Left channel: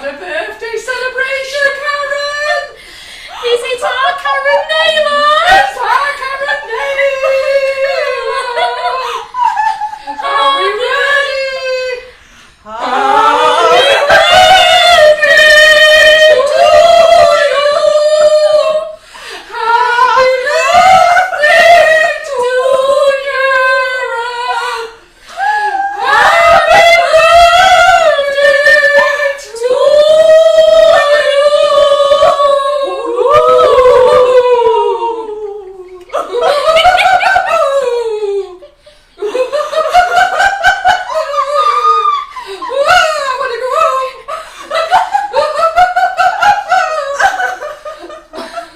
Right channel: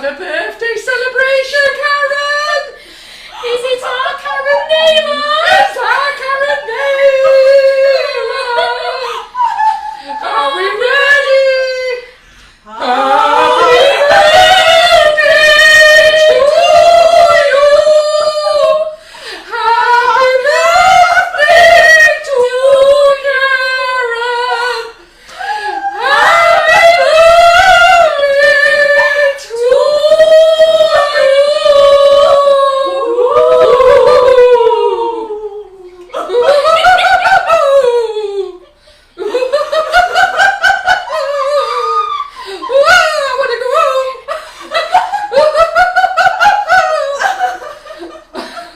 got a birthday celebration, Karen! Is it our Karen Naylor? It's our Karen Naylor! Are we ready? Are we ready to you? Happy birthday to Karen! Happy birthday to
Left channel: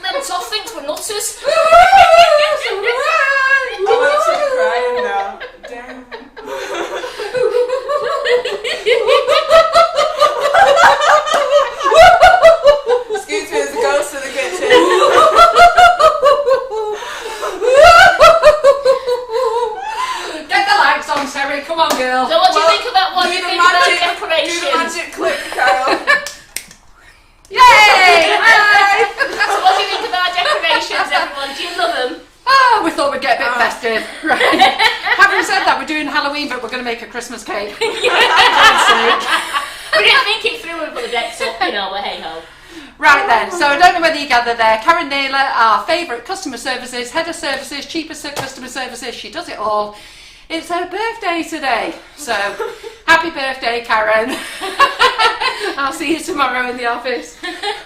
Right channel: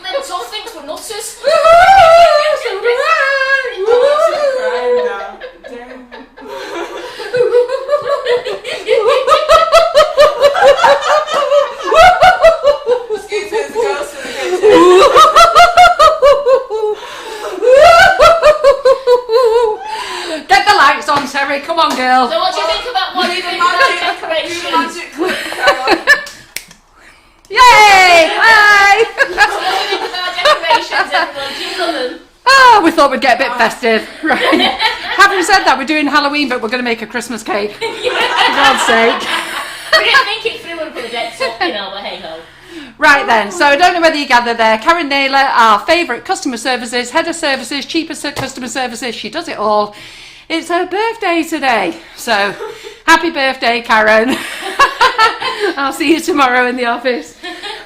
Mental things for nutters. Excuse me, there's a ghost in the kitchen. Get the lights on, Terry. Come on, girl. So what do you think about what Do you the think about magic, do the decorations? magic clip, Carol. Yay! Hi! So what do you think about decorations, everyone? Do you love them? Oh, we thought we'd get a bit festive. Right. Having said that, we're doing Halloween, but we're going to make a Christmas cake. For God's sake. We didn't think it through and put the decks up, you know, but hey ho. Right then, so I don't know whether you gathered there, Karen Naylor, our favourite customer services, head of services, cheapest customer services, she does it all. It's her birthday today, so happy birthday, Karen. I'll see you tomorrow in the office.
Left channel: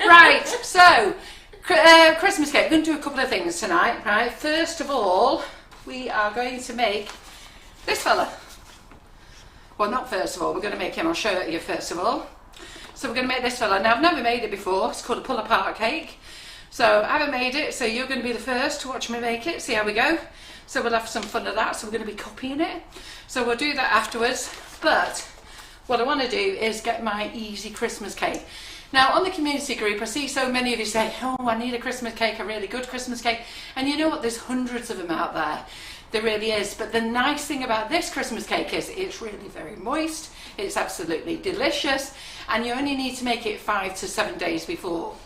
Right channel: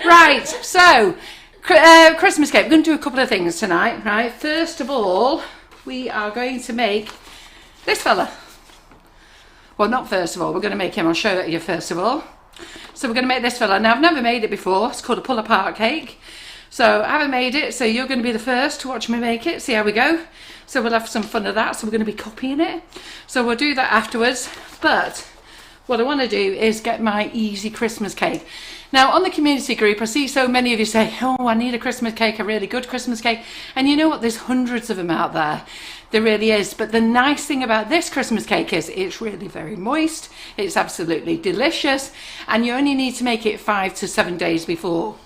Right, so Christmas cake, we're going to do a couple of things tonight, right? First of all, we are going to make this fella. Well, not first of all, we're going to make him, I'll show it to you first of all. So we're going to make this fella. Now, I've never made it before. It's called a pull-apart cake. So I haven't made it, so you're going to be the first to watch me make it, see how we go. So we'll have some fun of that. So we're going to be copying it. So we'll do that afterwards. But what I want to do is get my easy Christmas cake. Now, on the community group, I see so many of you say, oh, I need a Christmas cake, a really good Christmas cake. And you know what? There's hundreds of them out there. There really is. But the nice thing about this Christmas cake is it's really very moist. It's absolutely delicious. And you only need to make it 5 to 7 days before.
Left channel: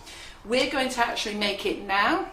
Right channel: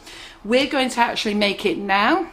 We're going to actually make it now.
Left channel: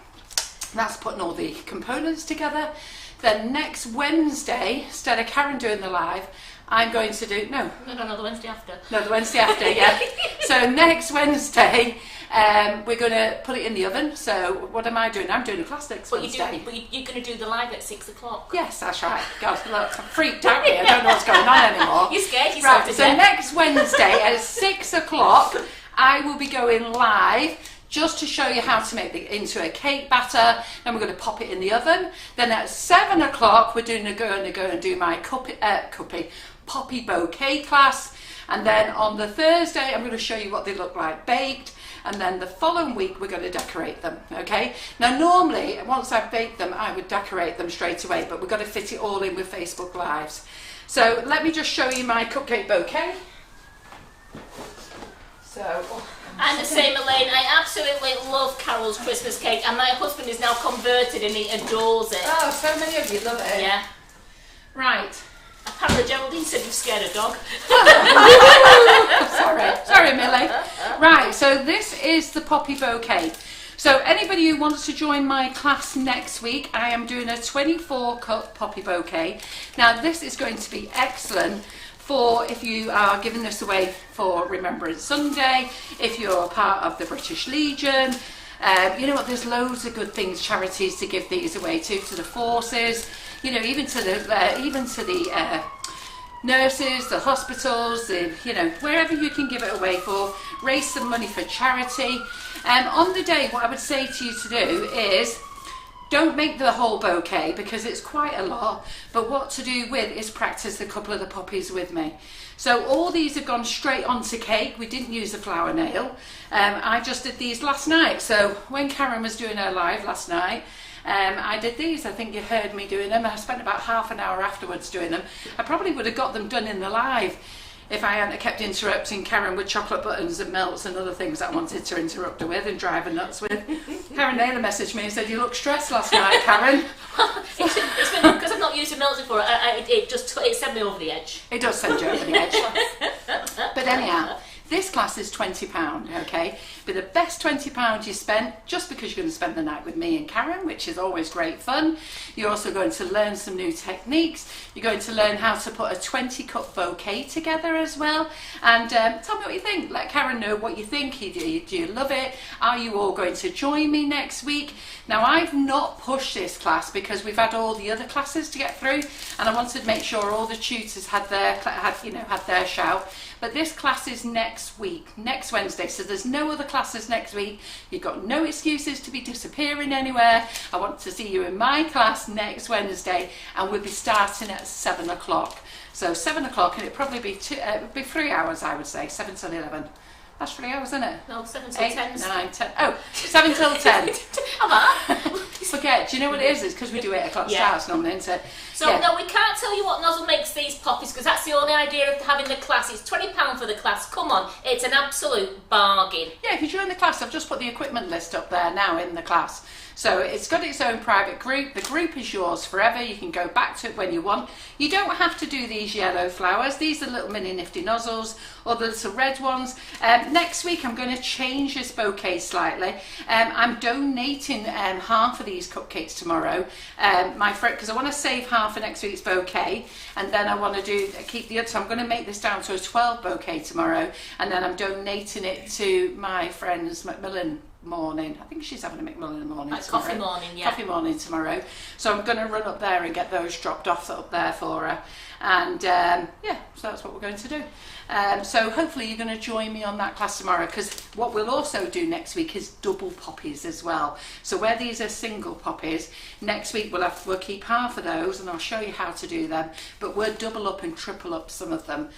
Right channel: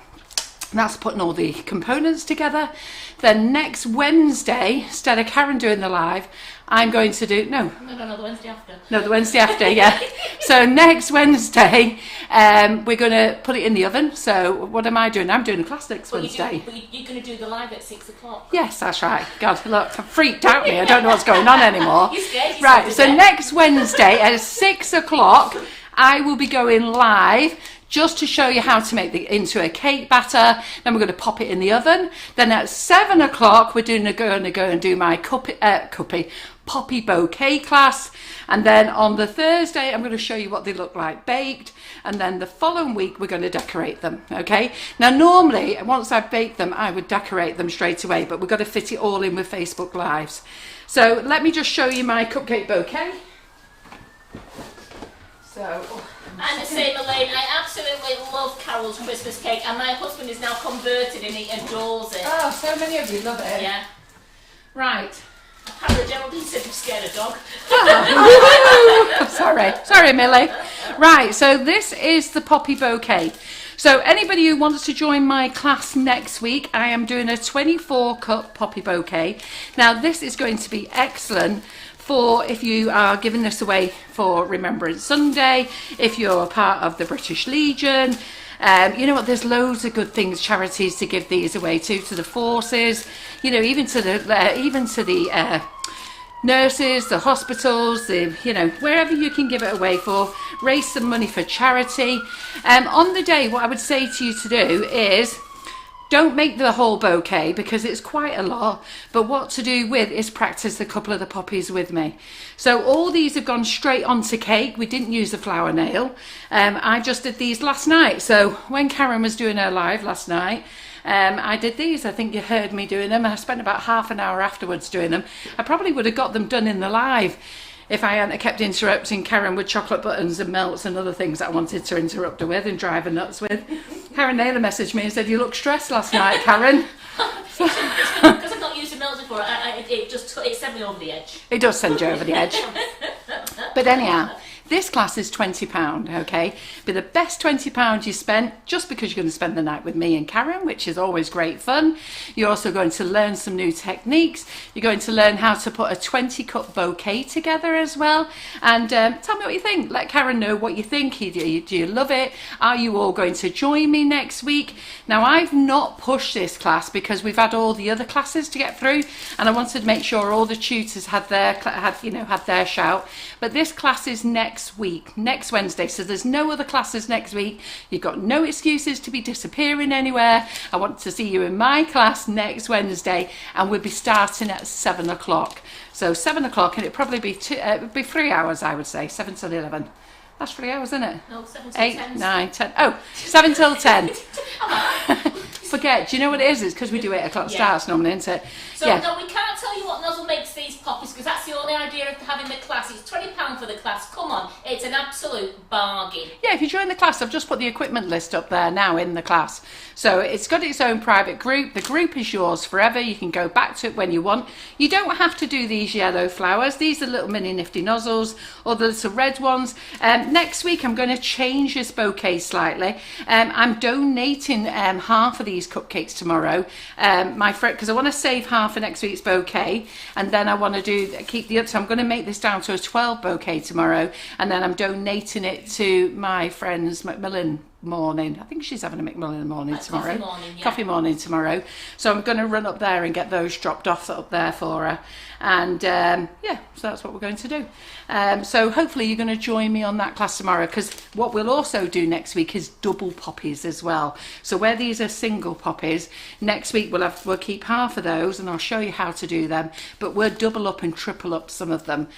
That's putting all the components together. Then next Wednesday, instead of Karen doing the live, I'm going to do, No, the Wednesday after. No, the Wednesday after, yeah. So next Wednesday, we're going to put it in the oven. So what am I doing? I'm doing a classics Wednesday. You're going to do the live at 6 o'clock. Yes, that's right. God, look, I'm freaked out here. I don't know what's going on anymore. You're scared yourself Right, to so death. next Wednesday at 6 o'clock, I will be going live just to show you how to make it into a cake batter. Then we're going to pop it in the oven. Then at 7 o'clock, we're going to go and do my poppy bouquet class. And then on the Thursday, I'm going to show you what they look like baked. And then the following week, we're going to decorate them, okay? Now, normally, once I've baked them, I would decorate them straight away, but we've got to fit it all in with Facebook Lives. So let me just show you my cupcake bouquet. So... I'm the same, Elaine. I absolutely love Carol's Christmas cake, and my husband is now converted and he adores it. Oh, so many of you love it. Yeah. Right. Apparently, Geraldine said you've scared a dog. Sorry, Millie. Right, so this is the poppy bouquet. So anybody who wants to join my class next week, I am doing a 24-cup poppy bouquet. Now, this is going to be excellent for if you are giving this away for Remembrance Sunday, if you're a part of the British Legion. You know what, there's loads of good things, charities to give these away to the forces, you know, even to the nurses, the hospitals, wherever you can give it away for, raise some money for charity. On the day, what I would say to you to do is, don't make the whole bouquet because it's quite a lot, but what to do with is practice a couple of the poppies with me. So all these have gone straight onto cake. We didn't use a flower nail. I just did these last night. So when Karen was doing her live last night, I did these. I think you heard me doing them. I spent about half an hour afterwards doing them. I probably would have got them done in the live if I hadn't kept interrupting Karen with chocolate buttons and melts and other things that I wanted to interrupt her with and drive her nuts with. Karen Naylor messaged me and said, "You look stressed last night, Karen." Because I've not used a melts before, it sent me over the edge. It does send you over the edge. But anyhow, This class is £20, okay? But the best £20 you spent, just because you're going to spend the night with me and Karen, which is always great fun. You're also going to learn some new techniques. You're going to learn how to put a 20-cup bouquet together as well. And tell me what you think. Let Karen know what you think. Do you love it? Are you all going to join me next week? Now, I've not pushed this class because we've had all the other classes to get through, and I wanted to make sure all the tutors had their shout. But this class is next week, next Wednesday, so there's no other classes next week. You've got no excuses to be disappearing anywhere. I want to see you in my class next Wednesday, and we'll be starting at 7 o'clock. So 7 o'clock, and it'd probably be 3 hours, I would say, 7 till 11. That's 3 hours, isn't it? No, 7 till 8, 10. 9, 10. Oh, 7 till 10. Am Forget, do you know what it is? It's because we do 8 o'clock starts normally, isn't it? So no, we can't tell you what nozzle makes these poppies because that's the only idea of having the class. It's £20 for the class. Come on, it's an absolute bargain. Yeah, if you join the class, I've just put the equipment list up there now in the class. So it's got its own private group. The group is yours forever. You can go back to it when you want. You don't have to do these yellow flowers. These are little mini nifty nozzles, or the little red ones. Next week, I'm going to change this bouquet slightly. I'm donating half of these cupcakes tomorrow, my friend, because I want to save half for next week's bouquet, and then I want to keep the other. So I'm going to make this down to a 12 bouquet tomorrow, and then I'm donating it to my friends Macmillan morning. I think she's having a McMillan morning tomorrow. Coffee morning, yeah. Coffee morning tomorrow. So I'm going to run up there and get those dropped off up there for her. And so that's what we're going to do. So hopefully you're going to join me on that class tomorrow, because what we'll also do next week is double poppies as well. So where these are single poppies, next week we'll keep half of those, and I'll show you how to do them, but we'll double up and triple up some of them.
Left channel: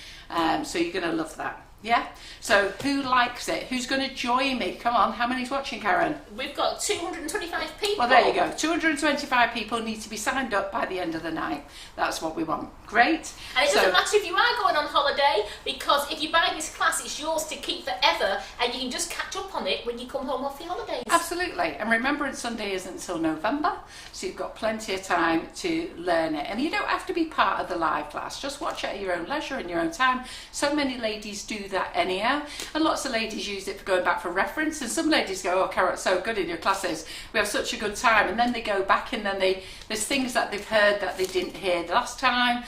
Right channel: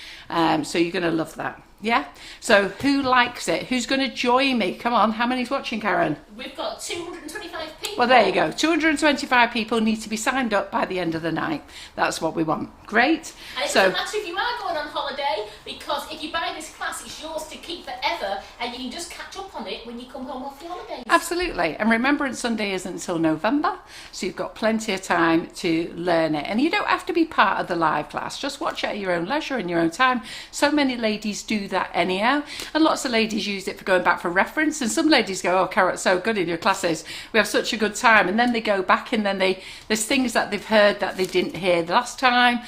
So you're going to love that. Yeah? So who likes it? Who's going to join me? Come on, how many's watching, Karen? We've got 225 people. Well, there you go. 225 people need to be signed up by the end of the night. That's what we want. Great. And it doesn't matter if you are going on holiday, because if you buy this class, it's yours to keep forever, and you can just catch up on it when you come home off your holidays. Absolutely. And Remembrance Sunday isn't until November, so you've got plenty of time to learn it. And you don't have to be part of the live class. Just watch it at your own leisure in your own time. So many ladies do that anyhow, and lots of ladies use it for going back for reference, and some ladies go, oh, Carol, it's so good in your classes, we have such a good time, and then they go back and then there's things that they've heard that they didn't hear the last time,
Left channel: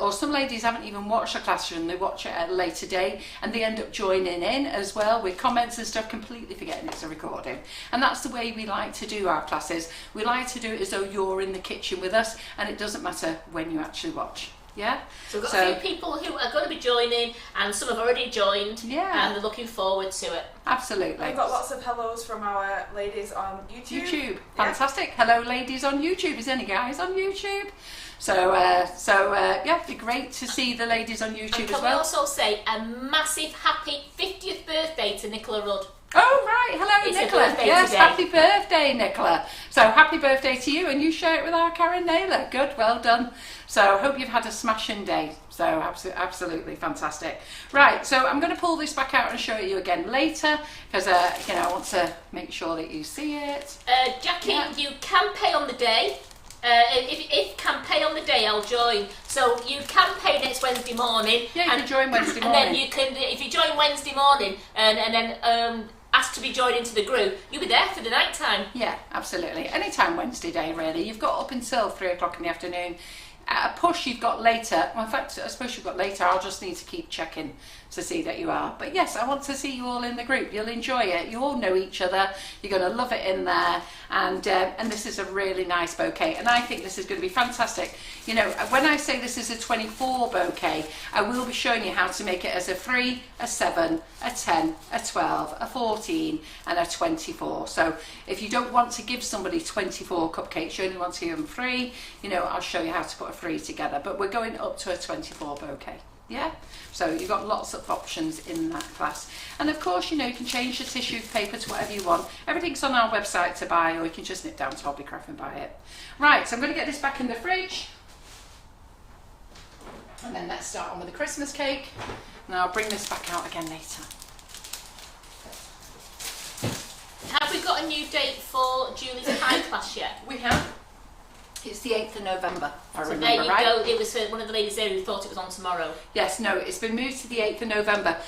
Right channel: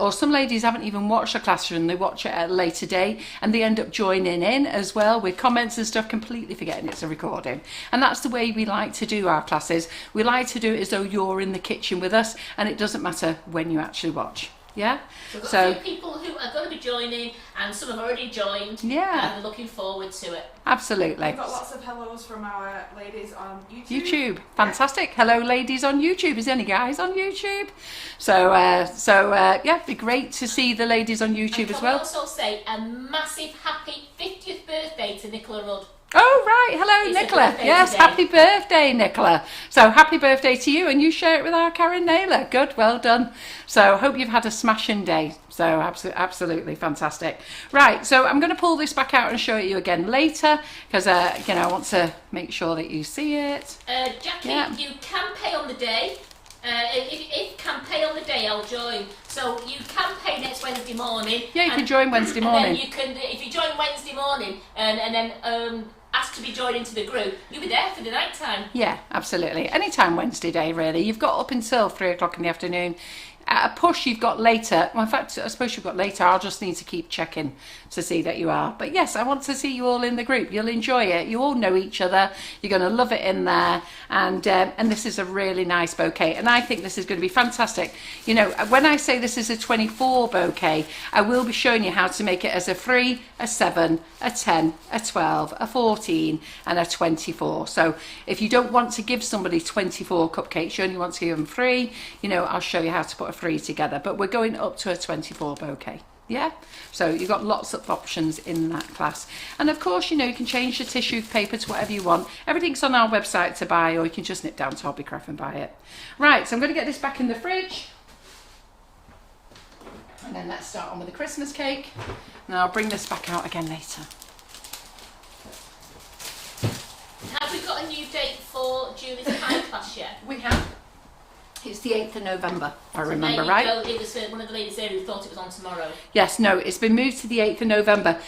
or some ladies haven't even watched the classroom, they watch it at a later date, and they end up joining in as well with comments and stuff, completely forgetting it's a recording. And that's the way we like to do our classes. We like to do it as though you're in the kitchen with us, and it doesn't matter when you actually watch. Yeah. So we've got a few people who are going to be joining, and some have already joined. Yeah. And they're looking forward to it. Absolutely. We've got lots of hellos from our ladies on YouTube. YouTube, fantastic. Hello, ladies on YouTube. Is there any guys on YouTube? So it'd be great to see the ladies on YouTube as well. And can we also say a massive happy 50th birthday to Nicola Rudd? Oh, right. Hello, It's Nicola. Yes, today. happy birthday, Nicola. So happy birthday to you, and you share it with our Karen Naylor. Good, well done. So hope you've had a smashing day. So absolutely fantastic. Right, so I'm going to pull this back out and show it you again later, because I want to make sure that you see it. Jackie, Yeah. you can pay on the day. If can pay on the day, I'll join. So you can pay next Wednesday morning. Yeah, you can join Wednesday morning. And then you can, if you join Wednesday morning and then ask to be joined into the group, you'll be there for the night time. Yeah, absolutely. Anytime Wednesday day, really. You've got up until 3 o'clock in the afternoon. At a push, you've got later. Well, in fact, I suppose you've got later. I'll just need to keep checking to see that you are. But yes, I want to see you all in the group. You'll enjoy it. You all know each other. You're going to love it in there. And this is a really nice bouquet. And I think this is going to be fantastic. You know, when I say this is a 24 bouquet, I will be showing you how to make it as a 3, a 7, a 10, a 12, a 14, and a 24. So if you don't want to give somebody 24 cupcakes, you only want to give them 3, I'll show you how to put a 3 together. But we're going up to a 24 bouquet. Yeah, so you've got lots of options in that class, and of course you can change the tissue paper to whatever you want. Everything's on our website to buy, or you can just nip down to Hobbycraft and buy it. Right, so I'm going to get this back in the fridge, and then let's start on with the Christmas cake, and I'll bring this back out again later. Have we got a new date for Julie's pie class yet? We have. It's the 8th of November, if I remember there you right. go. It was one of the ladies there who thought it was on tomorrow. Yes, no, it's been moved to the 8th of November.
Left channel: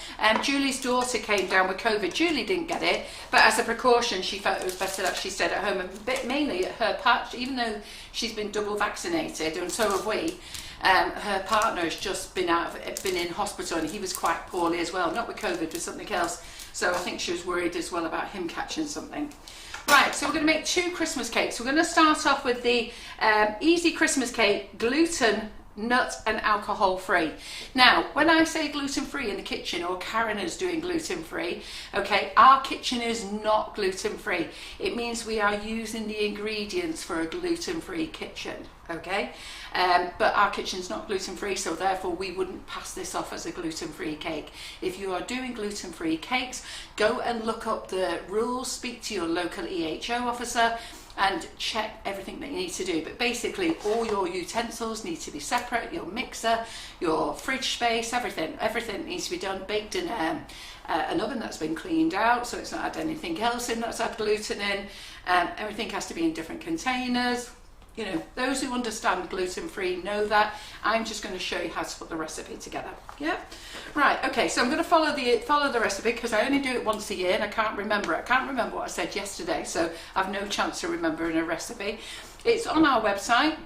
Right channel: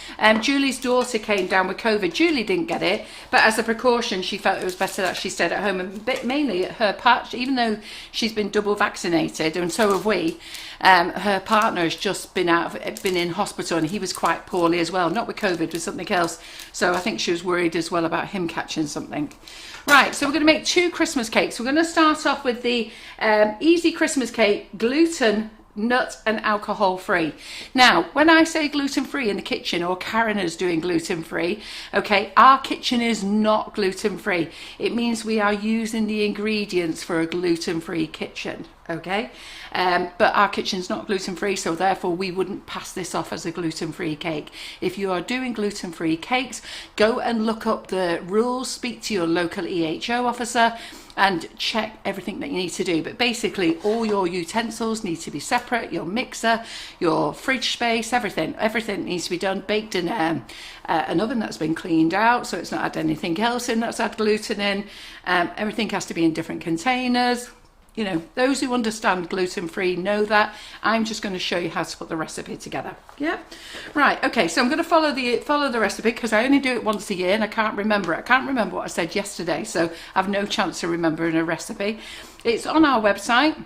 Julie's daughter came down with COVID. Julie didn't get it, but as a precaution, she felt it was better that she stayed at home. And mainly her part, even though she's been double vaccinated, and so have we, her partner has just been in hospital, and he was quite poorly as well. Not with COVID, with something else. So I think she was worried as well about him catching something. Right, so we're going to make 2 Christmas cakes. We're going to start off with the easy Christmas cake, gluten, nut and alcohol free. Now, when I say gluten free in the kitchen, or Karen is doing gluten free, okay, our kitchen is not gluten free. It means we are using the ingredients for a gluten free kitchen, okay? But our kitchen's not gluten free, so therefore we wouldn't pass this off as a gluten free cake. If you are doing gluten free cakes, go and look up the rules, speak to your local EHO officer and check everything that you need to do. But basically all your utensils need to be separate, your mixer, your fridge space, everything needs to be done, baked in an oven that's been cleaned out, so it's not had anything else in that's had gluten in. Everything has to be in different containers. You know, those who understand gluten-free know that. I'm just going to show you how to put the recipe together. Yeah, right. Okay, so I'm going to follow the recipe because I only do it once a year and I can't remember it. I can't remember what I said yesterday, so I've no chance of remembering a recipe. It's on our website.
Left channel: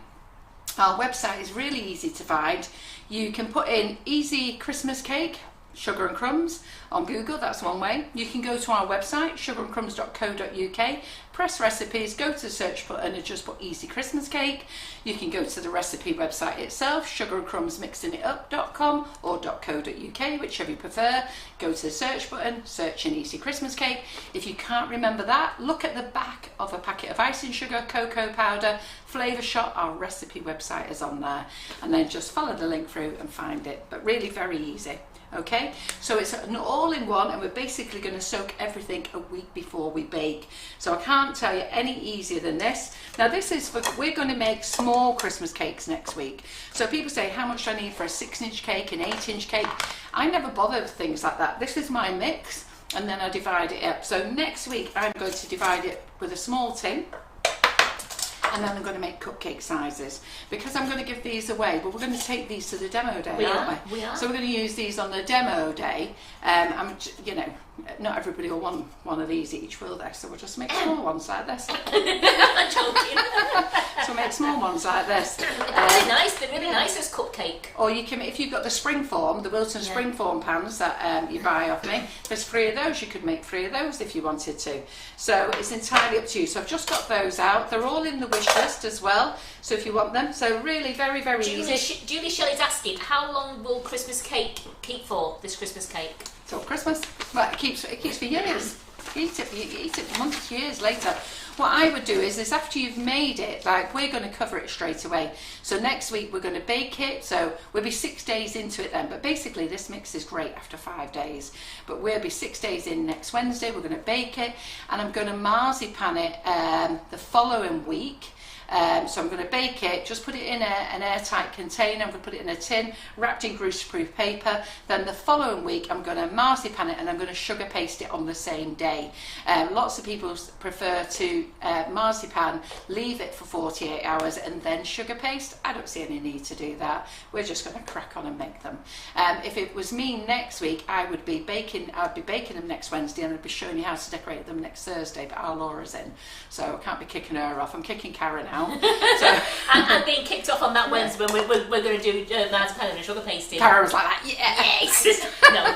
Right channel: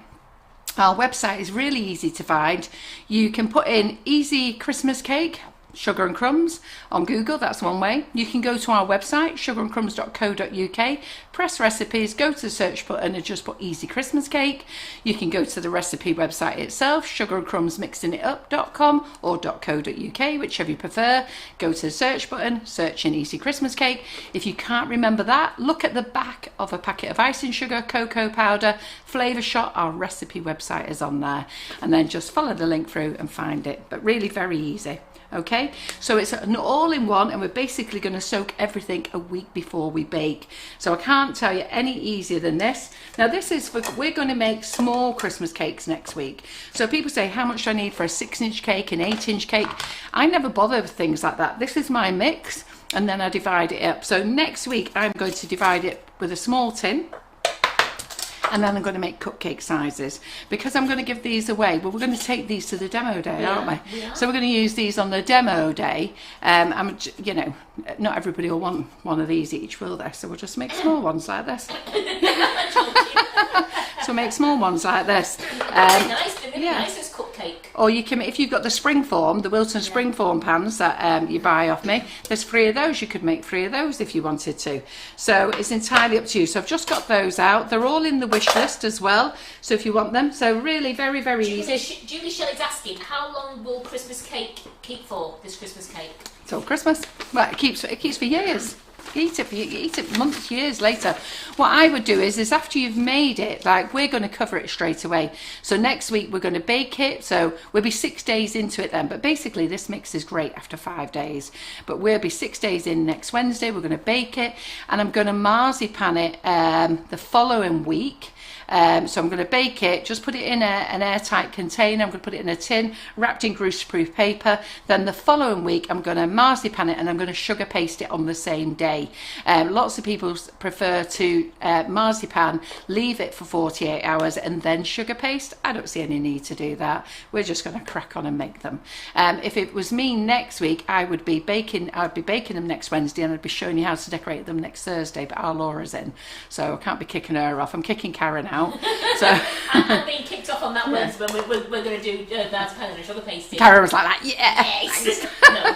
Our website is really easy to find. You can put in easy Christmas cake, Sugar and Crumbs on Google, that's one way. You can go to our website, sugarandcrumbs.co.uk, press recipes, go to the search button and just put easy Christmas cake. You can go to the recipe website itself, sugarandcrumbsmixedinitup.com or .co.uk, whichever you prefer. Go to the search button, search in easy Christmas cake. If you can't remember that, look at the back of a packet of icing sugar, cocoa powder, Flavour Shot. Our recipe website is on there, and then just follow the link through and find it. But really very easy. Okay, so it's an all-in-one, and we're basically going to soak everything a week before we bake. So I can't tell you any easier than this. Now this is we're going to make small Christmas cakes next week. So people say, how much do I need for a 6-inch cake, an 8-inch cake? I never bother with things like that. This is my mix, and then I divide it up. So next week I'm going to divide it with a small tin. And then I'm going to make cupcake sizes because I'm going to give these away. Well, we're going to take these to the demo day, aren't we? So we're going to use these on the demo day. You know, not everybody will want one of these each, will they? So we'll just make small ones like this. So make small ones like this. They're nice. They're really nice as cupcake. Or you can, if you've got the springform, the Wilton springform pans that you buy off me, there's 3 of those. You could make 3 of those if you wanted to. So it's entirely up to you. So I've just got those out. They're all in the wish list as well. So if you want them, so really very, very easy. Julie Shelley's asking, how long will Christmas cake keep for? This Christmas cake? Till Christmas. Well, it keeps for years. You eat it months, years later. What I would do is after you've made it, like we're going to cover it straight away. So next week we're going to bake it. So we'll be 6 days into it then. But basically this mix is great after 5 days. But we'll be 6 days in next Wednesday. We're going to bake it, and I'm going to marzipan it the following week. So I'm going to bake it, just put it in an airtight container. I'm going to put it in a tin, wrapped in greaseproof paper. Then the following week, I'm going to marzipan it, and I'm going to sugar paste it on the same day. Lots of people prefer to marzipan, leave it for 48 hours, and then sugar paste. I don't see any need to do that. We're just going to crack on and make them. If it was me next week, I'd be baking them next Wednesday, and I'd be showing you how to decorate them next Thursday. But our Laura's in, so I can't be kicking her off. I'm kicking Karen out. So I'm being kicked off on that Wednesday when we're going to do that kind of sugar pasting. Karen was like that, yes. No.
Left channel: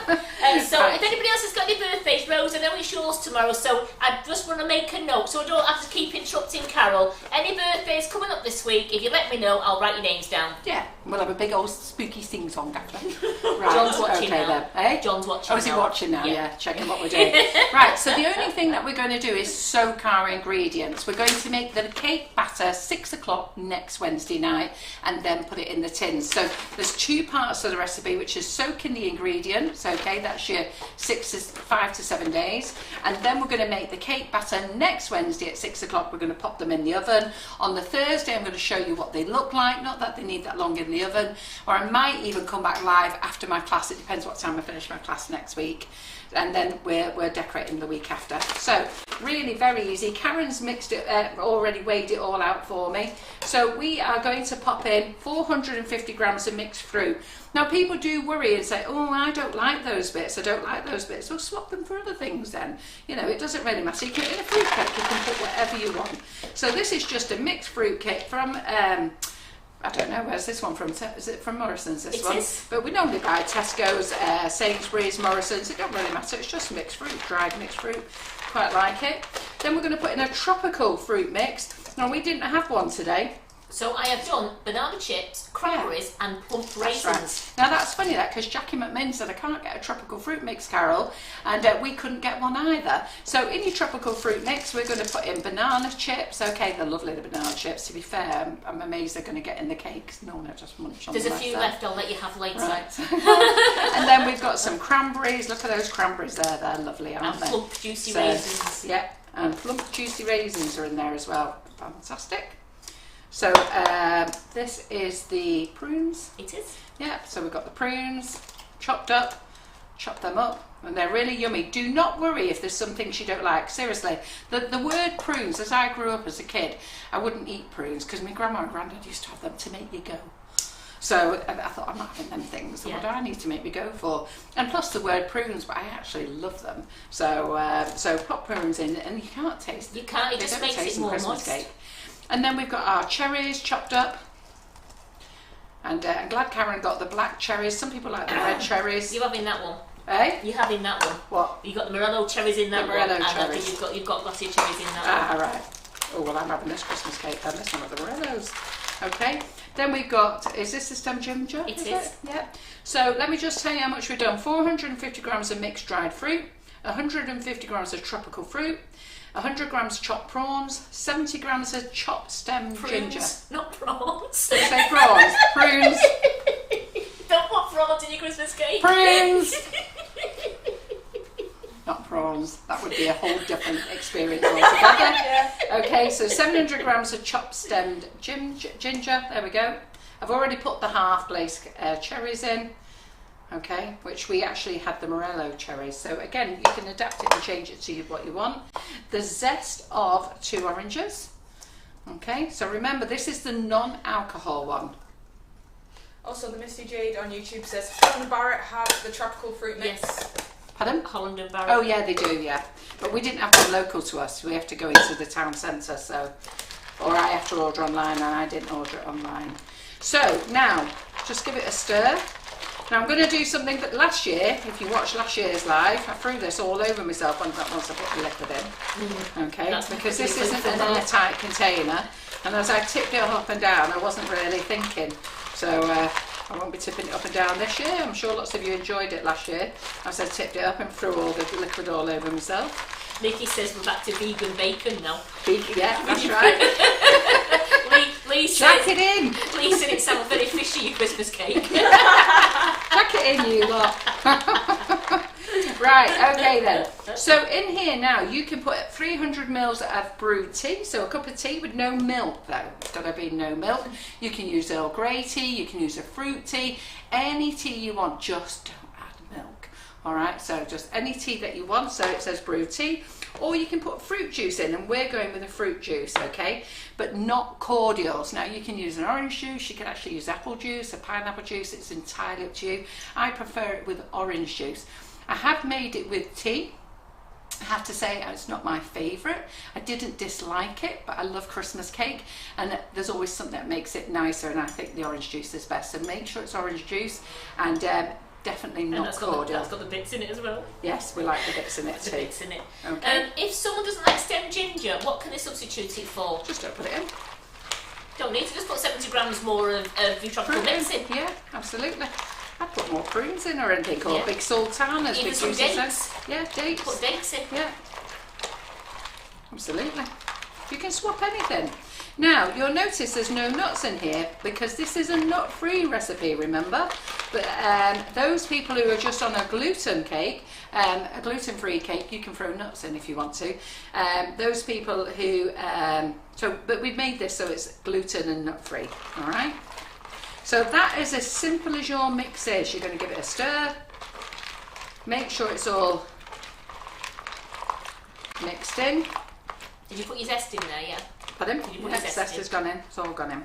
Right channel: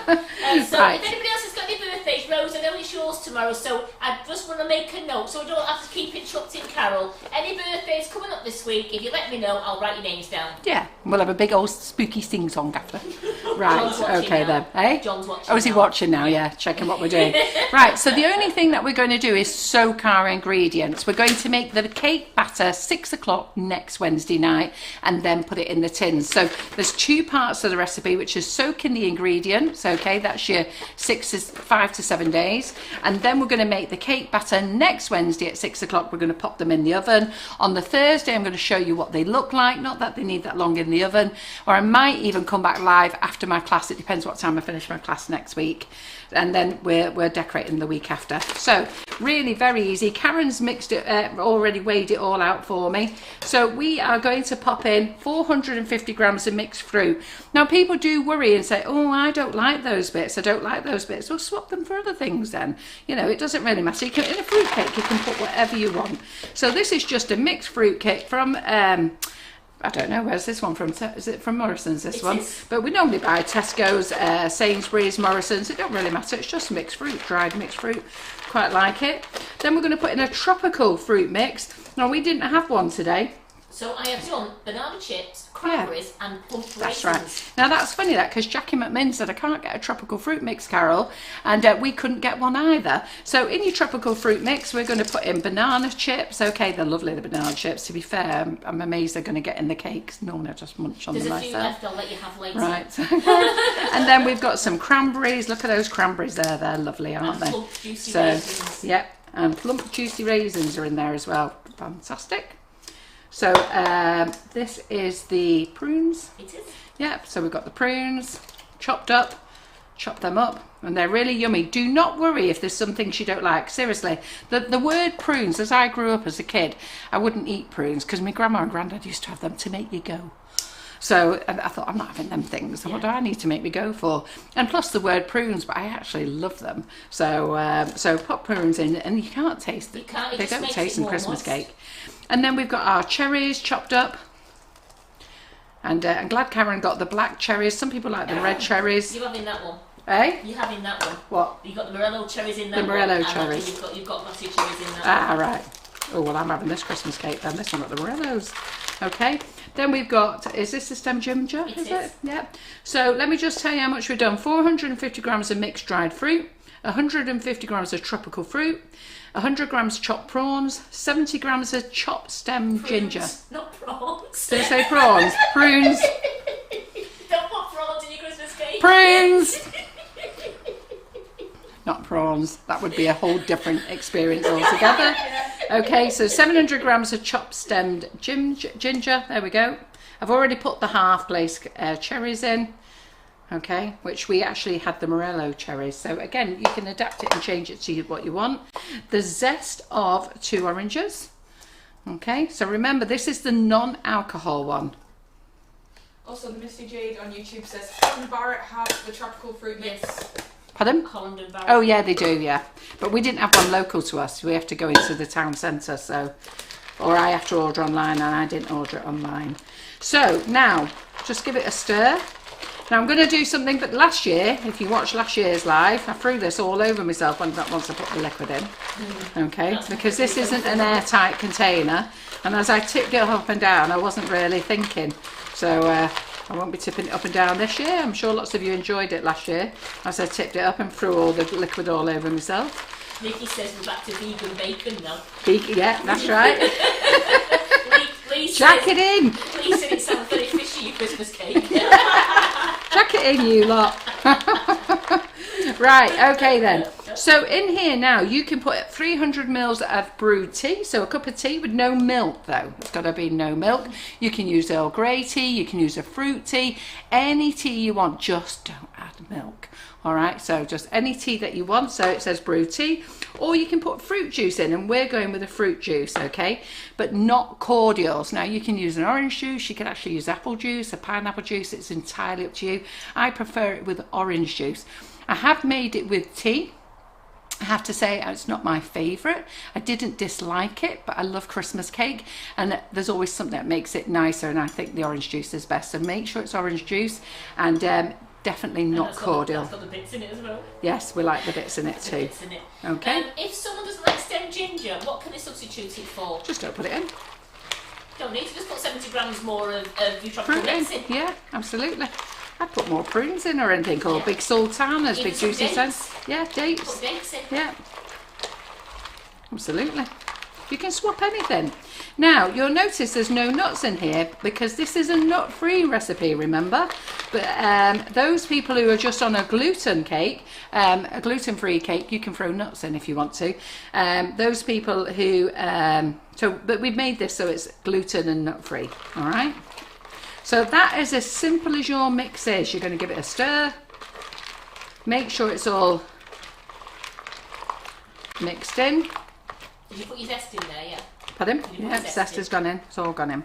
So Right. if anybody else has got any birthdays, Rose, I know it's yours tomorrow, so I just want to make a note so I don't have to keep interrupting Carol. Any birthdays coming up this week, if you let me know, I'll write your names down. Yeah, we'll have a big old spooky sing-song after. Right, John's watching okay now. then. Eh? John's watching Oh, is he now. watching now? Yeah, checking what we're doing. Right, so the only thing that we're going to do is soak our ingredients. We're going to make the cake batter 6 o'clock next Wednesday night and then put it in the tins. So there's 2 parts of the recipe, which is soaking the ingredients. Okay, that's your 5 to 7 days. And then we're going to make the cake batter next Wednesday at 6 o'clock. We're going to pop them in the oven. On the Thursday, I'm going to show you what they look like. Not that they need that long in the oven. Or I might even come back live after my class. It depends what time I finish my class next week. and then we're decorating the week after. So really very easy. Karen's mixed it, already weighed it all out for me. So we are going to pop in 450 grams of mixed fruit. Now people do worry and say, oh, I don't like those bits, I don't like those bits. Well, swap them for other things then. You know, it doesn't really matter. You can, in a fruit cake, you can put whatever you want. So this is just a mixed fruit cake from I don't know, where's this one from? Is it from Morrison's, this one? But we normally buy Tesco's, Sainsbury's, Morrison's. It don't really matter. It's just mixed fruit, dried mixed fruit. Quite like it. Then we're going to put in a tropical fruit mix. Now, we didn't have one today. So I have done banana chips, cranberries and plum raisins. That's right. Now that's funny that, because Jackie McMinn said I can't get a tropical fruit mix, Carol, and we couldn't get one either. So in your tropical fruit mix we're going to put in banana chips. Okay, they're lovely, the banana chips. To be fair, I'm amazed they're going to get in the cakes. Normally I just munch on them myself. There's a few left, I'll let you have later. Right. And then we've got some cranberries. Look at those cranberries there, they're lovely, aren't they? Plump juicy raisins. Yeah, and plump juicy raisins are in there as well. Fantastic. So this is the prunes. It is. Yeah, so we've got the prunes chopped up, chop them up, and they're really yummy. Do not worry if there's some things you don't like. Seriously, the word prunes, as I grew up as a kid, I wouldn't eat prunes because my grandma and granddad used to have them to make you go. So I thought, I'm not having them things. What do I need to make me go for? And plus the word prunes, but I actually love them. So so pop prunes in, and you can't taste them. You can't. It They just don't makes taste it in more Christmas moist. cake. And then we've got our cherries chopped up. And I'm glad Karen got the black cherries. Some people like the red cherries. You're having that one. Eh? You're having that one. What? You got the Morello cherries in that The one. Morello and cherries. You've got glossy cherries in that Ah, one. right. Oh, well, I'm having this Christmas cake then. This one got the Morellos. Okay. Then we've got, is this the stem ginger? It is. Yeah. So let me just tell you how much we've done. 450 grams of mixed dried fruit, 150 grams of tropical fruit, 100 grams chopped prawns, 70 grams of chopped stem ginger. Not prawns. Did I say prawns? Prunes. Don't put prawns in your Christmas cake. Prunes. Not prawns. That would be a whole different experience altogether. Okay, so 700 grams of chopped stemmed ginger. There we go. I've already put the half glazed cherries in. Okay, which we actually had the Morello cherries. So again, you can adapt it and change it to what you want. The zest of 2 oranges. Okay, so remember this is the non-alcohol one. Also, the Misty Jade on YouTube says Holland Barrett have the tropical fruit mix. Yes. Pardon? Holland and Barrett. Oh yeah, they do, yeah. But we didn't have one local to us. We have to go into the town centre, so, or I have to order online, and I didn't order it online. So now, just give it a stir. Now I'm going to do something that last year, if you watched last year's live, I threw this all over myself once I put the liquid in. Okay, because this isn't an airtight container, and as I tipped it up and down, I wasn't really thinking. So I won't be tipping it up and down this year. I'm sure lots of you enjoyed it last year, as I tipped it up and threw all the liquid all over myself. Nikki says we're back to vegan bacon now. Yeah, that's right. Please Jack it in! Please say it sounds very fishy, your Christmas cake. Jack it in, you lot. Right, okay then. So in here now, you can put 300 mils of brewed tea. So a cup of tea with no milk though. It's got to be no milk. You can use Earl Grey tea, you can use a fruit tea, any tea you want, just don't add milk. Alright, so just any tea that you want. So it says brewed tea. Or you can put fruit juice in, and we're going with a fruit juice, okay? But not cordials. Now you can use an orange juice, you can actually use apple juice, a pineapple juice, it's entirely up to you. I prefer it with orange juice. I have made it with tea. I have to say it's not my favourite. I didn't dislike it, but I love Christmas cake, and there's always something that makes it nicer, and I think the orange juice is best. So make sure it's orange juice, and definitely not cordial. That's got the bits in it as well. Yes, we like the bits in it too. Bits in it. Okay. If someone doesn't like stem ginger, what can they substitute it for? Just don't put it in. Don't need to just put 70 grams more of your tropical Fruit in. mix in. Yeah, absolutely. I'd put more prunes in or anything, or Yeah. big sultanas, Even big some juicy dates. sense. Yeah, dates. Put dates in. Yeah, absolutely. You can swap anything. Now, you'll notice there's no nuts in here because this is a nut-free recipe, remember? But those people who are just on a gluten cake, a gluten-free cake, you can throw nuts in if you want to. Those people who, but we've made this so it's gluten and nut-free, all right? So that is as simple as your mix is. You're going to give it a stir. Make sure it's all Mixed in. Did you put your zest in there, yeah? Pardon? Did you put Yeah, your zest in? has gone in. It's all gone in.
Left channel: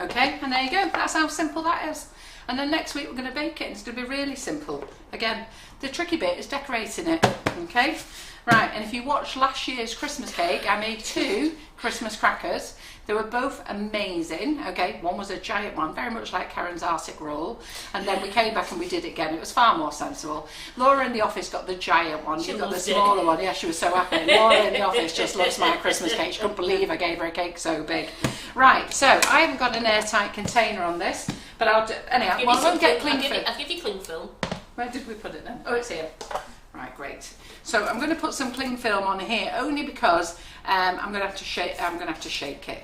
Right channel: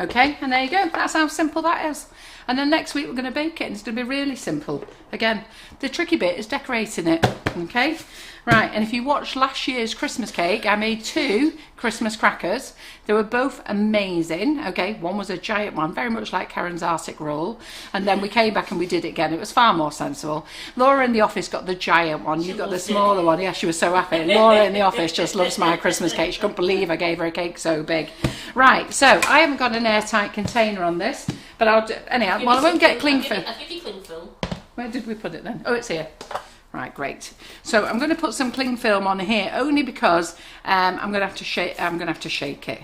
Okay, and there you go. That's how simple that is. And then next week we're going to bake it, and it's going to be really simple. Again, the tricky bit is decorating it. Okay? Right, and if you watched last year's Christmas cake, I made 2 Christmas crackers. They were both amazing. Okay, one was a giant one, very much like Karen's Arctic roll. And then we came back and we did it again. It was far more sensible. Laura in the office got the giant one. You got the smaller one. Yeah, she was so happy. Laura in the office just loves my Christmas cake. She couldn't believe I gave her a cake so big. Right, so I haven't got an airtight container on this, but I'll do, anyhow, well, I won't get cling film. I'll give you cling film. Where did we put it then? Oh, it's here. Right, great. So I'm going to put some cling film on here only because I'm going to have to shake. I'm going to have to shake it.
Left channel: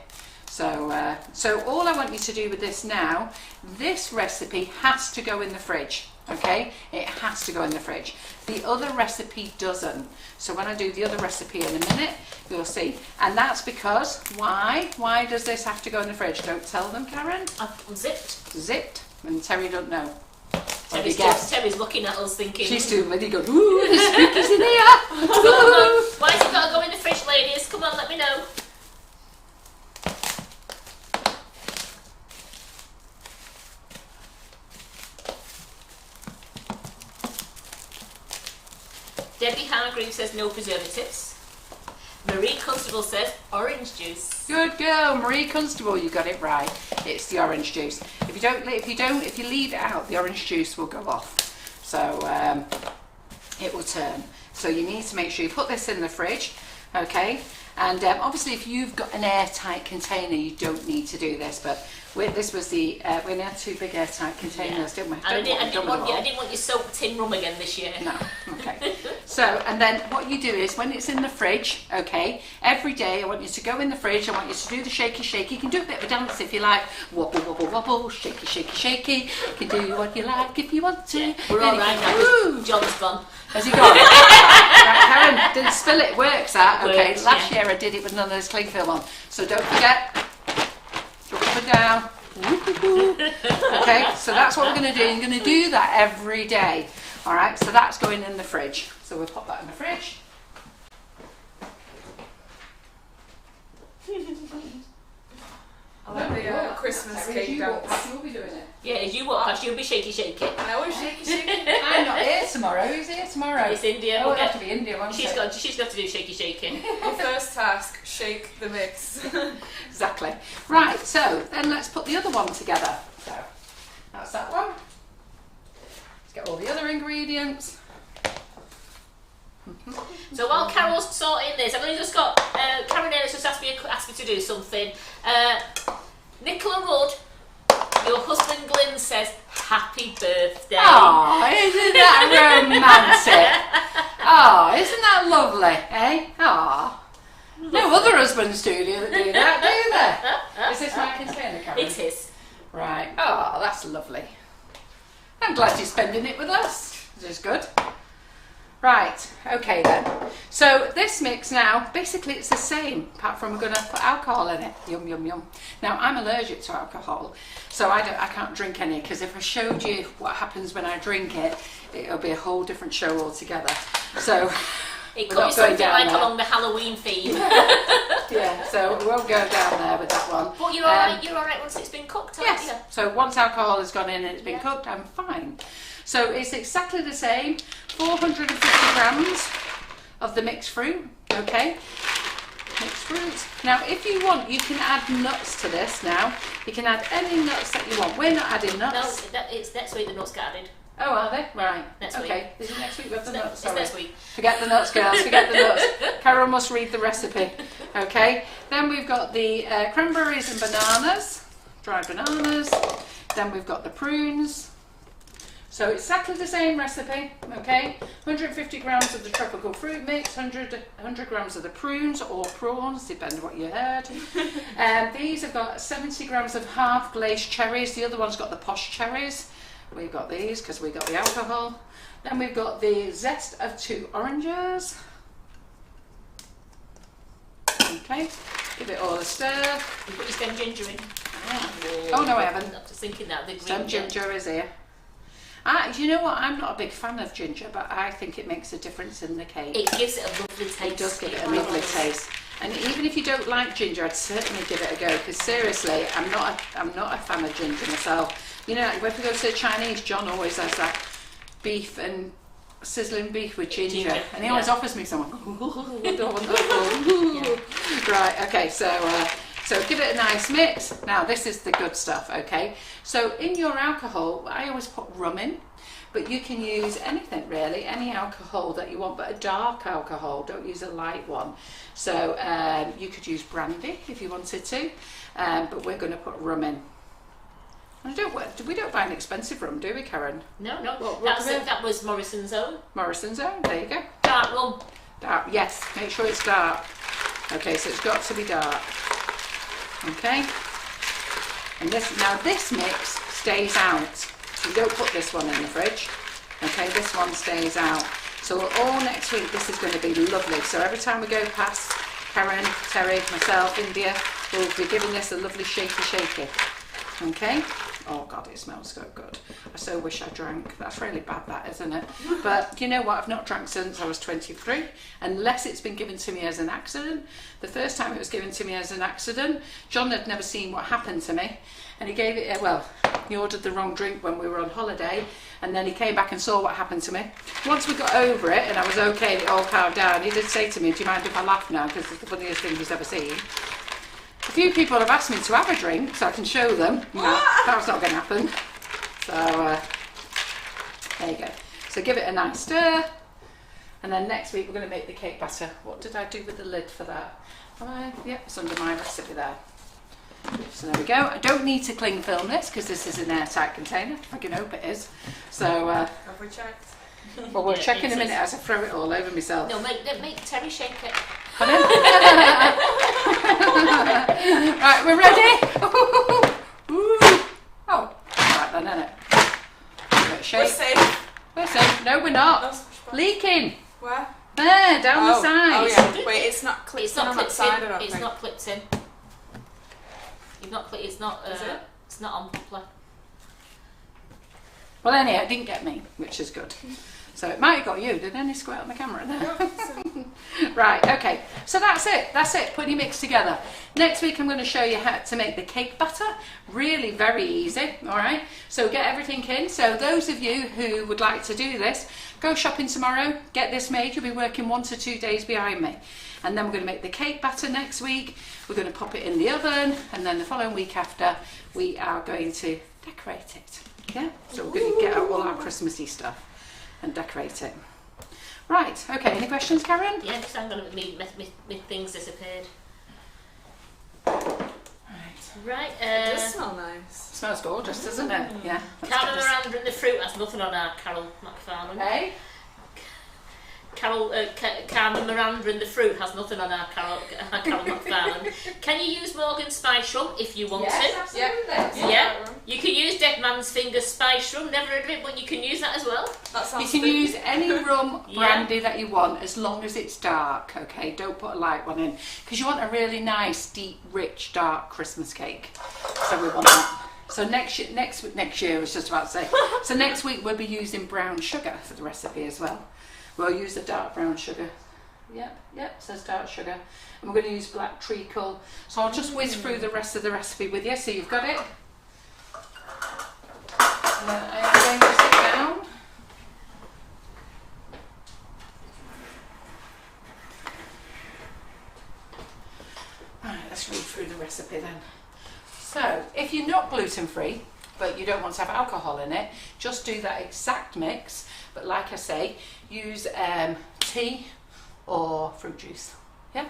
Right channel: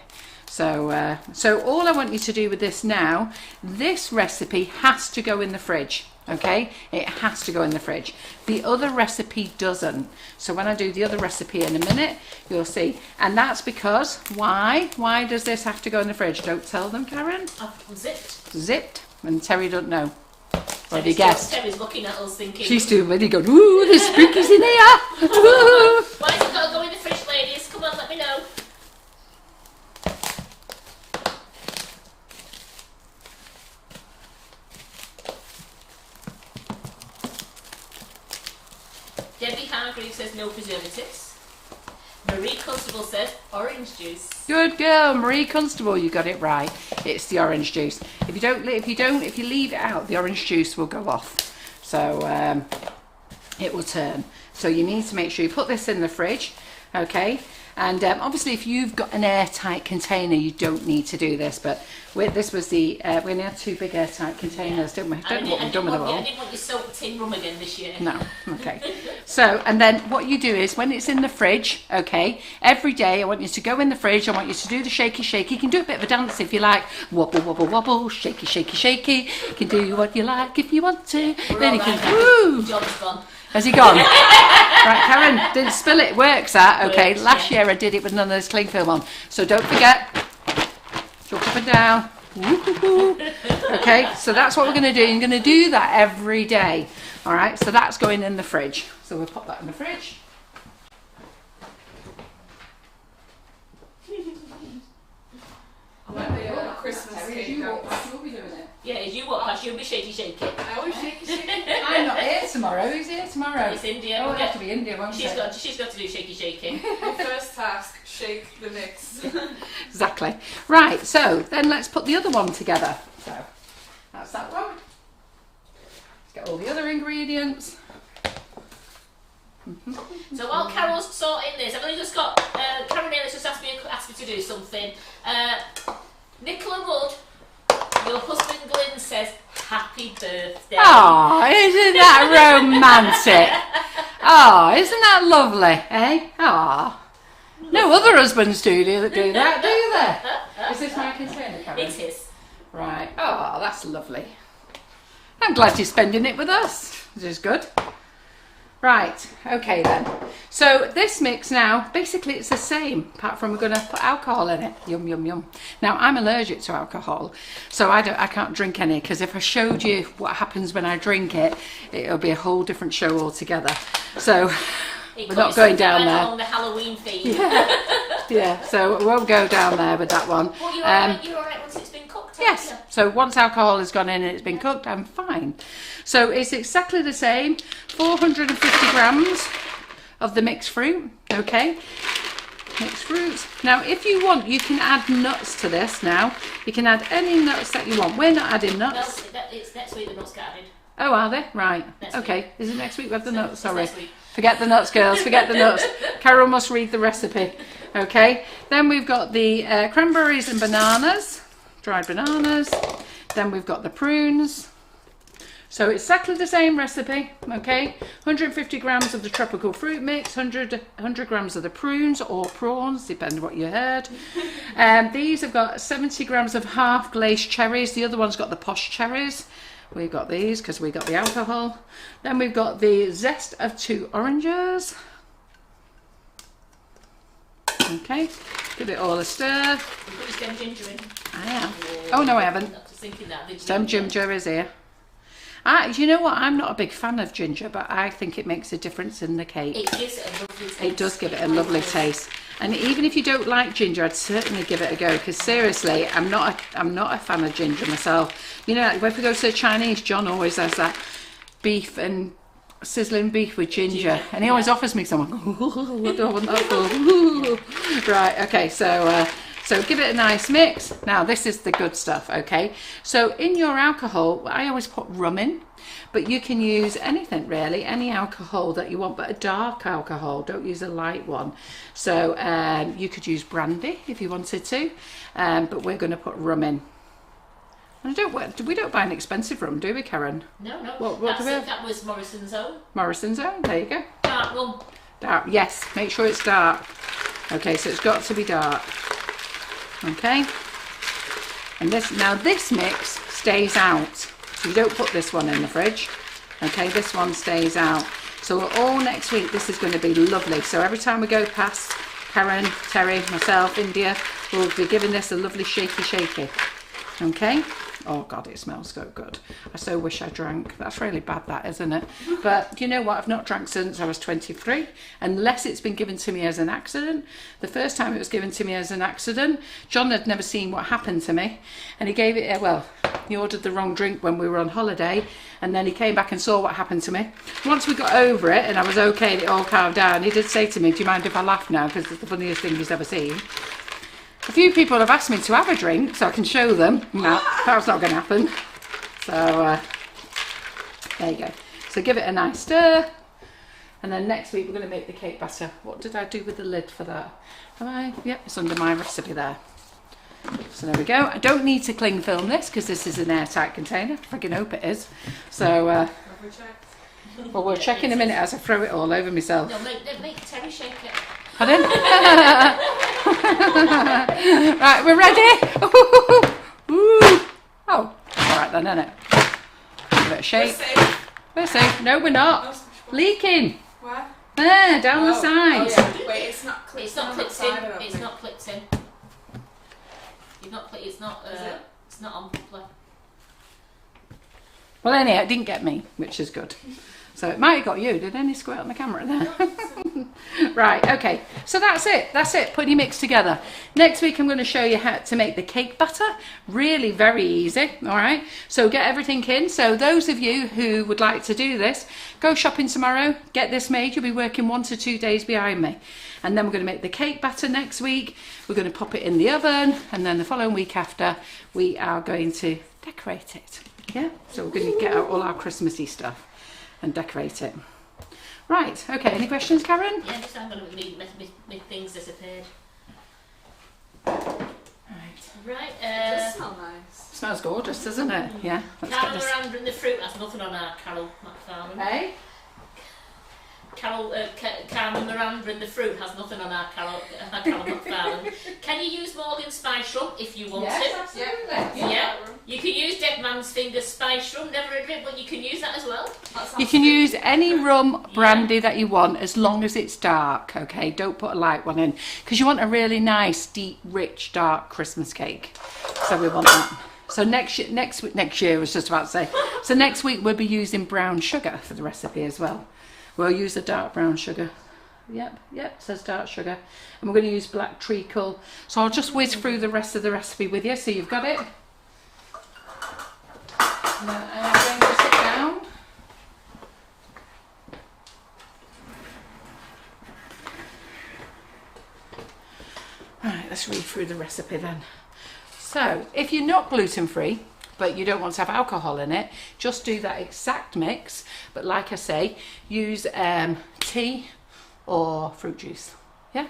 So, so all I want you to do with this now, this recipe has to go in the fridge. Okay, it has to go in the fridge. The other recipe doesn't. So when I do the other recipe in a minute, you'll see. And that's because why? Why does this have to go in the fridge? Don't tell them, Karen. Zipped. Zipped. And Terry don't know. What have you guessed? Terry's looking at us thinking. She's too ready. Going, ooh, there's spookies in here. Why has it got to go in the fridge, ladies? Come on, let me know. Debbie Hargreaves says no preservatives. Marie Constable says orange juice. Good girl, Marie Constable. You got it right. It's the orange juice. If you leave it out, the orange juice will go off. So it will turn. So you need to make sure you put this in the fridge, okay? And obviously, if you've got an airtight container, you don't need to do this. But this was the we only had 2 big airtight containers, didn't we? I didn't want you soaked tin rum again this year. No, okay. So, and then what you do is when it's in the fridge, okay, every day I want you to go in the fridge. I want you to do the shaky, shaky. You can do a bit of a dance if you like. Wobble, wobble, wobble, shaky, shaky, shaky. You can do what you like if you want to. Then you can, woo! John's gone. Has he gone? Right, Karen, didn't spill it. Works that? Okay. Works, last year I did it with none of this cling film on. So don't forget. Look up and down. Okay, so that's what we're going to do. You're going to do that every day. All right, so that's going in the fridge. So we'll pop that in the fridge. I like the Christmas cake dance. You'll be doing it. Yeah, as you walk past, you'll be shaky, shaky. I always shaky, shaky. I'm not here tomorrow. Who's here tomorrow? It's India. Oh, it'll have to be India, won't She's it? got to do shaky, shaky. Your first task, shake the mix. Exactly. Right, so then let's put the other one together. So that's that one. Let's get all the other ingredients. So while Carol's sorting this, I've only just got Karen Ellis just asked me to do something. Nicola Rudd, your husband Glyn says happy birthday. Oh, isn't that romantic? Oh, isn't that lovely, eh? Oh, no other husbands do that, do they? Is this my container, Karen? It is. Right. Oh, that's lovely. I'm glad you're spending it with us. This is good. Right, okay then. So this mix now, basically it's the same, apart from we're going to put alcohol in it. Yum, yum, yum. Now I'm allergic to alcohol, so I can't drink any, because if I showed you what happens when I drink it, it'll be a whole different show altogether. So we're not going down there. Along the Halloween theme. Yeah, so we won't go down there with that one. Well, you're alright once it's been cooked, aren't Yes, you? so once alcohol has gone in and it's been cooked, I'm fine. So it's exactly the same, 450 grams of the mixed fruit, okay? Mixed fruits. Now, if you want, you can add nuts to this now. You can add any nuts that you want. We're not adding nuts. No, it's next week the nuts get added. Oh, are they? Right. Next Okay. week. Is it next week we have the nuts? It's Sorry. next week. Forget the nuts, girls. Forget the nuts. Carol must read the recipe. Okay. Then we've got the cranberries and bananas, dried bananas. Then we've got the prunes. So it's exactly the same recipe, okay? 150 grams of the tropical fruit mix, 100 grams of the prunes or prawns, depending what you heard. And these have got 70 grams of half glazed cherries. The other one's got the posh cherries. We've got these because we got the alcohol. Then we've got the zest of 2 oranges. Okay, give it all a stir. You put your stem ginger in. Oh no, I haven't. I'm just thinking that. Stem ginger is here. You know what? I'm not a big fan of ginger, but I think it makes a difference in the cake. It gives it a lovely taste. It does give it a lovely taste. And even if you don't like ginger, I'd certainly give it a go, because seriously, I'm not a fan of ginger myself. You know, if we go to the Chinese, John always has that beef and sizzling beef with ginger, and he always offers me some. I don't want that. Right, okay, so give it a nice mix. Now this is the good stuff, okay? So in your alcohol, I always put rum in, but you can use anything really, any alcohol that you want, but a dark alcohol, don't use a light one. So you could use brandy if you wanted to, but we're going to put rum in. We don't buy an expensive rum, do we, Karen? No. That was Morrison's Own. Morrison's Own, there you go. Dark rum. Dark, yes, make sure it's dark. Okay, so it's got to be dark. Okay. And this mix stays out. You don't put this one in the fridge. Okay, this one stays out. So all next week, this is going to be lovely. So every time we go past, Karen, Terry, myself, India, we'll be giving this a lovely shaky. Okay. Oh God, it smells so good. I so wish I drank. That's really bad, that, isn't it? But you know what? I've not drank since I was 23, unless it's been given to me as an accident. The first time it was given to me as an accident, John had never seen what happened to me, and he gave it, he ordered the wrong drink when we were on holiday, and then he came back and saw what happened to me. Once we got over it and I was okay, it all calmed down, he did say to me, do you mind if I laugh now? Because it's the funniest thing he's ever seen. A few people have asked me to have a drink so I can show them. No, that's not going to happen. So there you go. So give it a nice stir, and then next week we're going to make the cake batter. What did I do with the lid for that? Yep, it's under my recipe there. So there we go. I don't need to cling film this because this is an airtight container. I can hope it is. So have we checked? Well, we'll check in a minute as I throw it all over myself. No, make Terry shake it. Pardon? Right, we're ready. Ooh. Oh, alright then, isn't it? Give it a shake. We're safe. No, we're not. Leaking. Where? There, down the sides. Oh, yeah. Wait, it's not clipped It's not on clipped that side, I in. don't It's think. not clipped in. It's not. Is it? It's not on properly. Well, anyhow, it didn't get me, which is good. So it might have got you. Did any squirt on the camera there? Right, okay. So that's it. Put your mix together. Next week I'm going to show you how to make the cake batter. Really very easy, all right? So get everything in. So those of you who would like to do this, go shopping tomorrow, get this made. You'll be working 1 to 2 days behind me. And then we're going to make the cake batter next week. We're going to pop it in the oven, and then the following week after, we are going to decorate it. Yeah? So we're going to get out all our Christmassy stuff and decorate it. Right, okay, any questions, Karen? Yeah, just hang on a minute, my things disappeared. Right, It does smell nice. Smells gorgeous, doesn't it? Yeah. Carol Miranda and the fruit has nothing on our Carol McFarland. Hey? Carmen Miranda and the fruit has nothing on our Carol McFarland. Can you use Morgan spice rum if you want Yes, it? absolutely. Yeah. You can use Dead Man's Fingers spice rum, never heard of it, but you can use that as well. That sounds You can spooky. use any rum brandy that you want, as long as it's dark, okay? Don't put a light one in, because you want a really nice, deep, rich, dark Christmas cake. So we want that. So next year, I was just about to say. So next week we'll be using brown sugar for the recipe as well. We'll use a dark brown sugar. Yep, it says dark sugar. And we're going to use black treacle. So I'll just whiz through the rest of the recipe with you, so you've got it. And then I'm going to sit down. Right, let's read through the recipe then. So, if you're not gluten-free, but you don't want to have alcohol in it, just do that exact mix. But like I say, use tea or fruit juice. Yeah?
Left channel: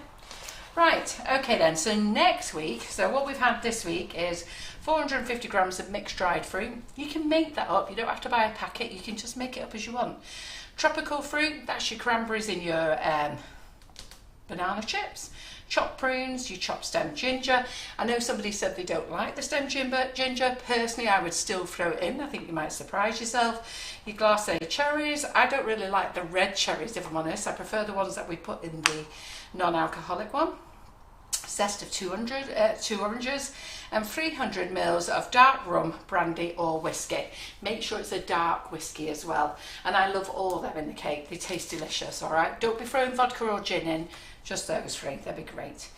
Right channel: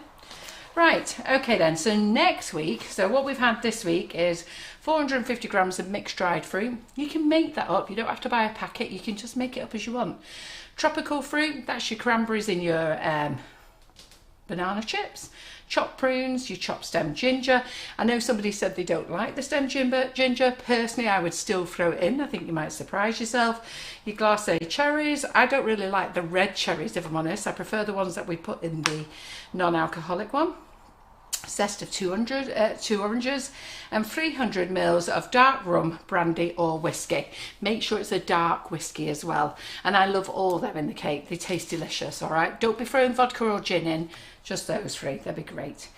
Right, okay then. So next week, so what we've had this week is 450 grams of mixed dried fruit. You can make that up. You don't have to buy a packet. You can just make it up as you want. Tropical fruit, that's your cranberries in your banana chips. Chopped prunes, you chop stem ginger. I know somebody said they don't like the stem ginger. Personally, I would still throw it in. I think you might surprise yourself. Your glacé cherries. I don't really like the red cherries, if I'm honest. I prefer the ones that we put in the non-alcoholic one. zest of 2 oranges, and 300 mils of dark rum, brandy or whiskey. Make sure it's a dark whiskey as well. And I love all of them in the cake. They taste delicious, all right? Don't be throwing vodka or gin in, just those three. They'll be great.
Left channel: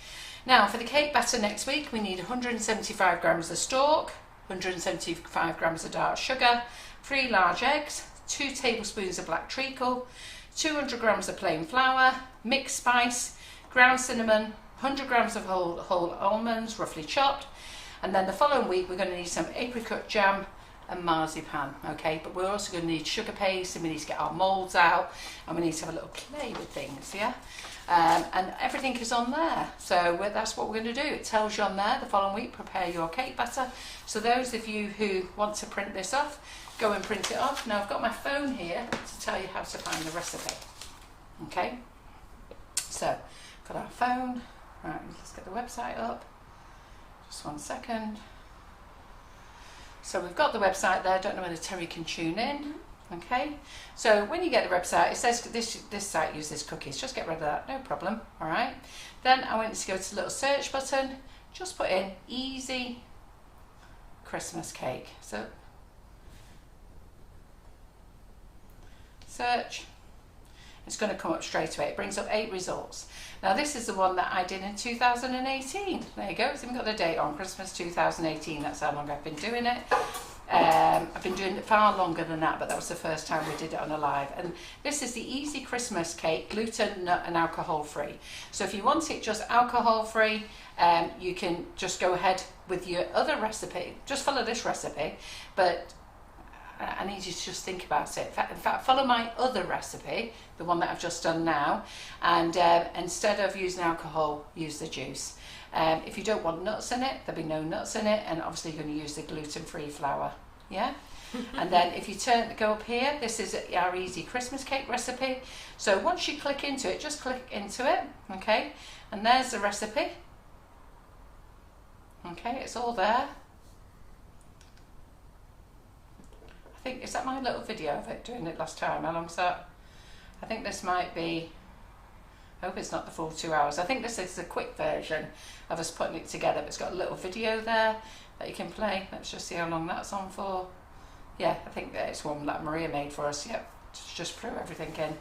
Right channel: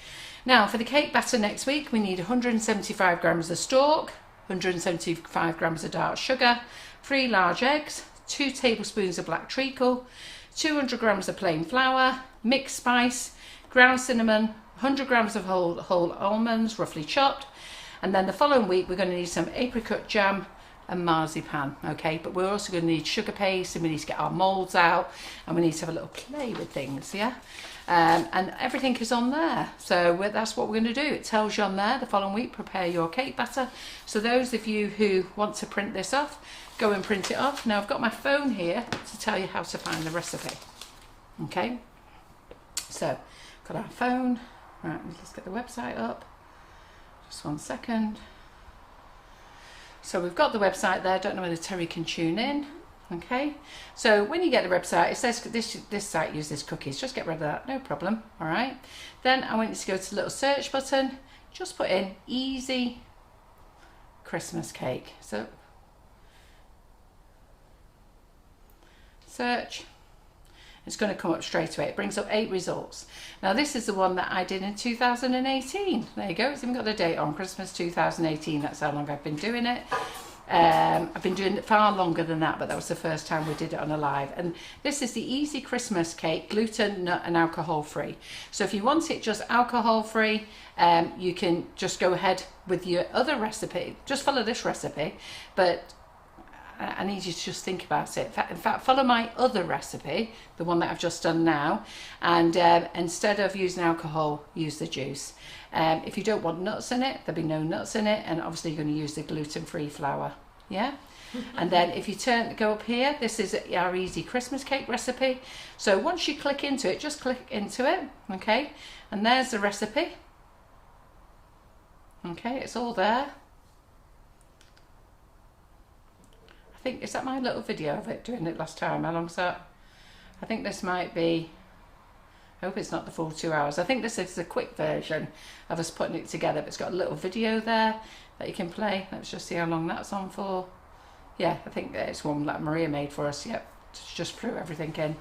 Now, for the cake batter next week, we need 175 grams of stork, 175 grams of dark sugar, 3 large eggs, 2 tablespoons of black treacle, 200 grams of plain flour, mixed spice, ground cinnamon, 100 grams of whole almonds, roughly chopped. And then the following week, we're going to need some apricot jam and marzipan, okay? But we're also going to need sugar paste, and we need to get our moulds out, and we need to have a little play with things, yeah? And everything is on there. So that's what we're going to do. It tells you on there the following week, prepare your cake batter. So those of you who want to print this off, go and print it off. Now I've got my phone here to tell you how to find the recipe, okay? So, got our phone. Right, let's get the website up. Just 1 second. So we've got the website there. Don't know whether Terry can tune in. Okay. So when you get the website, it says this site uses cookies. Just get rid of that. No problem. All right. Then I want you to go to the little search button. Just put in easy Christmas cake. So search. It's going to come up straight away. It brings up 8 results. Now this is the one that I did in 2018. There you go. It's even got the date on, Christmas 2018. That's how long I've been doing it. I've been doing it far longer than that, but that was the first time we did it on a live. And this is the Easy Christmas Cake, gluten, nut and alcohol free. So if you want it just alcohol free, you can just go ahead with your other recipe. Just follow this recipe, but I need you to just think about it. In fact, follow my other recipe, the one that I've just done now, and instead of using alcohol, use the juice. If you don't want nuts in it, there'll be no nuts in it, and obviously you're going to use the gluten-free flour, yeah? And then if you go up here, this is our easy Christmas cake recipe. So once you click into it, just click into it, okay? And there's the recipe. Okay, it's all there. I think, is that my little video of it doing it last time? How long's that? I think this might be, I hope it's not the full 2 hours. I think this is a quick version of us putting it together, but it's got a little video there that you can play. Let's just see how long that's on for. Yeah, I think it's one that Maria made for us. Yep, just threw everything in.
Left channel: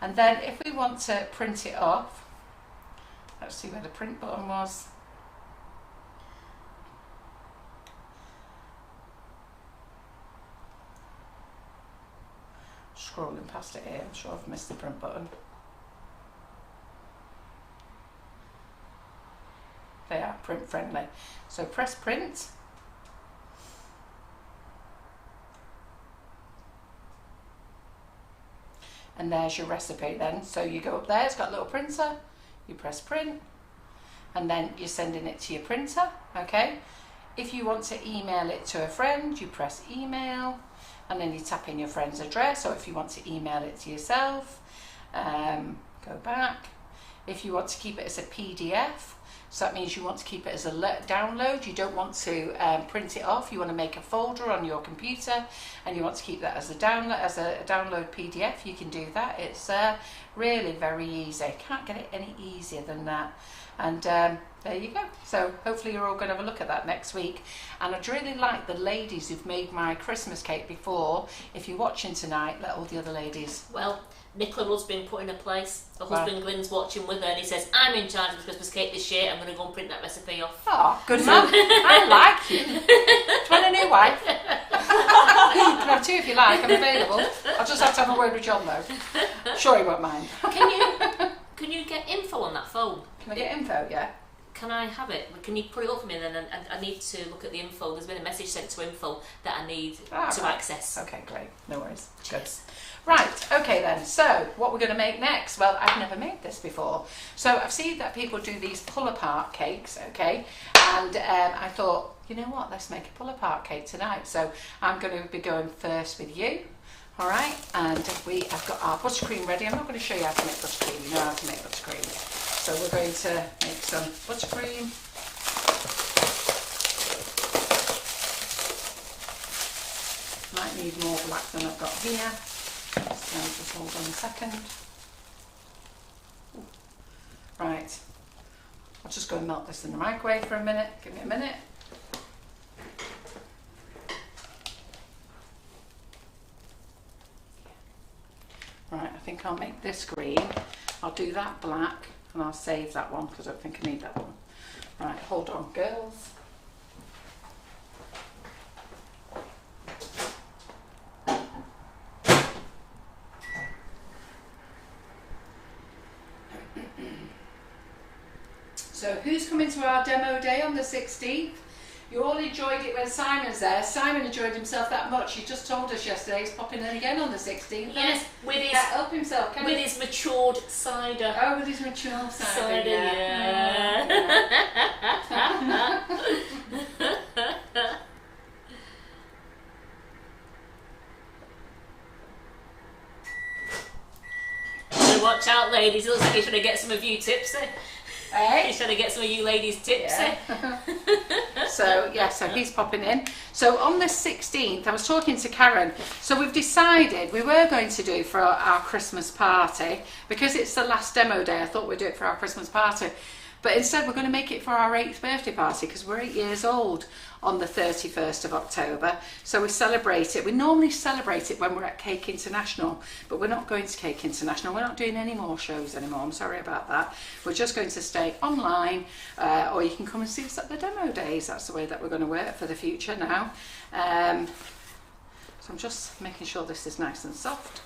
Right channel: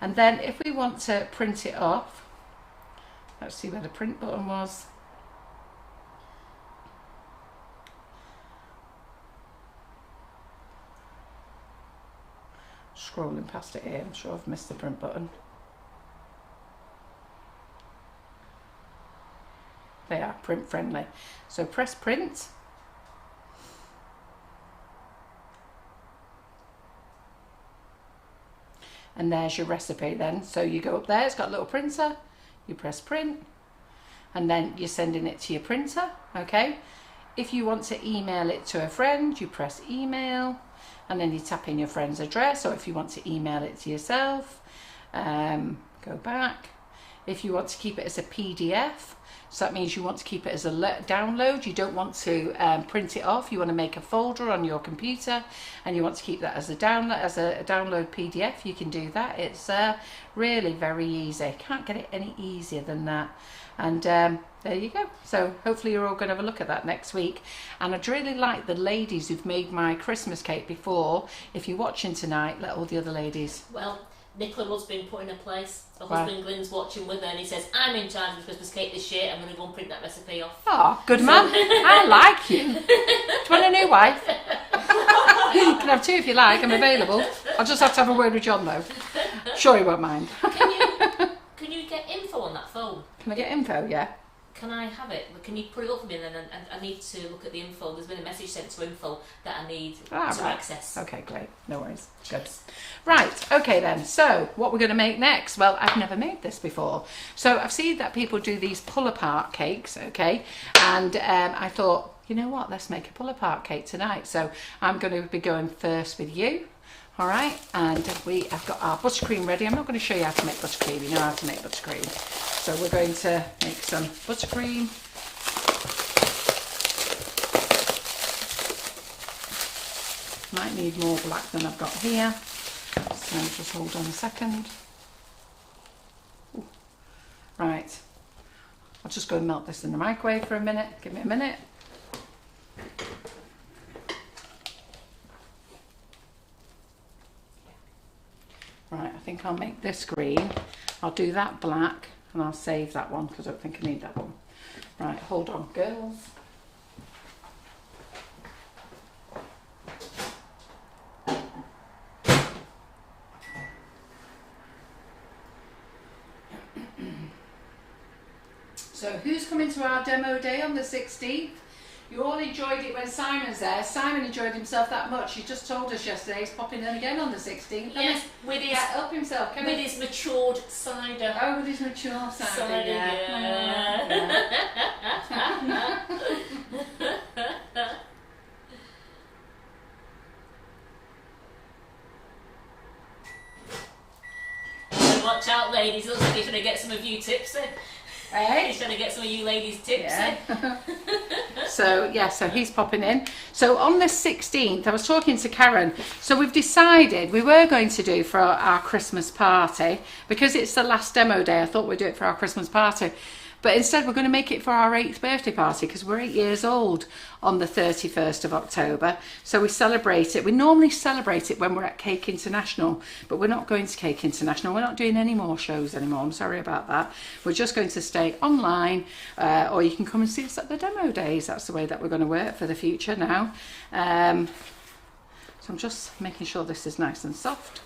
And then if we want to print it off, let's see where the print button was. Scrolling past it here, I'm sure I've missed the print button. They are print friendly. So press print. And there's your recipe then. So you go up there, it's got a little printer, you press print, and then you're sending it to your printer, okay? If you want to email it to a friend, you press email, and then you tap in your friend's address, or if you want to email it to yourself, go back. If you want to keep it as a PDF, so that means you want to keep it as a download, you don't want to print it off, you want to make a folder on your computer, and you want to keep that as a download PDF, you can do that. It's really very easy. Can't get it any easier than that. And there you go. So hopefully you're all going to have a look at that next week. And I'd really like the ladies who've made my Christmas cake before, if you're watching tonight, let all the other ladies. Well, Nicola Rudd's been put in a place. Her husband Glyn's watching with her, and he says, I'm in charge of the Christmas cake this year. I'm going to go and print that recipe off. Oh, good man. I like you. Do you want a new wife? You can have 2 if you like. I'm available. I'll just have to have a word with John though. Sure he won't mind. Can you get info on that phone? Can I get info? Yeah. Can I have it? Can you put it up for me then? And I need to look at the info. There's been a message sent to info that I need to access. Okay, great. No worries. Good. Right, okay then. So, what we're going to make next? Well, I've never made this before. So, I've seen that people do these pull-apart cakes, okay? And I thought, you know what? Let's make a pull-apart cake tonight. So, I'm going to be going first with you. All right, and we have got our buttercream ready. I'm not going to show you how to make buttercream. You know how to make buttercream. So we're going to make some buttercream. Might need more black than I've got here. So just hold on a second. Ooh. Right, just go and melt this in the microwave for a minute. Give me a minute. Right, I think I'll make this green. I'll do that black and I'll save that one because I don't think I need that one. Right, hold on, girls. So who's coming to our demo day on the 16th? You all enjoyed it when Simon's there. Simon enjoyed himself that much. He just told us yesterday he's popping in again on the 16th. Yes, with his help himself. With his matured cider. Oh, with his mature cider. Yeah. So watch out, ladies. It looks like he's trying to get some of you tipsy. Hey? He's trying to get some of you ladies tipsy. Yeah. So he's popping in. So on the 16th, I was talking to Karen. So we've decided we were going to do for our Christmas party, because it's the last demo day, I thought we'd do it for our Christmas party. But instead we're going to make it for our 8th birthday party, because we're 8 years old on the 31st of October. So we celebrate it. We normally celebrate it when we're at Cake International, but we're not going to Cake International. We're not doing any more shows anymore. I'm sorry about that. We're just going to stay online, or you can come and see us at the demo days. That's the way that we're going to work for the future now. So I'm just making sure this is nice and soft.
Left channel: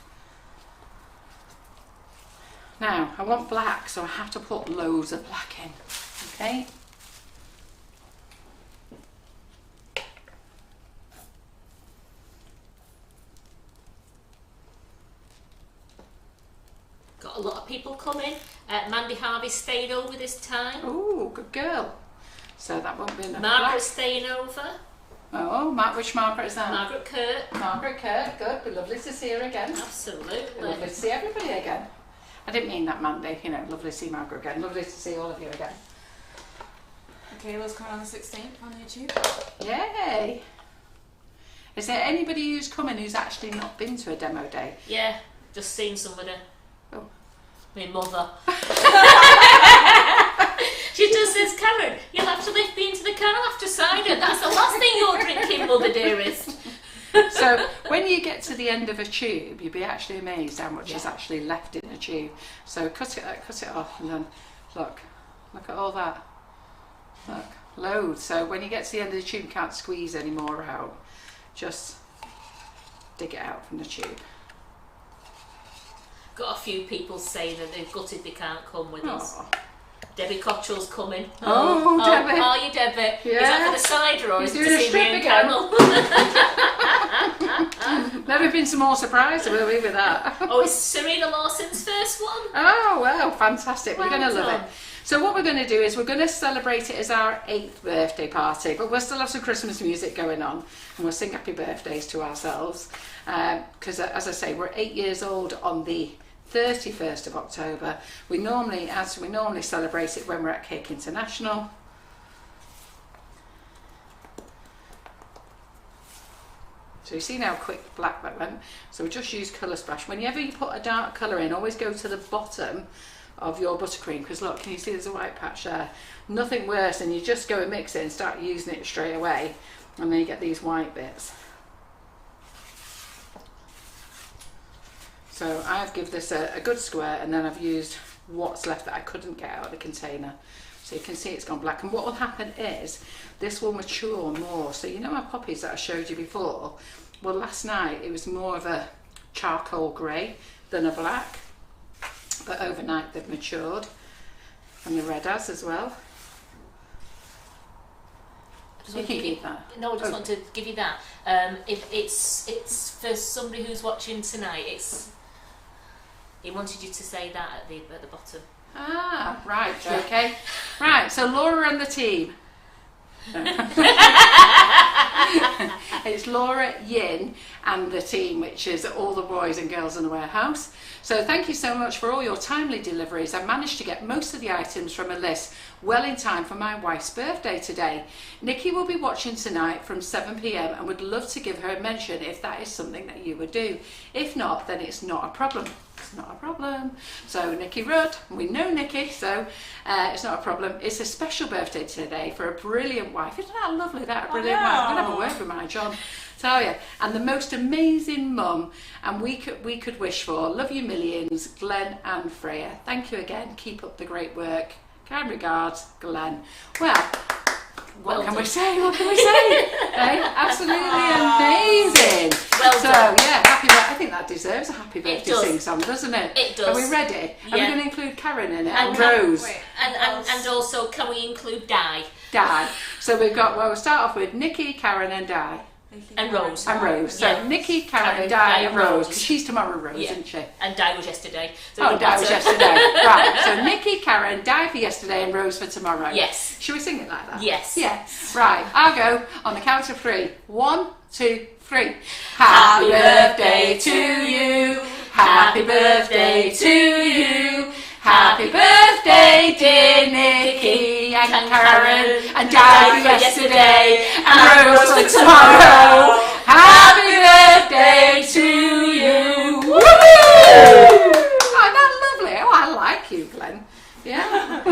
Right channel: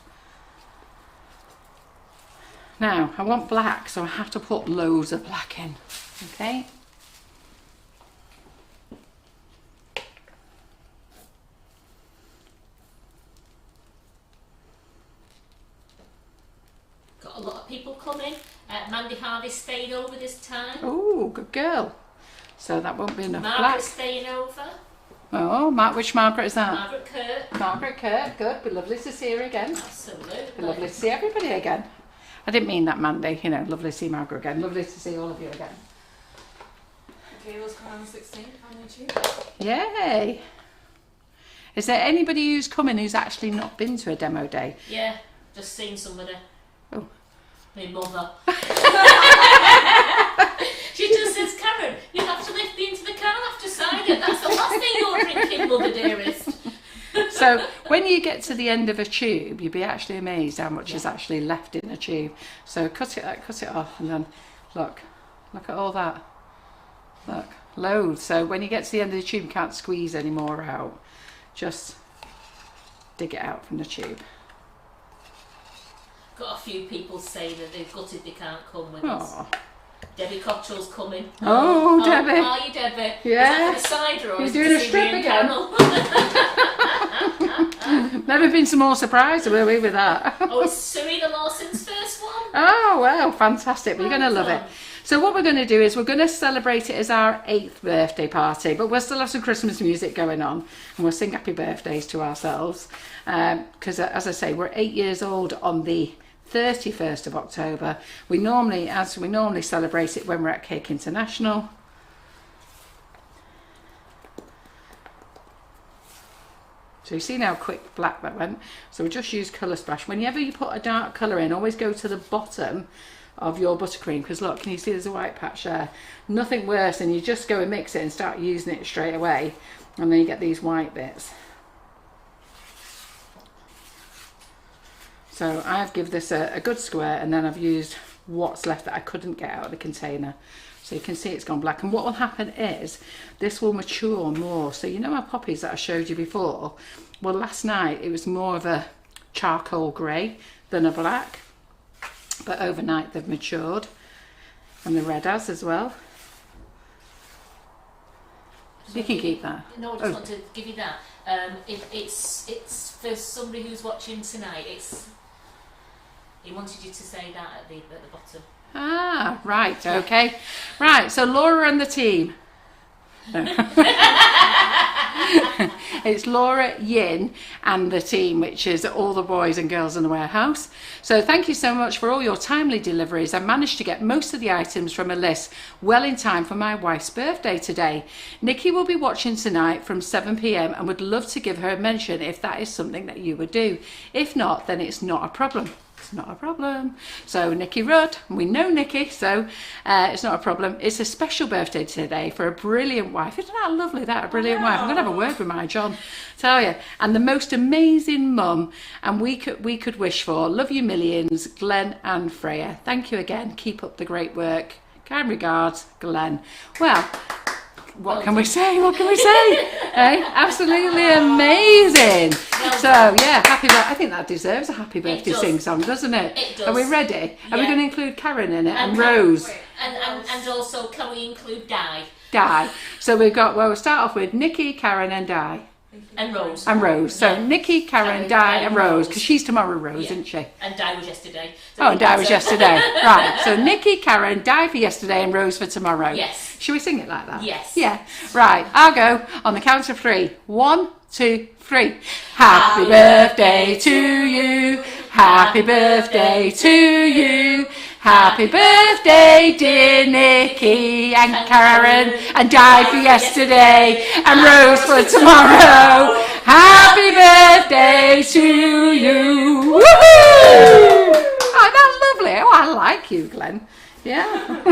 Now, I want black, so I have to put loads of black in, okay? Got a lot of people coming. Mandy Harvey stayed over this time. Oh, good girl. So that won't be enough black. Margaret's staying over. Oh, which Margaret is that? Margaret Kurt. Margaret Kurt, good. Be lovely to see her again. Absolutely. Be lovely to see everybody again. I didn't mean that, Mandy. You know, lovely to see Margaret again. Lovely to see all of you again. Kayla's coming on the 16th on YouTube. Yay! Is there anybody who's coming who's actually not been to a demo day? Yeah, just seen somebody. Oh. My mother. She just says, Karen, you have to lift me into the car after cider. That's the last thing you're drinking, mother dearest. So when you get to the end of a tube, you'll be actually amazed how much is actually left in a tube. So cut it off, and then look at all that. Look, loads. So when you get to the end of the tube, you can't squeeze any more out. Just dig it out from the tube. Got a few people saying that they're gutted they can't come with us. Debbie Cottrell's coming. Oh, Debbie. Are you, Debbie? Yeah. Is that for the cider or You're is doing it a to see strip me and again. Carol? Never been some more surprised, were we, with that? Oh, it's Serena Lawson's first one? Oh, well, fantastic. We're Well going to love it. done. So what we're going to do is we're going to celebrate it as our 8th birthday party, but we'll still have some Christmas music going on, and we'll sing happy birthdays to ourselves. Because, as I say, we're 8 years old on the 31st of October. We normally celebrate it when we're at Cake International. So you see now how quick black that went. So we just use colour splash. Whenever you put a dark colour in, always go to the bottom of your buttercream, because look, can you see there's a white patch there? Nothing worse than you just go and mix it and start using it straight away, and then you get these white bits. So I've given this a good square, and then I've used what's left that I couldn't get out of the container. So you can see it's gone black, and what will happen is this will mature more. So you know our poppies that I showed you before? Well, last night it was more of a charcoal grey than a black, but overnight they've matured, and the red has as well. You can keep that. No, I just want to give you that. It's for somebody who's watching tonight. He wanted you to say that at the bottom. Ah, right, okay. Right, so Laura and the team. It's Laura, Yin and the team, which is all the boys and girls in the warehouse. So thank you so much for all your timely deliveries. I managed to get most of the items from a list well in time for my wife's birthday today. Nikki will be watching tonight from 7 p.m. and would love to give her a mention if that is something that you would do. If not, then it's not a problem. It's not a problem. So Nikki Rudd, we know Nikki, so it's not a problem. It's a special birthday today for a brilliant wife. Isn't that lovely, that? A brilliant wife. I'm going to have a word with my John, tell you. And the most amazing mum, and we could wish for. Love you millions, Glenn and Freya. Thank you again. Keep up the great work. Kind regards, Glenn. Well, what can we say? What can we say? Absolutely amazing. Yeah, happy birthday. I think that deserves a happy birthday sing song, doesn't it? It does. Are we ready? Yeah. Are we going to include Karen in it and Rose? And also, can we include Di? Di. So we've got, well, we'll start off with Nikki, Karen and Di. And Rose. And Rose. So Nikki, Karen, Di and Rose. Because she's tomorrow, Rose, isn't she? And Di was yesterday. And Di was yesterday. Right. So Nikki, Karen, Di for yesterday and Rose for tomorrow. Yes. Shall we sing it like that? Yes. Yeah. Right. I'll go on the count of 3. 1, 2, 3. Happy birthday to you. Happy birthday to you. Happy birthday, dear Nikki and Karen, and Di for yesterday, and Rose for tomorrow. Happy birthday to you. Woohoo! Oh, that's lovely. Oh, I like you, Glenn. Yeah.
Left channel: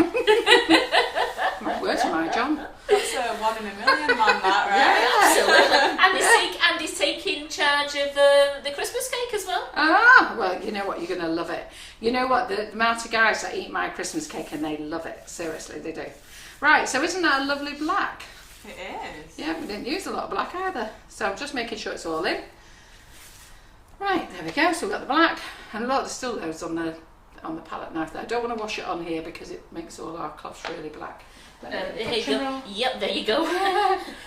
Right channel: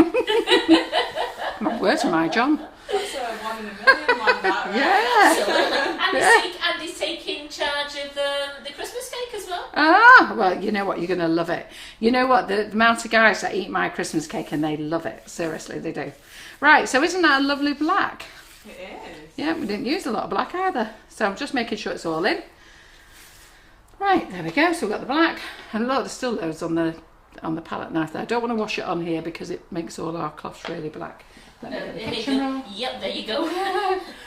My word to my John. That's a 1 in a million man, that, right? Yeah. Absolutely. Andy's taking charge of the Christmas cake as well. Ah, well, you know what? You're going to love it. You know what? The amount of guys that eat my Christmas cake and they love it. Seriously, they do. Right, so isn't that a lovely black? It is. Yeah, we didn't use a lot of black either. So I'm just making sure it's all in. Right, there we go. So we've got the black. And look, there's still loads on the palette knife there. I don't want to wash it on here because it makes all our cloths really black. There you go. Yep, there you go.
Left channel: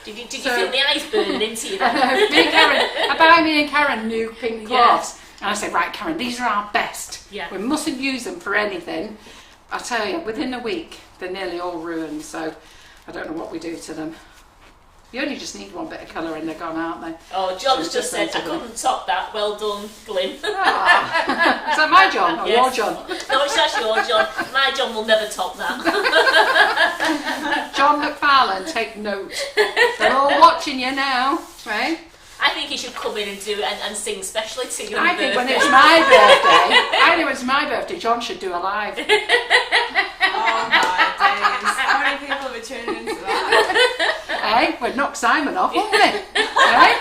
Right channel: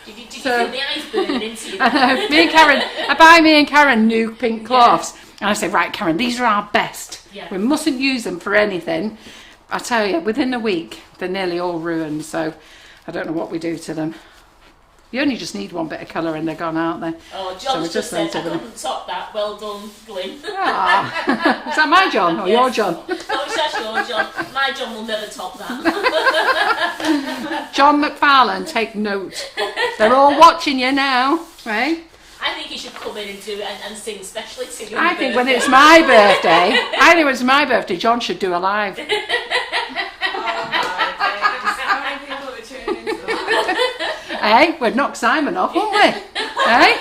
Did you feel the eyes burning into you? I know. I buy me and Karen new pink cloths. Yeah. And I say, right, Karen, these are our best. Yeah. We mustn't use them for anything. I tell you, within a week, they're nearly all ruined. So I don't know what we do to them. You only just need one bit of colour and they're gone, aren't they? Oh, John's just said, I couldn't top that. Well done, Glyn. Is that my John or your John? No, it's just your John. My John will never top that. John McFarland, take note. They're all watching you now, right? I think you should come in and do and sing specially to you. I think when it's my birthday, John should do a live. Oh my days. How many people have tuned into that? Hey, we'd knock Simon off, wouldn't we? Hey?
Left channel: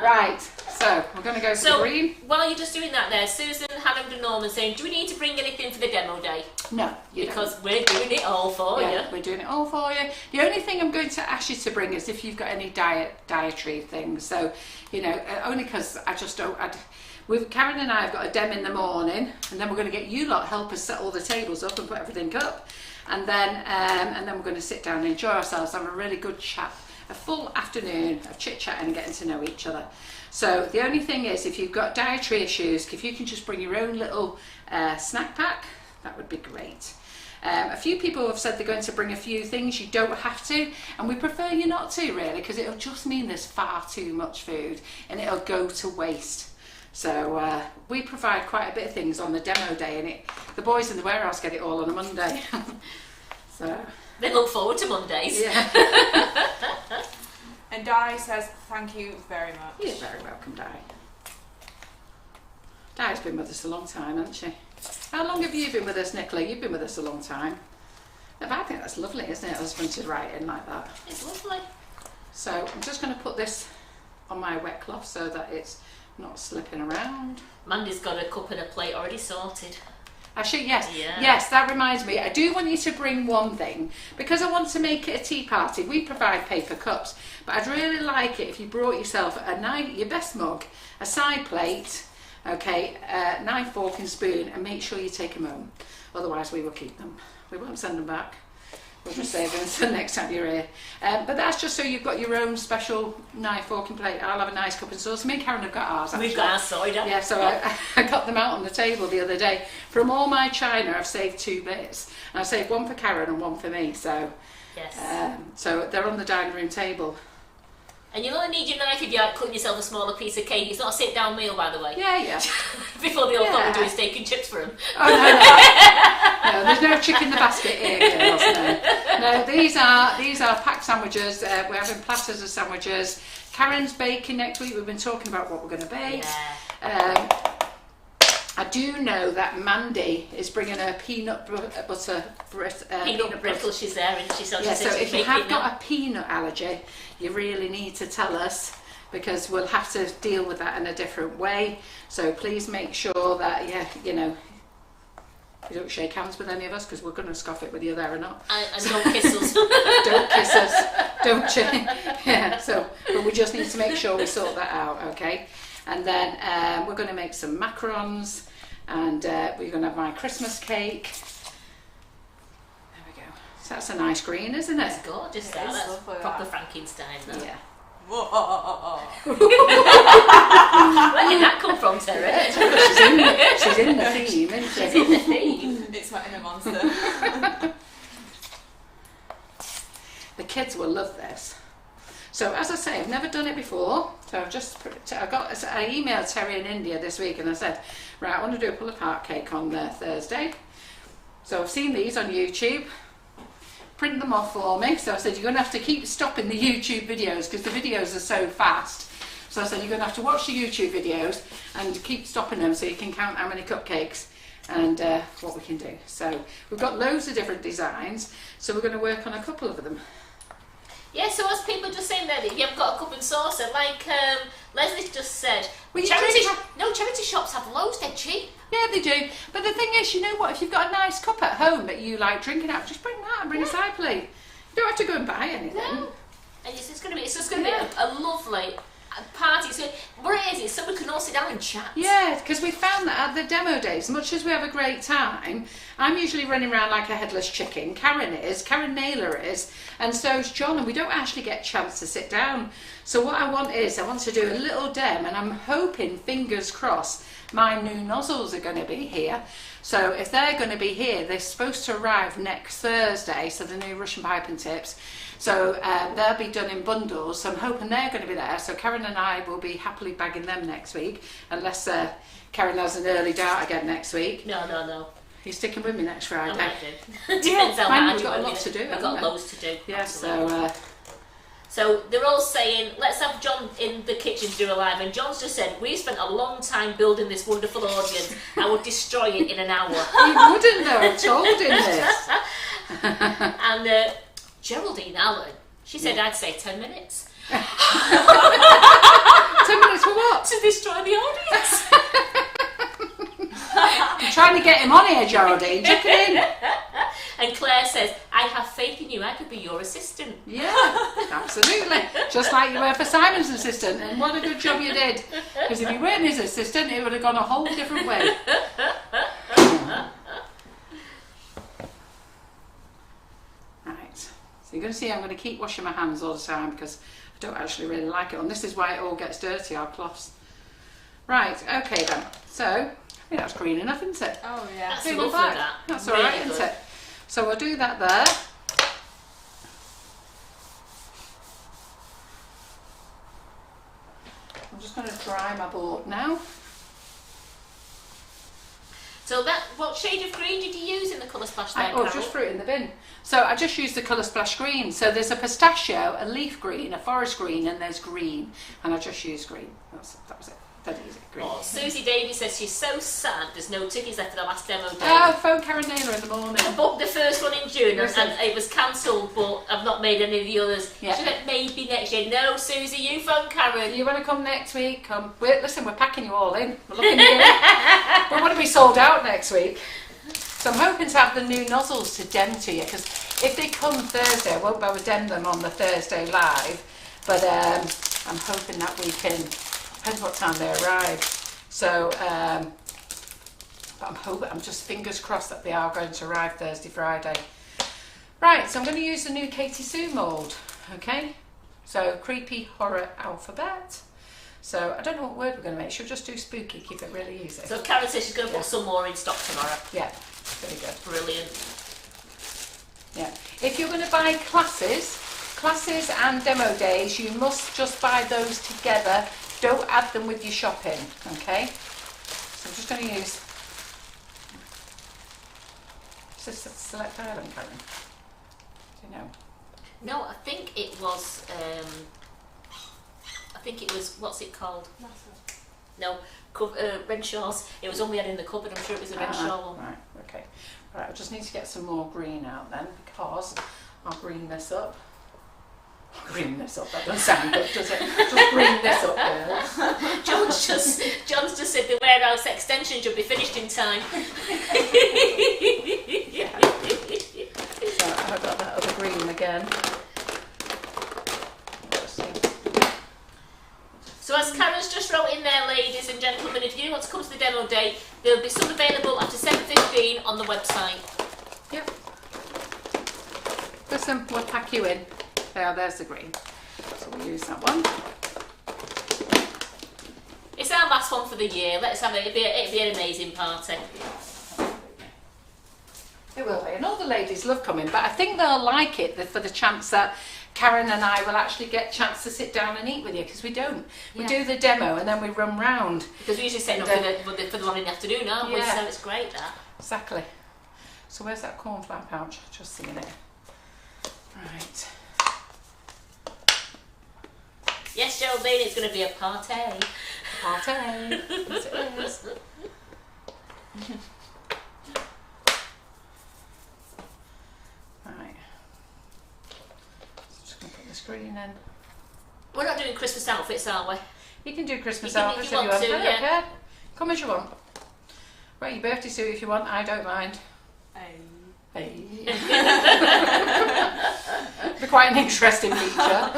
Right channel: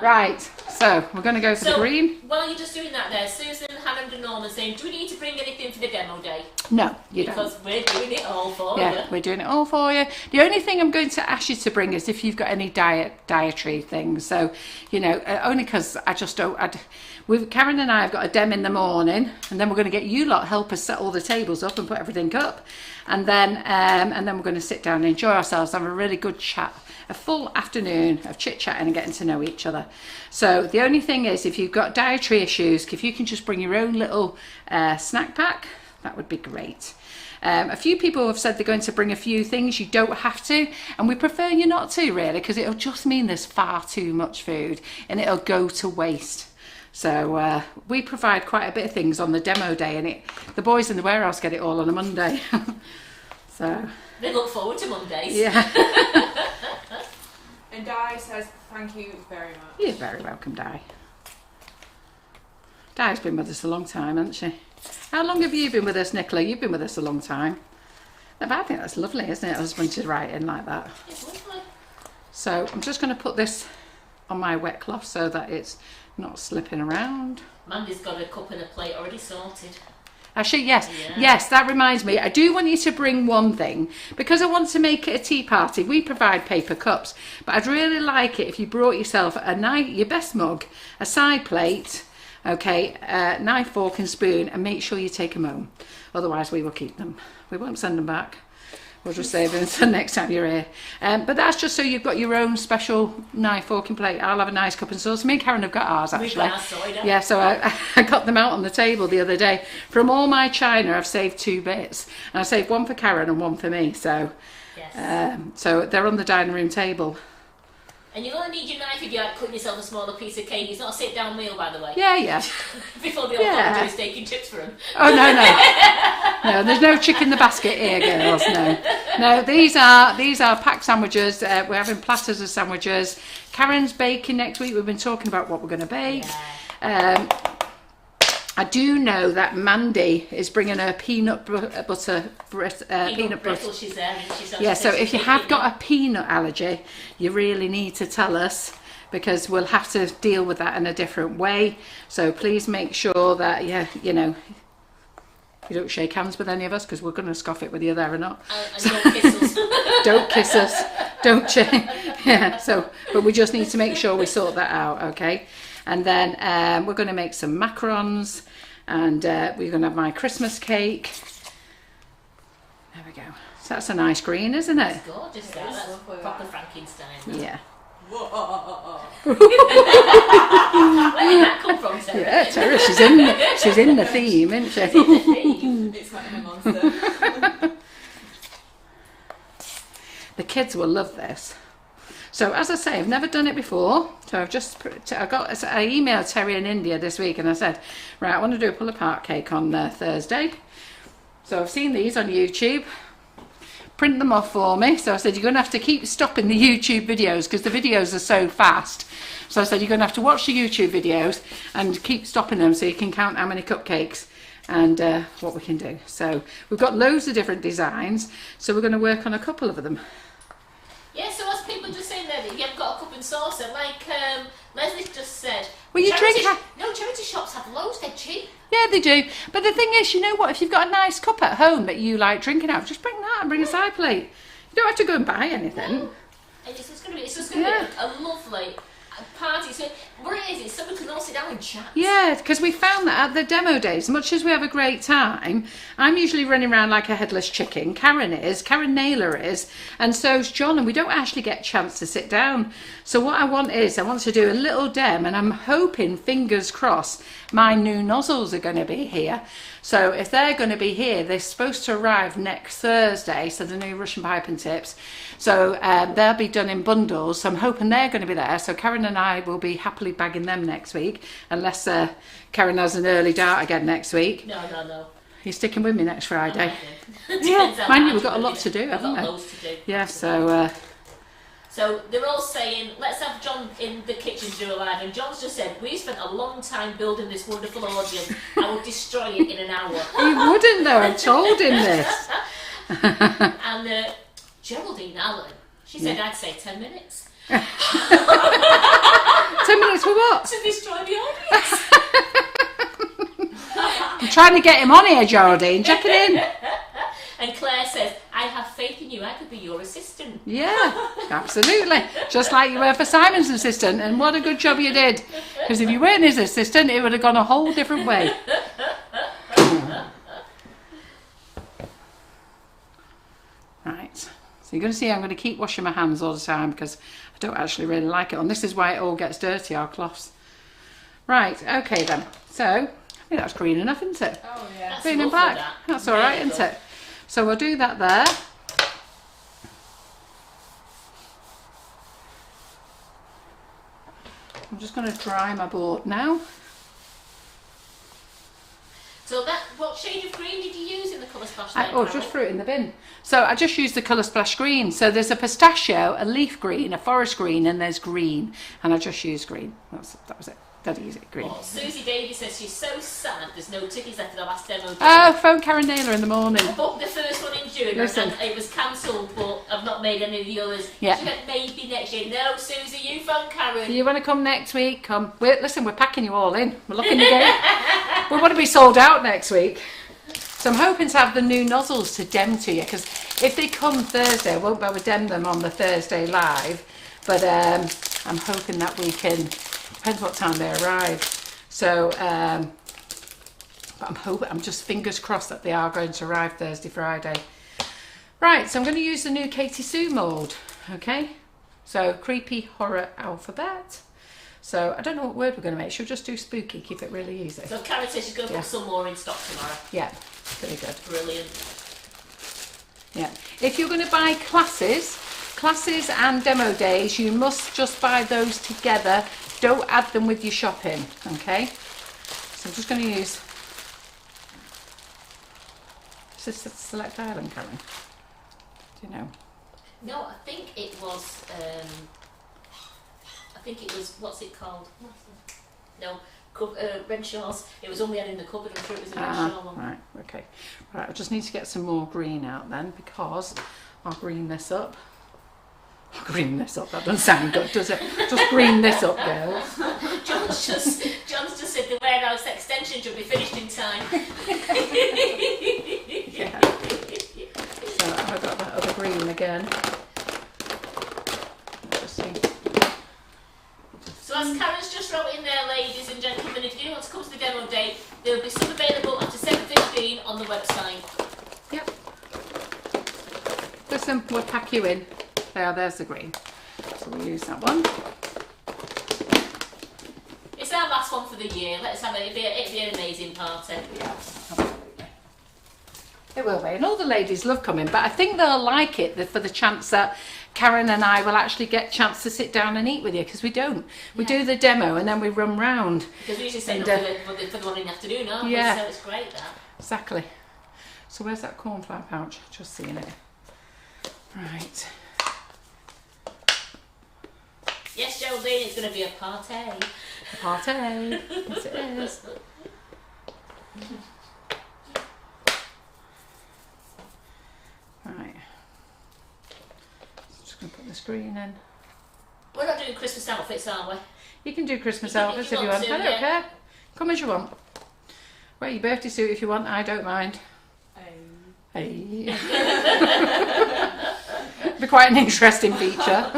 Right, so we're going to go for the green. While you're just doing that there, Susan, Hammond and Norman saying, do we need to bring anything for the demo day? No, you don't. Because we're doing it all for you. Yeah, we're doing it all for you. The only thing I'm going to ask you to bring is if you've got any dietary things. So, you know, only because I just don't... Karen and I have got a dem in the morning, and then we're going to get you lot help us set all the tables up and put everything up. And then we're going to sit down and enjoy ourselves, have a really good chat, a full afternoon of chit-chatting and getting to know each other. So the only thing is, if you've got dietary issues, if you can just bring your own little snack pack, that would be great. A few people have said they're going to bring a few things. You don't have to, and we prefer you not to, really, because it'll just mean there's far too much food and it'll go to waste. So we provide quite a bit of things on the demo day, and the boys in the warehouse get it all on a Monday. So they look forward to Mondays. Yeah. And Di says, thank you very much. You're very welcome, Di. Di's been with us a long time, hasn't she? How long have you been with us, Nicola? You've been with us a long time. I think that's lovely, isn't it? Husband to write in like that. It's lovely. So I'm just going to put this on my wet cloth so that it's not slipping around. Mandy's got a cup and a plate already sorted. Actually, yes. Yeah. Yes, that reminds me. I do want you to bring one thing, because I want to make it a tea party. We provide paper cups, but I'd really like it if you brought yourself your best mug, a side plate, okay, knife, fork and spoon, and make sure you take them home. Otherwise, we will keep them. We won't send them back. We'll just save them until next time you're here. But that's just so you've got your own special knife, fork and plate. I'll have a nice cup and sauce. Me and Karen have got ours, actually. We've got our cider. Yeah, so I got them out on the table the other day. From all my china, I've saved 2 bits. And I saved one for Karen and one for me. So, yes. So they're on the dining room table. And you'll only need your knife if you're like cutting yourself a smaller piece of cake. It's not a sit-down meal, by the way. Yeah, yeah. Before the old lot doing steak and chips for them. Oh, no. No, there's no chick in the basket here, girls. No, these are packed sandwiches. We're having platters of sandwiches. Karen's baking next week. We've been talking about what we're going to bake. Yeah. I do know that Mandy is bringing her peanut butter. Peanut brittle, she's there, and she's Yeah, so if you have got a peanut allergy, you really need to tell us, because we'll have to deal with that in a different way. So please make sure that you know, you don't shake hands with any of us, because we're going to scoff it whether you're there or not. And don't kiss us. Don't kiss us, don't you? Yeah, so, but we just need to make sure we sort that out, okay? And then we're going to make some macarons, and we're going to have my Christmas cake. There we go. So that's a nice green, isn't it? It's gorgeous, that. That's proper Frankenstein. That. Yeah. Where did that come from, Terry? Yeah, Terry, she's in the theme, isn't she? She's in the theme. It's like a monster. The kids will love this. So as I say, I've never done it before. So I emailed Terry in India this week, and I said, right, I want to do a pull-apart cake on Thursday. So I've seen these on YouTube. Print them off for me. So I said, you're going to have to keep stopping the YouTube videos, because the videos are so fast. So I said, you're going to have to watch the YouTube videos and keep stopping them so you can count how many cupcakes and what we can do. So we've got loads of different designs, so we're going to work on a couple of them. Yeah, so as people just saying there that you haven't got a cup and saucer, like Leslie just said, Well, charity shops have loads, they're cheap. Yeah, they do. But the thing is, you know what? If you've got a nice cup at home that you like drinking out, just bring that and bring a side plate. You don't have to go and buy anything. No. It's just going to be a lovely party. So what it is someone can all sit down and chat. Yeah, because we found that at the demo days, as much as we have a great time, I'm usually running around like a headless chicken. Karen Naylor is, and so's John, and we don't actually get a chance to sit down. So what I want to do a little dem, and I'm hoping, fingers crossed, my new nozzles are going to be here. So if they're going to be here, they're supposed to arrive next Thursday, so the new Russian piping tips. So they'll be done in bundles, so I'm hoping they're going to be there. So Karen and I will be happily bagging them next week, unless Karen has an early dart again next week. No. You're sticking with me next Friday? I might do. Depends how mind bad we've got a lot it. to do, We've haven't got we? loads to do. Yeah, so... So they're all saying, let's have John in the kitchen to do a live. And John's just said, we spent a long time building this wonderful audience. I would destroy it in an hour. He wouldn't though, I told him this. And Geraldine Allen, she said, I'd say 10 minutes. 10 minutes for what? To destroy the audience. I'm trying to get him on here, Geraldine. Check it in. And Claire says, I have faith in you, I could be your assistant. Yeah, absolutely. Just like you were for Simon's assistant, and what a good job you did. Because if you weren't his assistant, it would have gone a whole different way. Right, so you're going to see I'm going to keep washing my hands all the time, because I don't actually really like it. And this is why it all gets dirty, our cloths. Right, okay then. So, I think that's green enough, isn't it? Oh yeah. That's Green and lovely, black. that. That's all Really right, good. isn't it? So we'll do that there. I'm just going to dry my board now. So what shade of green did you use in the colour splash then, Oh, Carol? just threw it in the bin. So I just used the colour splash green. So there's a pistachio, a leaf green, a forest green, and there's green. And I just used green. That was it. Dead easy, green. Oh, Susie Davies says she's so sad there's no tickets left for the last demo. Oh, phone Karen Naylor in the morning. I booked the first one in June Listen. and it was cancelled, but I've not made any of the others. Yeah. She said maybe next year. No, Susie, you phone Karen. You want to come next week? Come. Listen, we're packing you all in. We're looking to go. We want to be sold out next week. So I'm hoping to have the new nozzles to dem to you, because if they come Thursday, I won't be able to dem them on the Thursday live. But I'm hoping that we can. Depends what time they arrive. So, but I'm just fingers crossed that they are going to arrive Thursday, Friday. Right, so I'm going to use the new Katie Sue mould, okay? So, creepy horror alphabet. So, I don't know what word we're going to make. She'll just do spooky, keep it really easy. So Karen says she's going to put some more in stock tomorrow. Yeah, very good. Brilliant. Yeah. If you're going to buy classes and demo days, you must just buy those together. Don't add them with your shopping, okay? So I'm just going to use just select island, Karen. Do you know? No, I think it was. What's it called? No, red shawls. It was one we had in the cupboard. I'm sure it was a red shawl one. Right, okay. Right, I just need to get some more green out then, because I'll green this up. Green this up, that doesn't sound good, does it? Just green this up, girls. John's just said the warehouse extension should be finished in time. Yeah. So I've got that other green again. Let's see. So as Karen's just wrote in there, ladies and gentlemen, if you want to come to the demo day, there'll be some available after 7:15 on the website. Yep. Listen, we'll pack you in. There's the green. So we'll use that one. It's our last one for the year. Let's have it. It'll be an amazing party. Yeah, absolutely. It will be. And all the ladies love coming, but I think they'll like it for the chance that Karen and I will actually get a chance to sit down and eat with you, because we don't. We do the demo and then we run round. Because we usually set up for the one in the afternoon, aren't we? So it's great, that. Exactly. So where's that cornflour pouch? Just seeing it. Right. Yes, Geraldine, it's going to be a party. A party. Yes, it is. Right. Just going to put this green in. We're not doing Christmas outfits, are we? You can do Christmas outfits if you want. To, I don't care. Come as you want. Wear your birthday suit if you want. I don't mind. Hey. Be quite an interesting feature.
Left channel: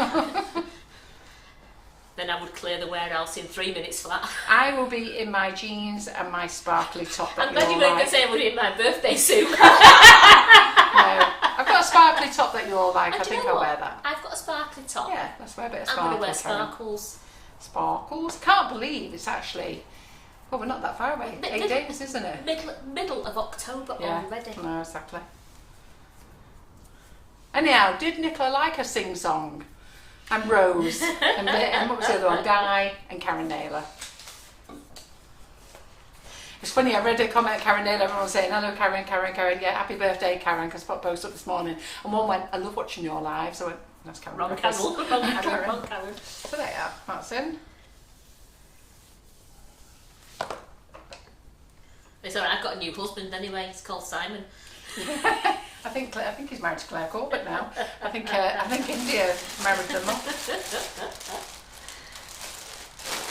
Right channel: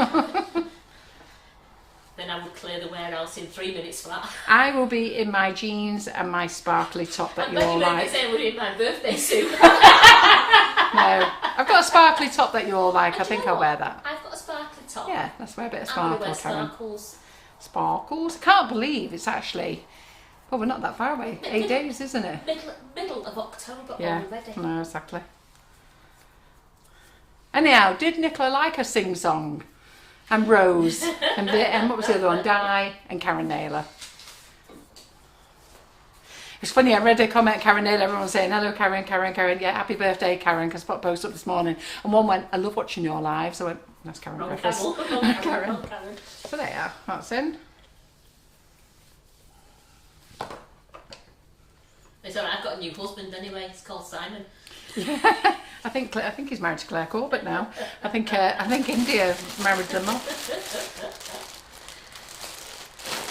Then I would clear the warehouse in 3 minutes flat. I will be in my jeans and my sparkly top that I'm you glad all you weren't like. going to say I would in my birthday suit. No, I've got a sparkly top that you all like. I think I'll wear that. I've got a sparkly top. Yeah, let's wear a bit of I'm sparkle. going to wear sparkles. Sparkles. Can't believe it's actually. Well, we're not that far away. 8 days, isn't it? Middle of October already. No, exactly. Anyhow, did Nicola like a sing-song? And Rose. and what was the other one? Di and Karen Naylor. It's funny, I read a comment, Karen Naylor, everyone was saying, hello Karen, yeah, happy birthday Karen, because I put a post up this morning. And one went, I love watching your lives. I went, that's Karen. Wrong Griffiths. Karen. Karen. So there you are, that's in. It's alright, I've got a new husband anyway, he's called Simon. I think he's married to Claire Corbett now. I think India married them off.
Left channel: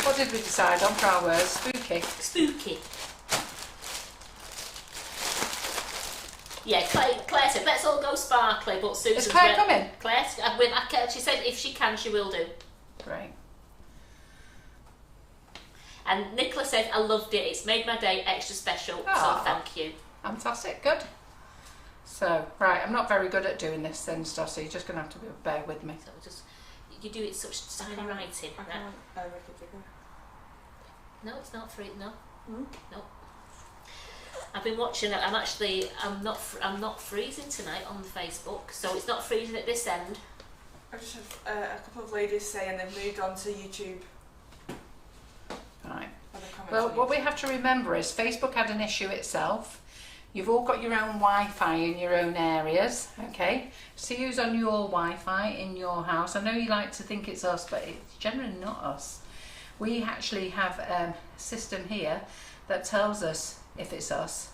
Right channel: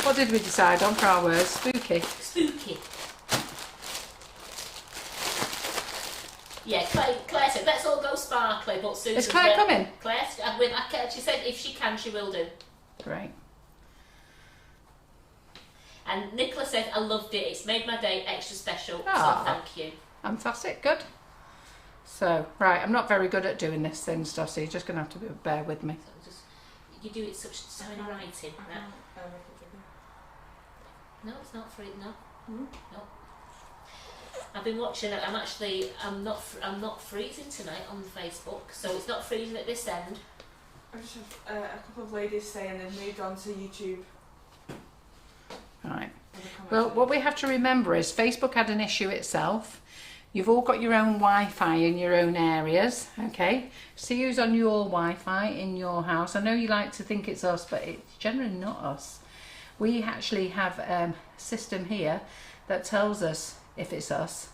What did we decide on for our words? Spooky. Spooky. Yeah, Claire said let's all go sparkly, but Susan's... Is Claire coming? She said if she can, she will do. Great. And Nicola said I loved it. It's made my day extra special. Ah, so thank you. Fantastic. Good. So, right, I'm not very good at doing this thin stuff, so you're just going to have to bear with me. So you do it such tiny writing. No, it's not free. No, no. I've been watching it. I'm not freezing tonight on Facebook, so it's not freezing at this end. I just had a couple of ladies saying they've moved on to YouTube. Right. Well, what we have to remember is Facebook had an issue itself. You've all got your own Wi-Fi in your own areas, okay? So use on your Wi-Fi in your house. I know you like to think it's us, but it's generally not us. We actually have a system here that tells us if it's us.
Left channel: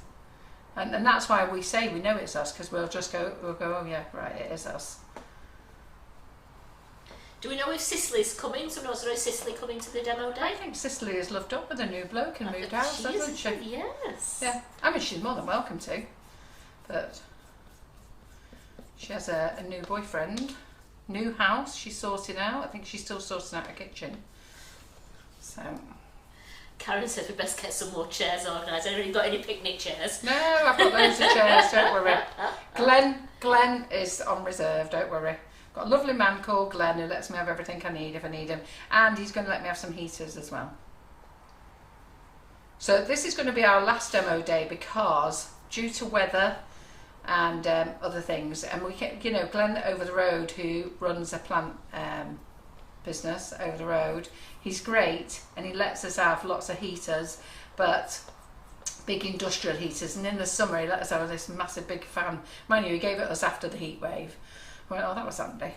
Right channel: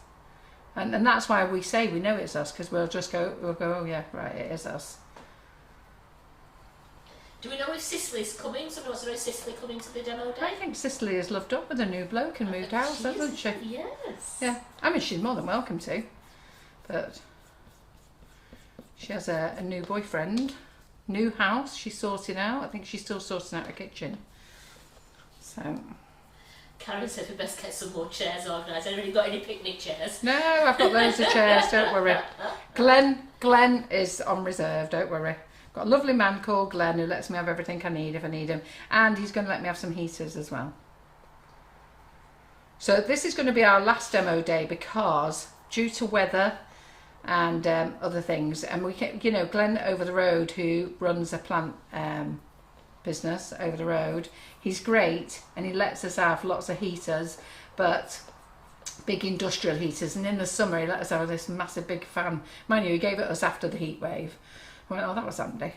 And that's why we say we know it's us, because we'll go, oh yeah, right, it is us. Do we know if Cicely's coming? So is Cicely coming to the demo day? I think Cicely has loved up with a new bloke and moved house, hasn't she? Yes. Yeah, I mean she's more than welcome to, but she has a new boyfriend, new house she's sorting out. I think she's still sorting out her kitchen. So Karen said we best get some more chairs organised. Anybody got any picnic chairs? no, I've got loads of chairs. Don't worry. Glenn is on reserve. Don't worry. Got a lovely man called Glenn who lets me have everything I need if I need him, and he's going to let me have some heaters as well. So this is going to be our last demo day because due to weather and other things, and we can, you know, Glenn over the road who runs a plant business over the road, he's great and he lets us have lots of heaters, but big industrial heaters, and in the summer he let us have this massive big fan. Mind you, he gave it us after the heat wave. I went, oh, that was handy.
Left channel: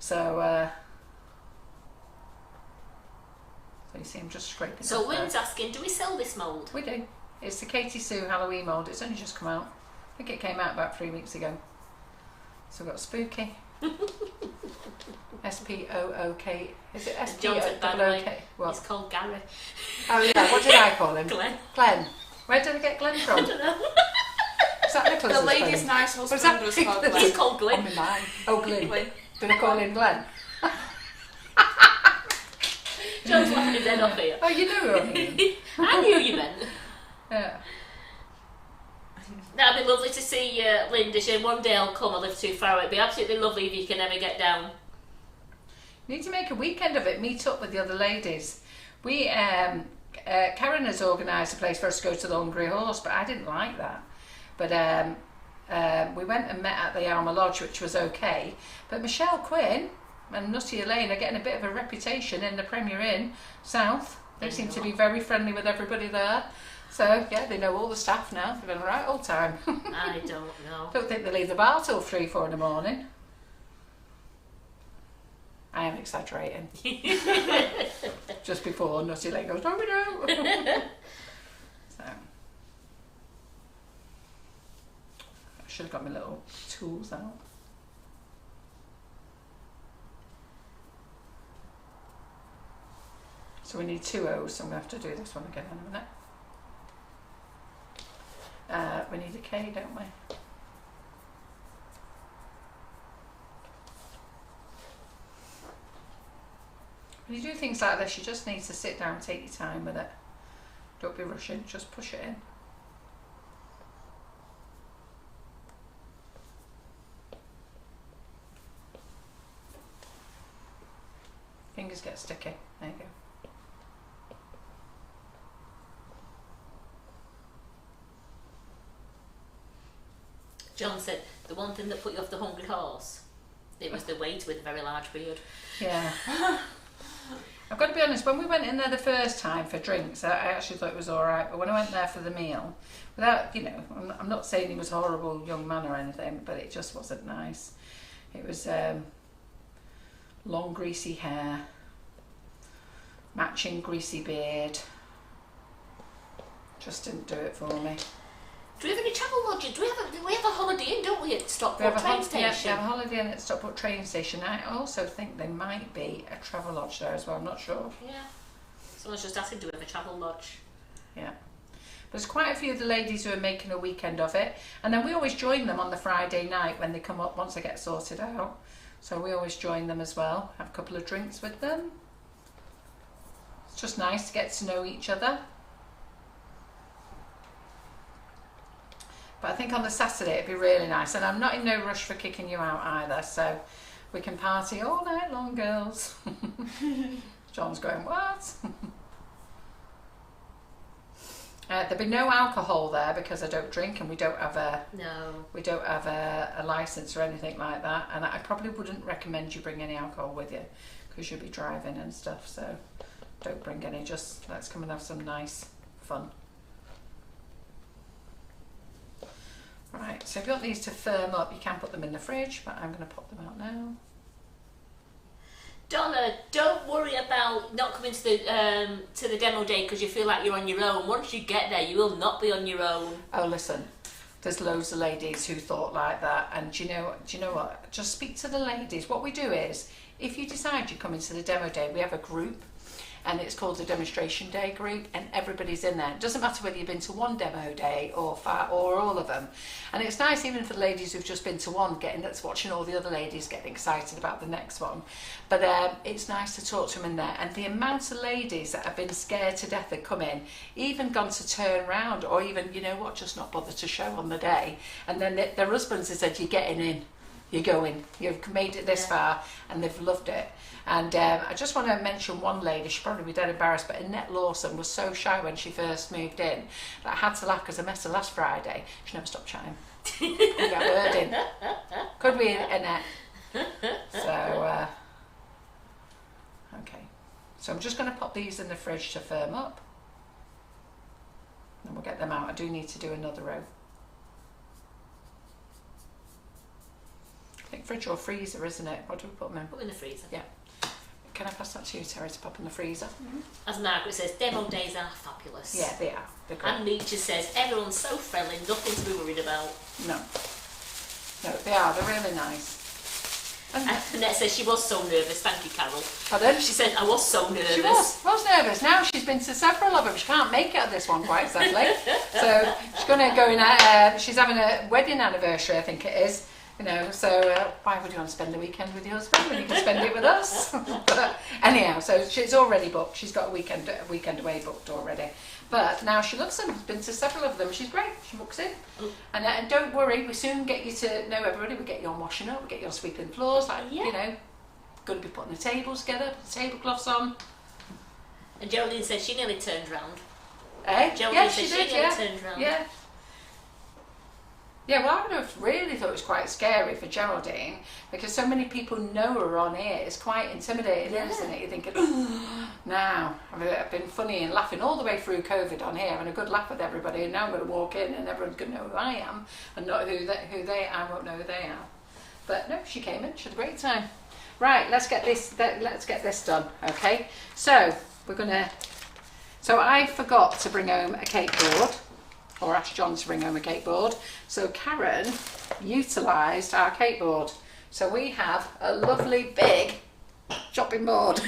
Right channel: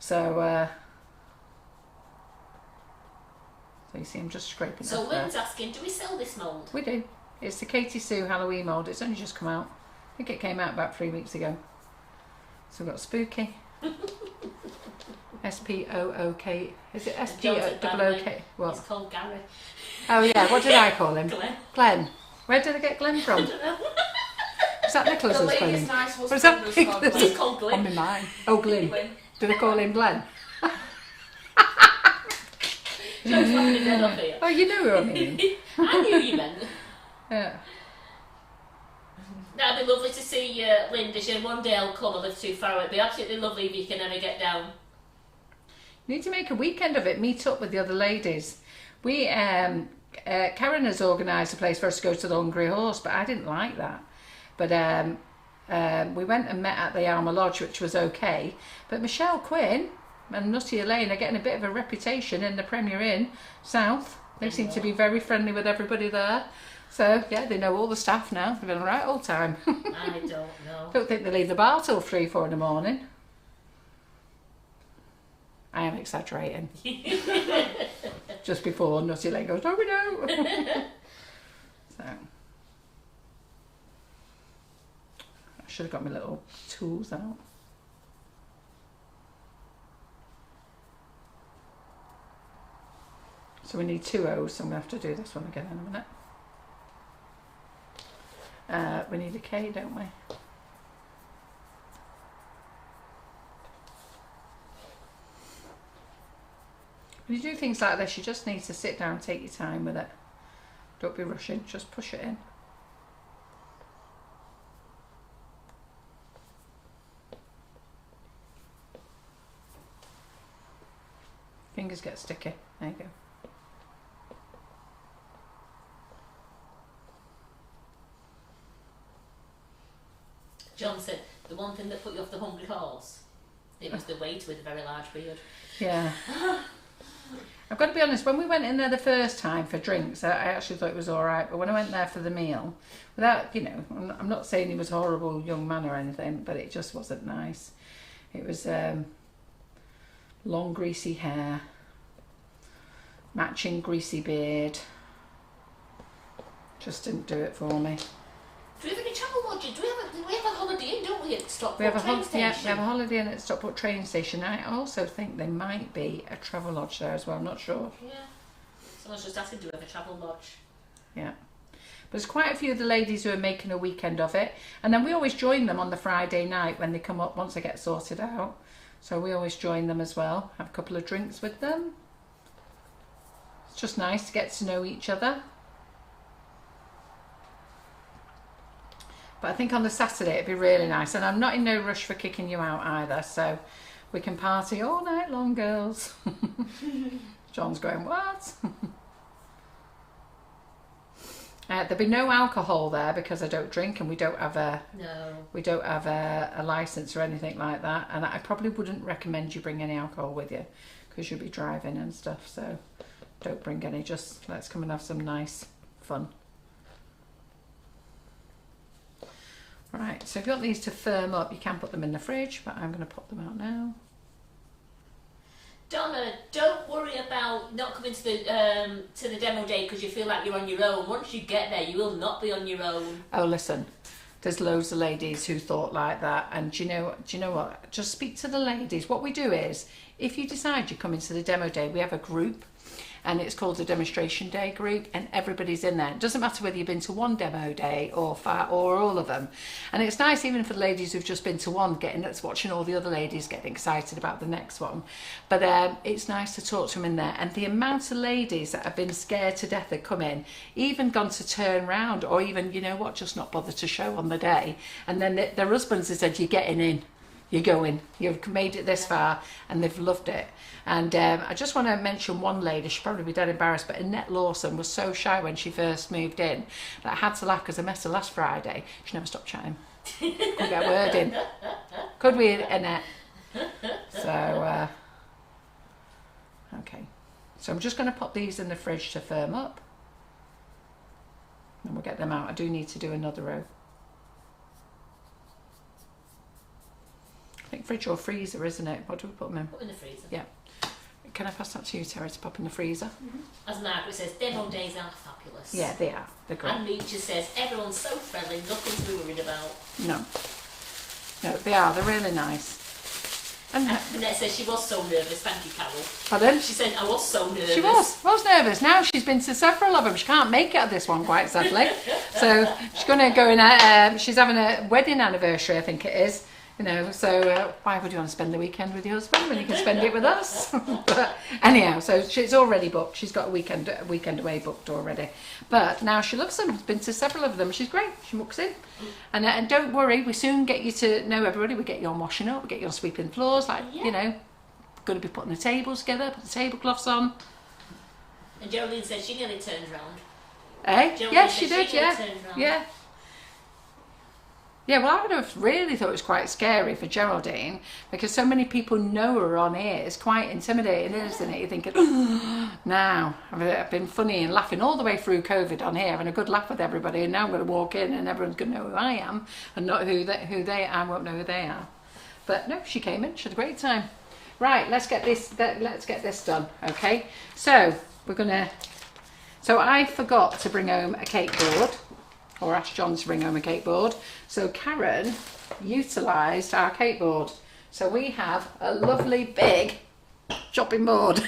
So So you see I'm just scraping So off there. Wynn's asking, do we sell this mould? We do. It's the Katie Sue Halloween mould. It's only just come out. I think it came out about 3 weeks ago. So we've got Spooky. S-P-O-O-K. Is it S-P-O-O-K? What? He's called Gary. Oh yeah, what did I call him? Glenn. Glenn. Where did I get Glenn from? I don't know. Is that Nicholas's The lady's spelling? nice What is husband that? was called Glenn. He's called Glenn. On my mind. Oh, Glenn. Glenn. Did I call him Glenn? John's laughing his head off here. Oh, you know what I mean. I knew you meant. Yeah. That'd be lovely to see Linda. She one day I'll come. I live too far away. It'd be absolutely lovely if you can ever get down. You need to make a weekend of it. Meet up with the other ladies. We, Karen has organised a place for us to go to the Hungry Horse, but I didn't like that. But we went and met at the Alma Lodge, which was okay. But Michelle Quinn and Nutty Elaine are getting a bit of a reputation in the Premier Inn South. They seem to be very friendly with everybody there. So, yeah, they know all the staff now. They've been right all the time. I don't know. Don't think they leave the bar till 3, 4 in the morning. I am exaggerating. Just before Nutty Elaine goes, no, we don't. So, I should have got my little tools out. So we need 2 O's, so I'm going to have to do this one again in a minute. We need a K, don't we? When you do things like this, you just need to sit down, take your time with it. Don't be rushing, just push it in. Fingers get sticky. There you go. John said the one thing that put you off the Hungry Horse, it was the waiter with a very large beard. Yeah. I've got to be honest, when we went in there the first time for drinks, I actually thought it was alright, but when I went there for the meal, without, you know, I'm not saying he was a horrible young man or anything, but it just wasn't nice. It was long greasy hair, matching greasy beard. Just didn't do it for me. Do we have any travel lodging? We have a Holiday Inn, don't we, at Stockport We have a train station? Yeah, we have a Holiday Inn at Stockport train station. I also think there might be a travel lodge there as well. I'm not sure. Yeah. Someone's just asking, do we have a travel lodge? Yeah. There's quite a few of the ladies who are making a weekend of it, and then we always join them on the Friday night when they come up once they get sorted out. So we always join them as well. Have a couple of drinks with them. It's just nice to get to know each other. But I think on the Saturday it'd be really nice, and I'm not in no rush for kicking you out either, so we can party all night long, girls. John's going, what? There'll be no alcohol there because I don't drink, and we don't have a license or anything like that, and I probably wouldn't recommend you bring any alcohol with you because you'll be driving and stuff, so don't bring any. Just let's come and have some nice fun. Right, so if you want these to firm up, you can put them in the fridge, but I'm going to pop them out now. Donna, don't worry about not coming to the demo day because you feel like you're on your own. Once you get there, you will not be on your own. Oh, listen, there's loads of ladies who thought like that, and do you know what? Just speak to the ladies. What we do is, if you decide you're coming to the demo day, we have a group, and it's called the Demonstration Day group, and everybody's in there. It doesn't matter whether you've been to one demo day or all of them. And it's nice even for the ladies who've just been to one, watching all the other ladies getting excited about the next one. But it's nice to talk to them in there. And the amount of ladies that have been scared to death had come in, even gone to turn round, or even, you know what, just not bother to show on the day. And then their husbands have said, you're getting in, you're going, you've made it this far, and they've loved it. And I just want to mention one lady, she'll probably be dead embarrassed, but Annette Lawson was so shy when she first moved in that I had to laugh because I met her last Friday. She never stopped chatting. Couldn't get a word in. Could we, Annette? So, okay. So I'm just going to pop these in the fridge to firm up. And we'll get them out. I do need to do another row. I think fridge or freezer, isn't it? What do we put them in? Put them in the freezer. Yeah. can I pass that to you, Terry, to pop in the freezer? As Margaret says, demo days are fabulous. Yeah, they are. They're great. And Meacher says, everyone's so friendly, nothing to be worried about. No. No, they are. They're really nice. And Annette says she was so nervous. Thank you, Carol. Pardon? She said, I was so nervous. She was nervous. Now she's been to several of them. She can't make it at this one, quite sadly. So she's going to go in. She's having a wedding anniversary, I think it is. You know, so why would you want to spend the weekend with your husband when you can spend it with us? But anyhow, so she's already booked. She's got a weekend away booked already. But now she loves them. She's been to several of them. She's great. She walks in. And don't worry, we soon get you to know everybody. We get you on washing up. We get you on sweeping floors. Like, you know, going to be putting the tables together, put the tablecloths on. And Geraldine said she nearly turned round. Eh? Yeah, she did, yeah. Turned round. Yeah. Yeah, well, I would have really thought it was quite scary for Geraldine because so many people know her on here. It's quite intimidating, isn't it? You're thinking, now, I've been funny and laughing all the way through COVID on here, having a good laugh with everybody, and now I'm going to walk in and everyone's going to know who I am and not who they I won't know who they are. But no, she came in. She had a great time. Right, let's get this done, okay? So so I forgot to bring home a cake board. Or asked John to bring home a cake board. So Karen utilised our cake board. So we have a lovely big chopping board.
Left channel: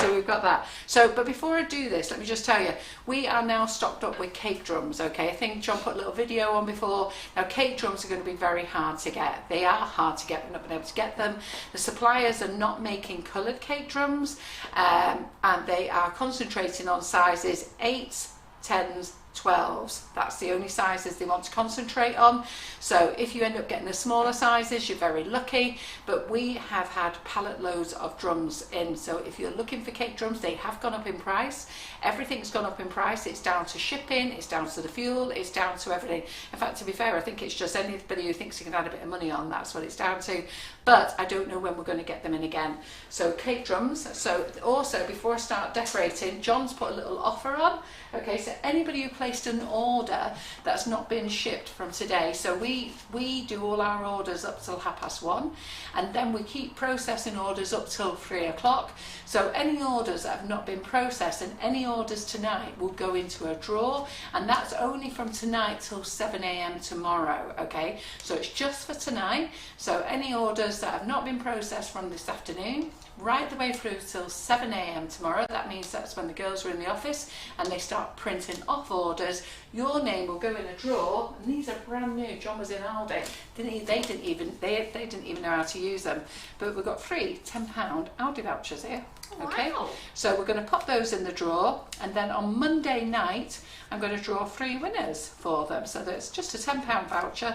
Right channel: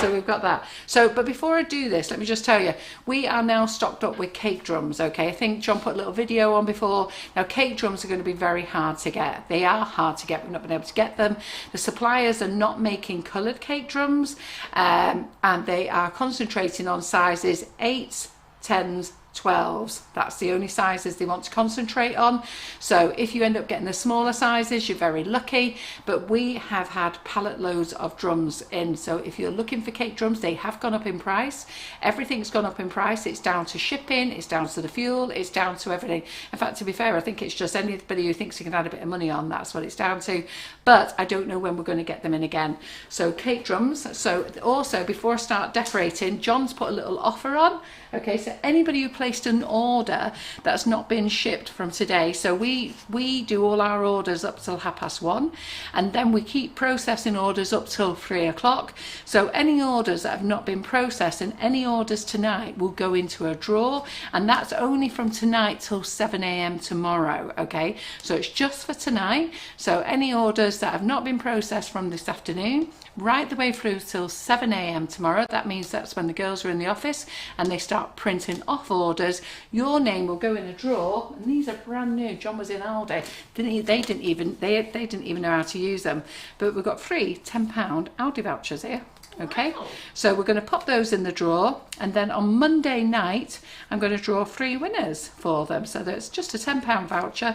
So we've got that. So, but before I do this, let me just tell you, we are now stocked up with cake drums, okay? I think John put a little video on before. Now, cake drums are going to be very hard to get. They are hard to get. We've not been able to get them. The suppliers are not making coloured cake drums, and they are concentrating on sizes 8s, 10s, 12s. That's the only sizes they want to concentrate on. So if you end up getting the smaller sizes, you're very lucky, but we have had pallet loads of drums in. So if you're looking for cake drums, they have gone up in price. Everything's gone up in price. It's down to shipping, it's down to the fuel, it's down to everything. In fact, to be fair, I think it's just anybody who thinks you can add a bit of money on, that's what it's down to. But I don't know when we're going to get them in again. So cake drums. So also, before I start decorating, John's put a little offer on. Okay, so anybody who placed an order that's not been shipped from today, so we do all our orders up till 1:30, and then we keep processing orders up till 3 o'clock. So any orders that have not been processed and any orders tonight will go into a drawer, and that's only from tonight till 7 a.m. tomorrow. Okay, so it's just for tonight. So any orders that have not been processed from this afternoon, right the way through till 7 a.m. tomorrow. That means that's when the girls are in the office and they start printing off orders. Your name will go in a drawer, and these are brand new. John was in Aldi. They didn't even know how to use them. But we've got free £10 Aldi vouchers here. Okay, wow. So we're going to pop those in the drawer, and then on Monday night I'm going to draw 3 winners for them. So that's just a £10 voucher.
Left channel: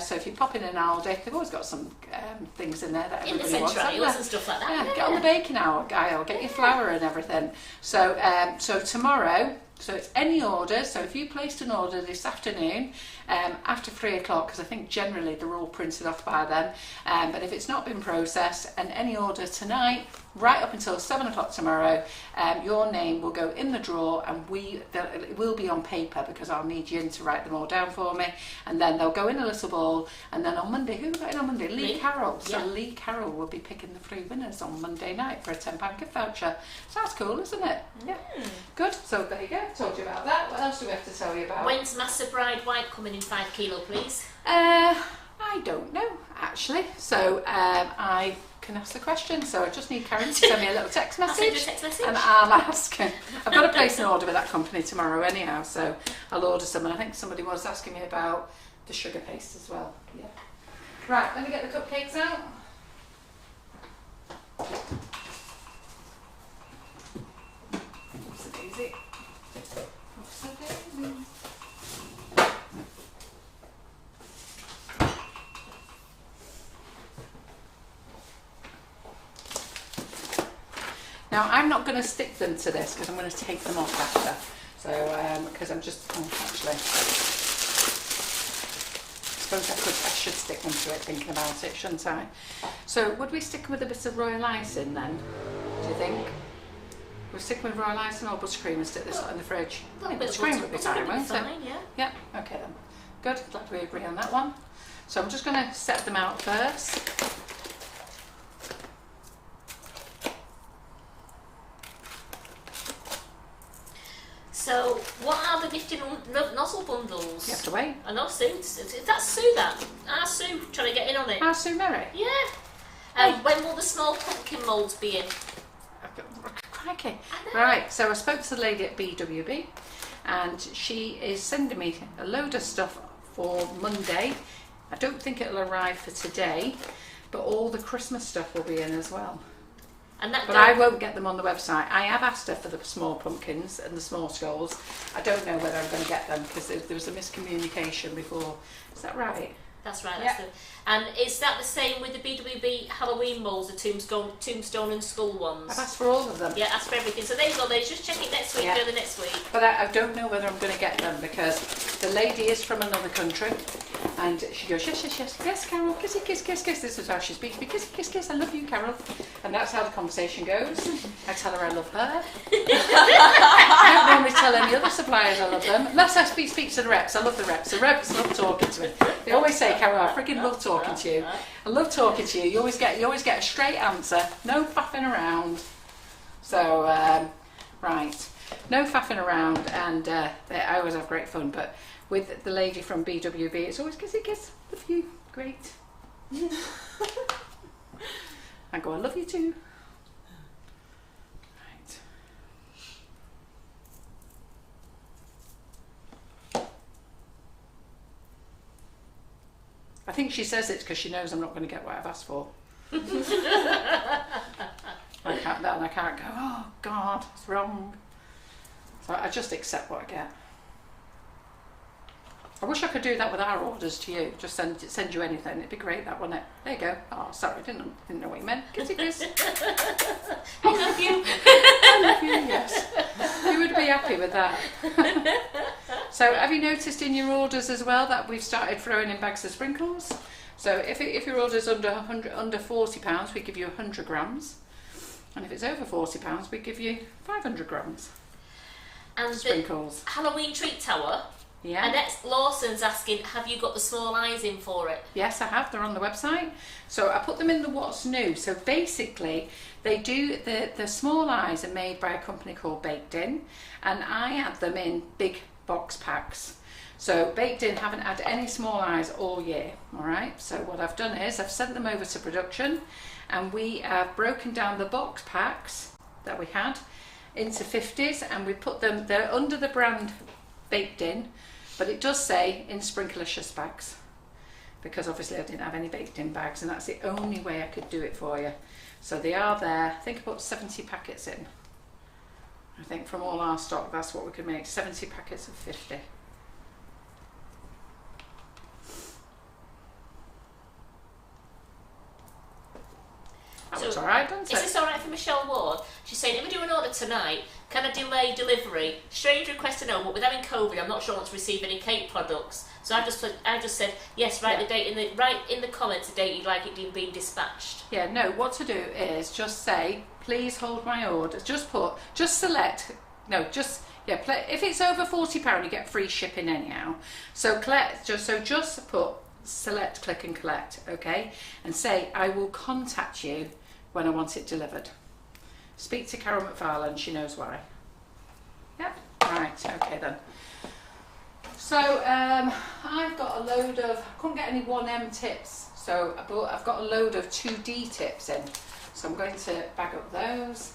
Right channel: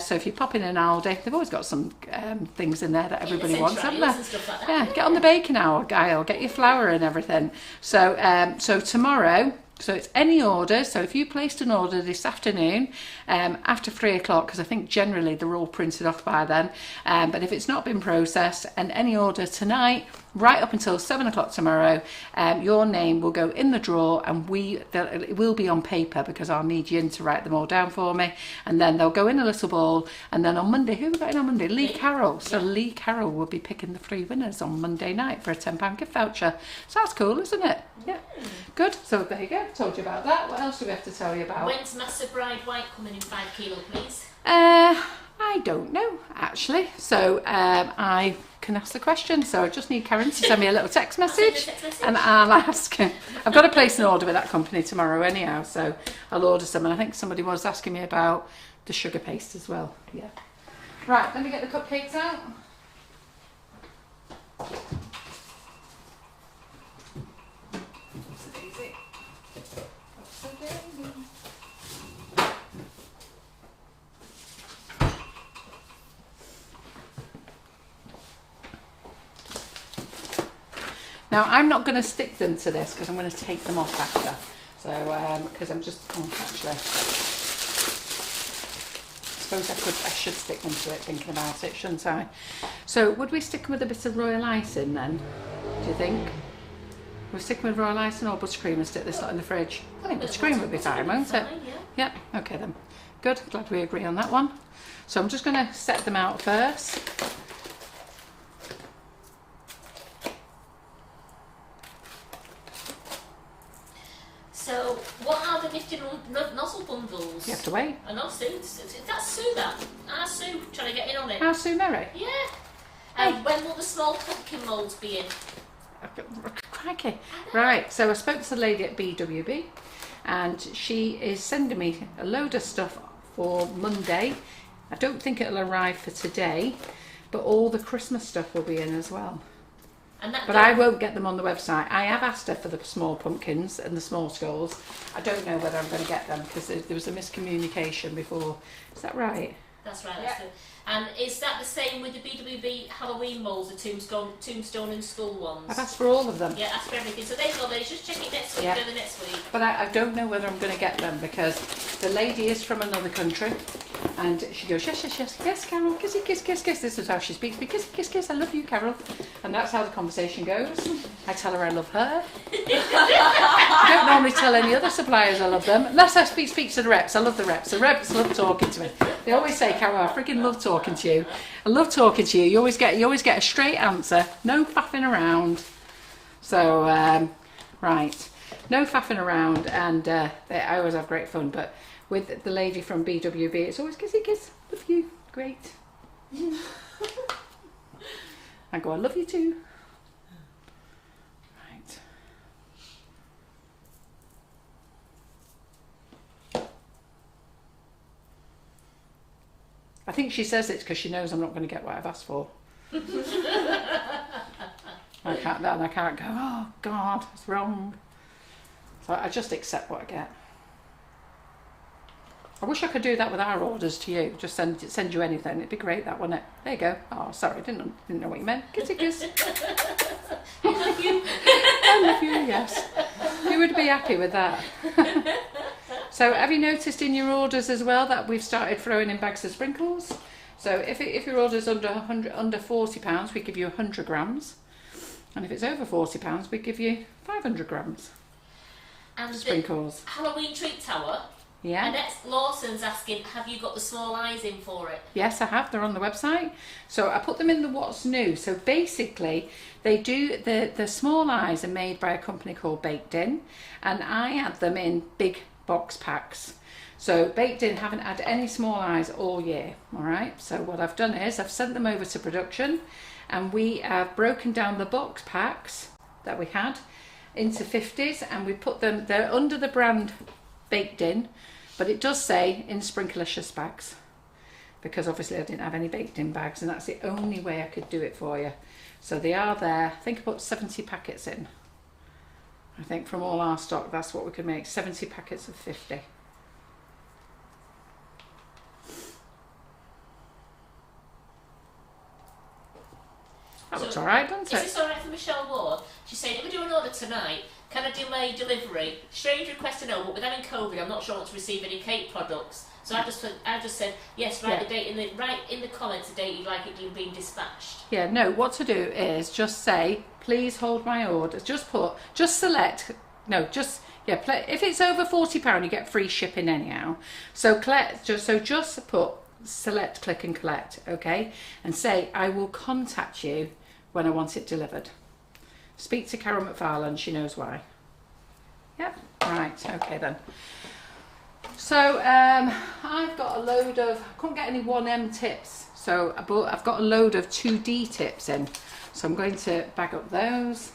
So if you pop in an Aldi, they've always got some things in there that everybody wants, haven't they? And stuff like that. Yeah, get on the baking hour aisle, get your flour and everything. So so tomorrow, so it's any order. So if you placed an order this afternoon after 3 o'clock, because I think generally they're all printed off by then, but if it's not been processed, and any order tonight, right up until 7 o'clock tomorrow, your name will go in the drawer, and it will be on paper because I'll need you to write them all down for me, and then they'll go in a little ball, and then on Monday, who are we got in on Monday? Lee Carroll. So yeah. Lee Carroll will be picking the 3 winners on Monday night for a £10 gift voucher. So that's cool, isn't it? Yeah. Good. So there you go. Told you about that. What else do we have to tell you about? When's Master Bride White coming in 5 kilo, please? I don't know, actually. So I can ask the question. So I just need Karen to send me a little text message, and I'll ask. I've got to place an order with that company tomorrow anyhow, so I'll order some. And I think somebody was asking me about the sugar paste as well. Yeah. Right, let me get the cupcakes out. Now, I'm not going to stick them to this because I'm going to take them off after. So, because I'm just, actually, I suppose I should stick them to it, thinking about it, shouldn't I? So, would we stick them with a bit of royal icing then, do you think? We'll stick with royal icing or buttercream and stick this lot in the fridge? I think buttercream would be fine, won't it? Yeah, okay then. Good, glad we agree on that one. So I'm just going to set them out first. months. You have to wait. I know, Sue. That's Sue, that. Our Sue trying to get in on it. How's Sue Merry? Yeah. Hey. When will the small pumpkin moulds be in? Crikey. Right, so I spoke to the lady at BWB and she is sending me a load of stuff for Monday. I don't think it'll arrive for today, but all the Christmas stuff will be in as well. But I won't get them on the website. I have asked her for the small pumpkins and the small skulls. I don't know whether I'm going to get them because there was a miscommunication before. Is that right? That's right. That's good. And is that the same with the BWB Halloween moulds, the tombstone and skull ones? I've asked for all of them. Yeah, ask for everything. So there you go, ladies. Just check it next week, early next week. But I don't know whether I'm going to get them because the lady is from another country and she goes, yes, yes, yes, yes, Carol, kissy, kiss, kiss, kiss. This is how she speaks to me, kissy, kiss, kiss, I love you, Carol. And that's how the conversation goes. I tell her I love her. I don't normally tell any other suppliers I love them, unless I speak to the reps. I love the reps. The reps love talking to me. They always say, Carol, I freaking love talking to you. I love talking to you. You always get a straight answer. No faffing around. So, right. No faffing around, and I always have great fun. But with the lady from BWB, it's always kissy kiss. Love you. Great. I go, I love you too. Right. I think she says it because she knows I'm not going to get what I've asked for. I can't go, oh God, it's wrong. So I just accept what I get. I wish I could do that with our orders to you. Just send you anything. It'd be great, that, wouldn't it? There you go. Oh, sorry, didn't know what you meant. Kissy kiss. I love you. I love you, yes. You would be happy with that. So have you noticed in your orders as well that we've started throwing in bags of sprinkles? So if your order's under £40, we give you 100 grams. And if it's over £40, we give you 500 grams. And sprinkles. Halloween treat tower. Yeah. Annette Lawson's asking, have you got the small eyes in for it? Yes, I have. They're on the website. So I put them in the what's new. So basically, they do the small eyes are made by a company called Baked In, and I add them in big box packs. So Baked In haven't had any small eyes all year. All right. So what I've done is I've sent them over to production, and we have broken down the box packs that we had into 50s, and we put them. They're under the brand Baked In. But it does say in Sprinklicious bags, because obviously I didn't have any Baked In bags, and that's the only way I could do it for you. So they are there. I think I put 70 packets in. I think from all our stock, that's what we could make, 70 packets of 50. That looks alright, doesn't it? Is this alright for Michelle Ward? She's saying, if we do an order tonight, can I delay delivery? Strange request to know, but with having COVID, I'm not sure I want to receive any cake products. So I just said, yes, write the date in the comments the date you'd like it being dispatched. Yeah, no, what to do is just say, please hold my order. If it's over £40, you get free shipping anyhow. So just put select, click and collect, okay? And say, I will contact you when I want it delivered. Speak to Carol McFarland, she knows why. Yeah, right, okay then. So I've got a load of, I couldn't get any 1M tips, so I've got a load of 2D tips in. So I'm going to bag up those.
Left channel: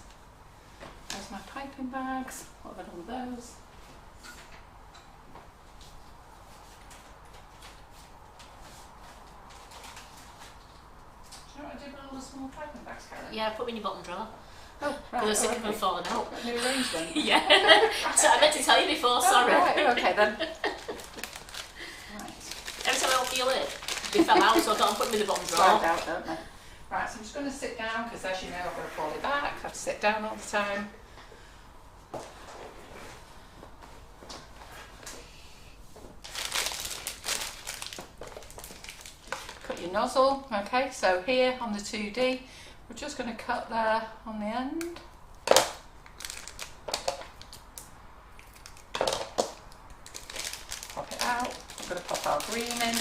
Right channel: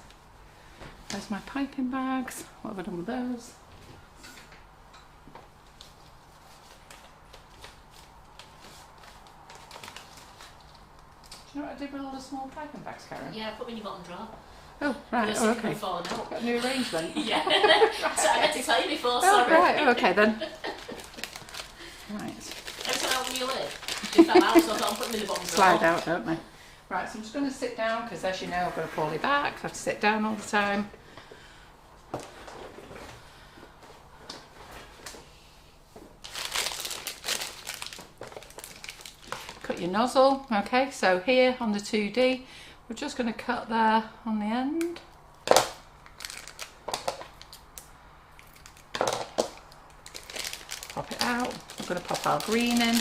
There's my piping bags. What have I done with those? Do you know what I did with all the small piping bags, Karen? Yeah, I put them in your bottom drawer. Oh, right. Oh, Okay. before now. Got a new arrangement. Yeah. So I meant to tell you before, sorry. Oh, right. Okay then. Right. Every time I open your lid, they fell out, so I thought I'd put them in the bottom drawer. Slide out, don't they? Right, so I'm just going to sit down because, as you know, I've got a poorly back. I have to sit down all the time. Cut your nozzle. Okay, so here on the 2D, we're just going to cut there on the end. Pop it out. I'm going to pop our green in.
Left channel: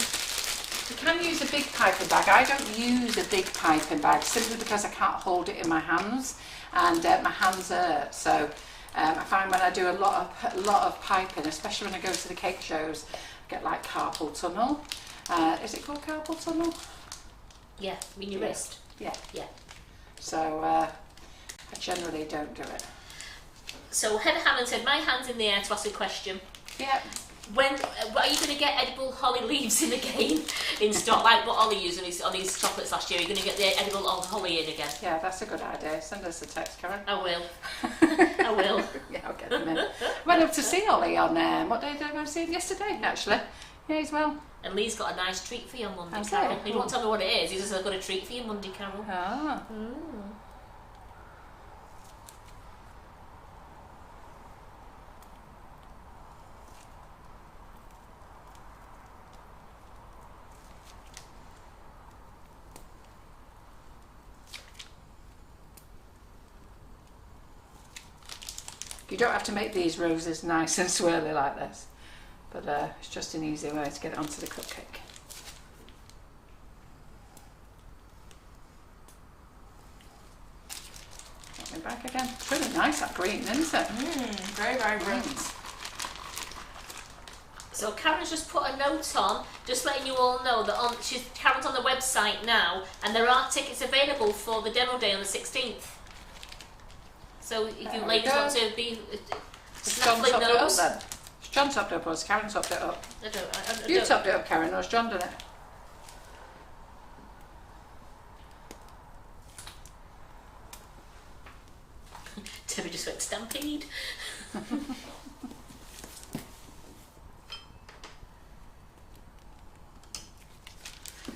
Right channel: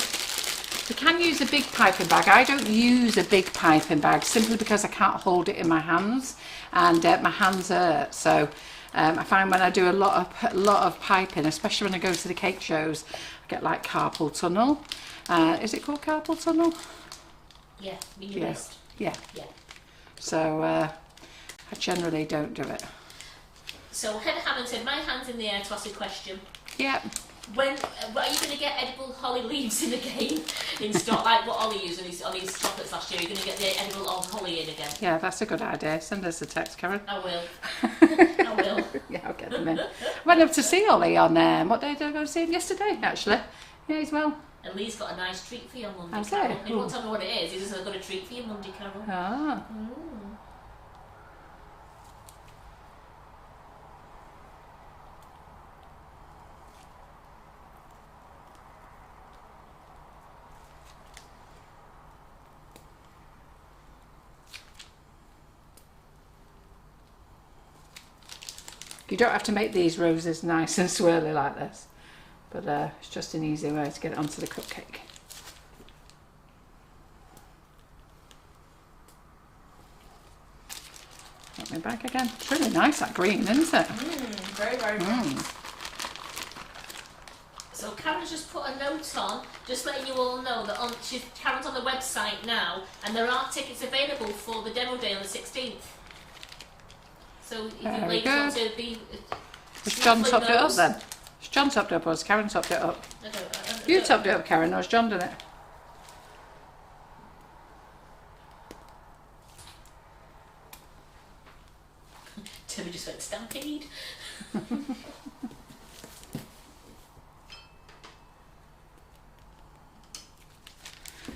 You can use a big piping bag. I don't use a big piping bag simply because I can't hold it in my hands, and my hands hurt. So I find when I do a lot of piping, especially when I go to the cake shows, get like carpal tunnel. Is it called carpal tunnel? Yeah, mean your wrist. Yeah. Yeah. So I generally don't do it. So Heather Hammond said, my hand's in the air to ask a question. Yeah. When are you going to get edible holly leaves in again in stock? Like what Ollie used on his chocolates last year. Are you going to get the edible holly in again? Yeah, that's a good idea. Send us a text, Karen. I will. I will. Yeah, I'll get them in. I went up to see Ollie on what day did I go to see him? Yesterday, actually. Yeah, he's well. And Lee's got a nice treat for you on Monday, How's Carol. it? He won't tell me what it is. He says, I've got a treat for you Monday, Carol. Ah. You don't have to make these roses nice and swirly like this, but it's just an easy way to get it onto the cupcake. Got me back again. It's really nice, that green, isn't it? Very, very bright. So Karen's just put a note on, just letting you all know that Karen's on the website now, and there are tickets available for the demo day on the 16th. So if you ladies want to be... Has John topped it up then? Has John topped it up or has Karen topped it up? You topped it up, Karen, or has John done it? Toby just went stampede.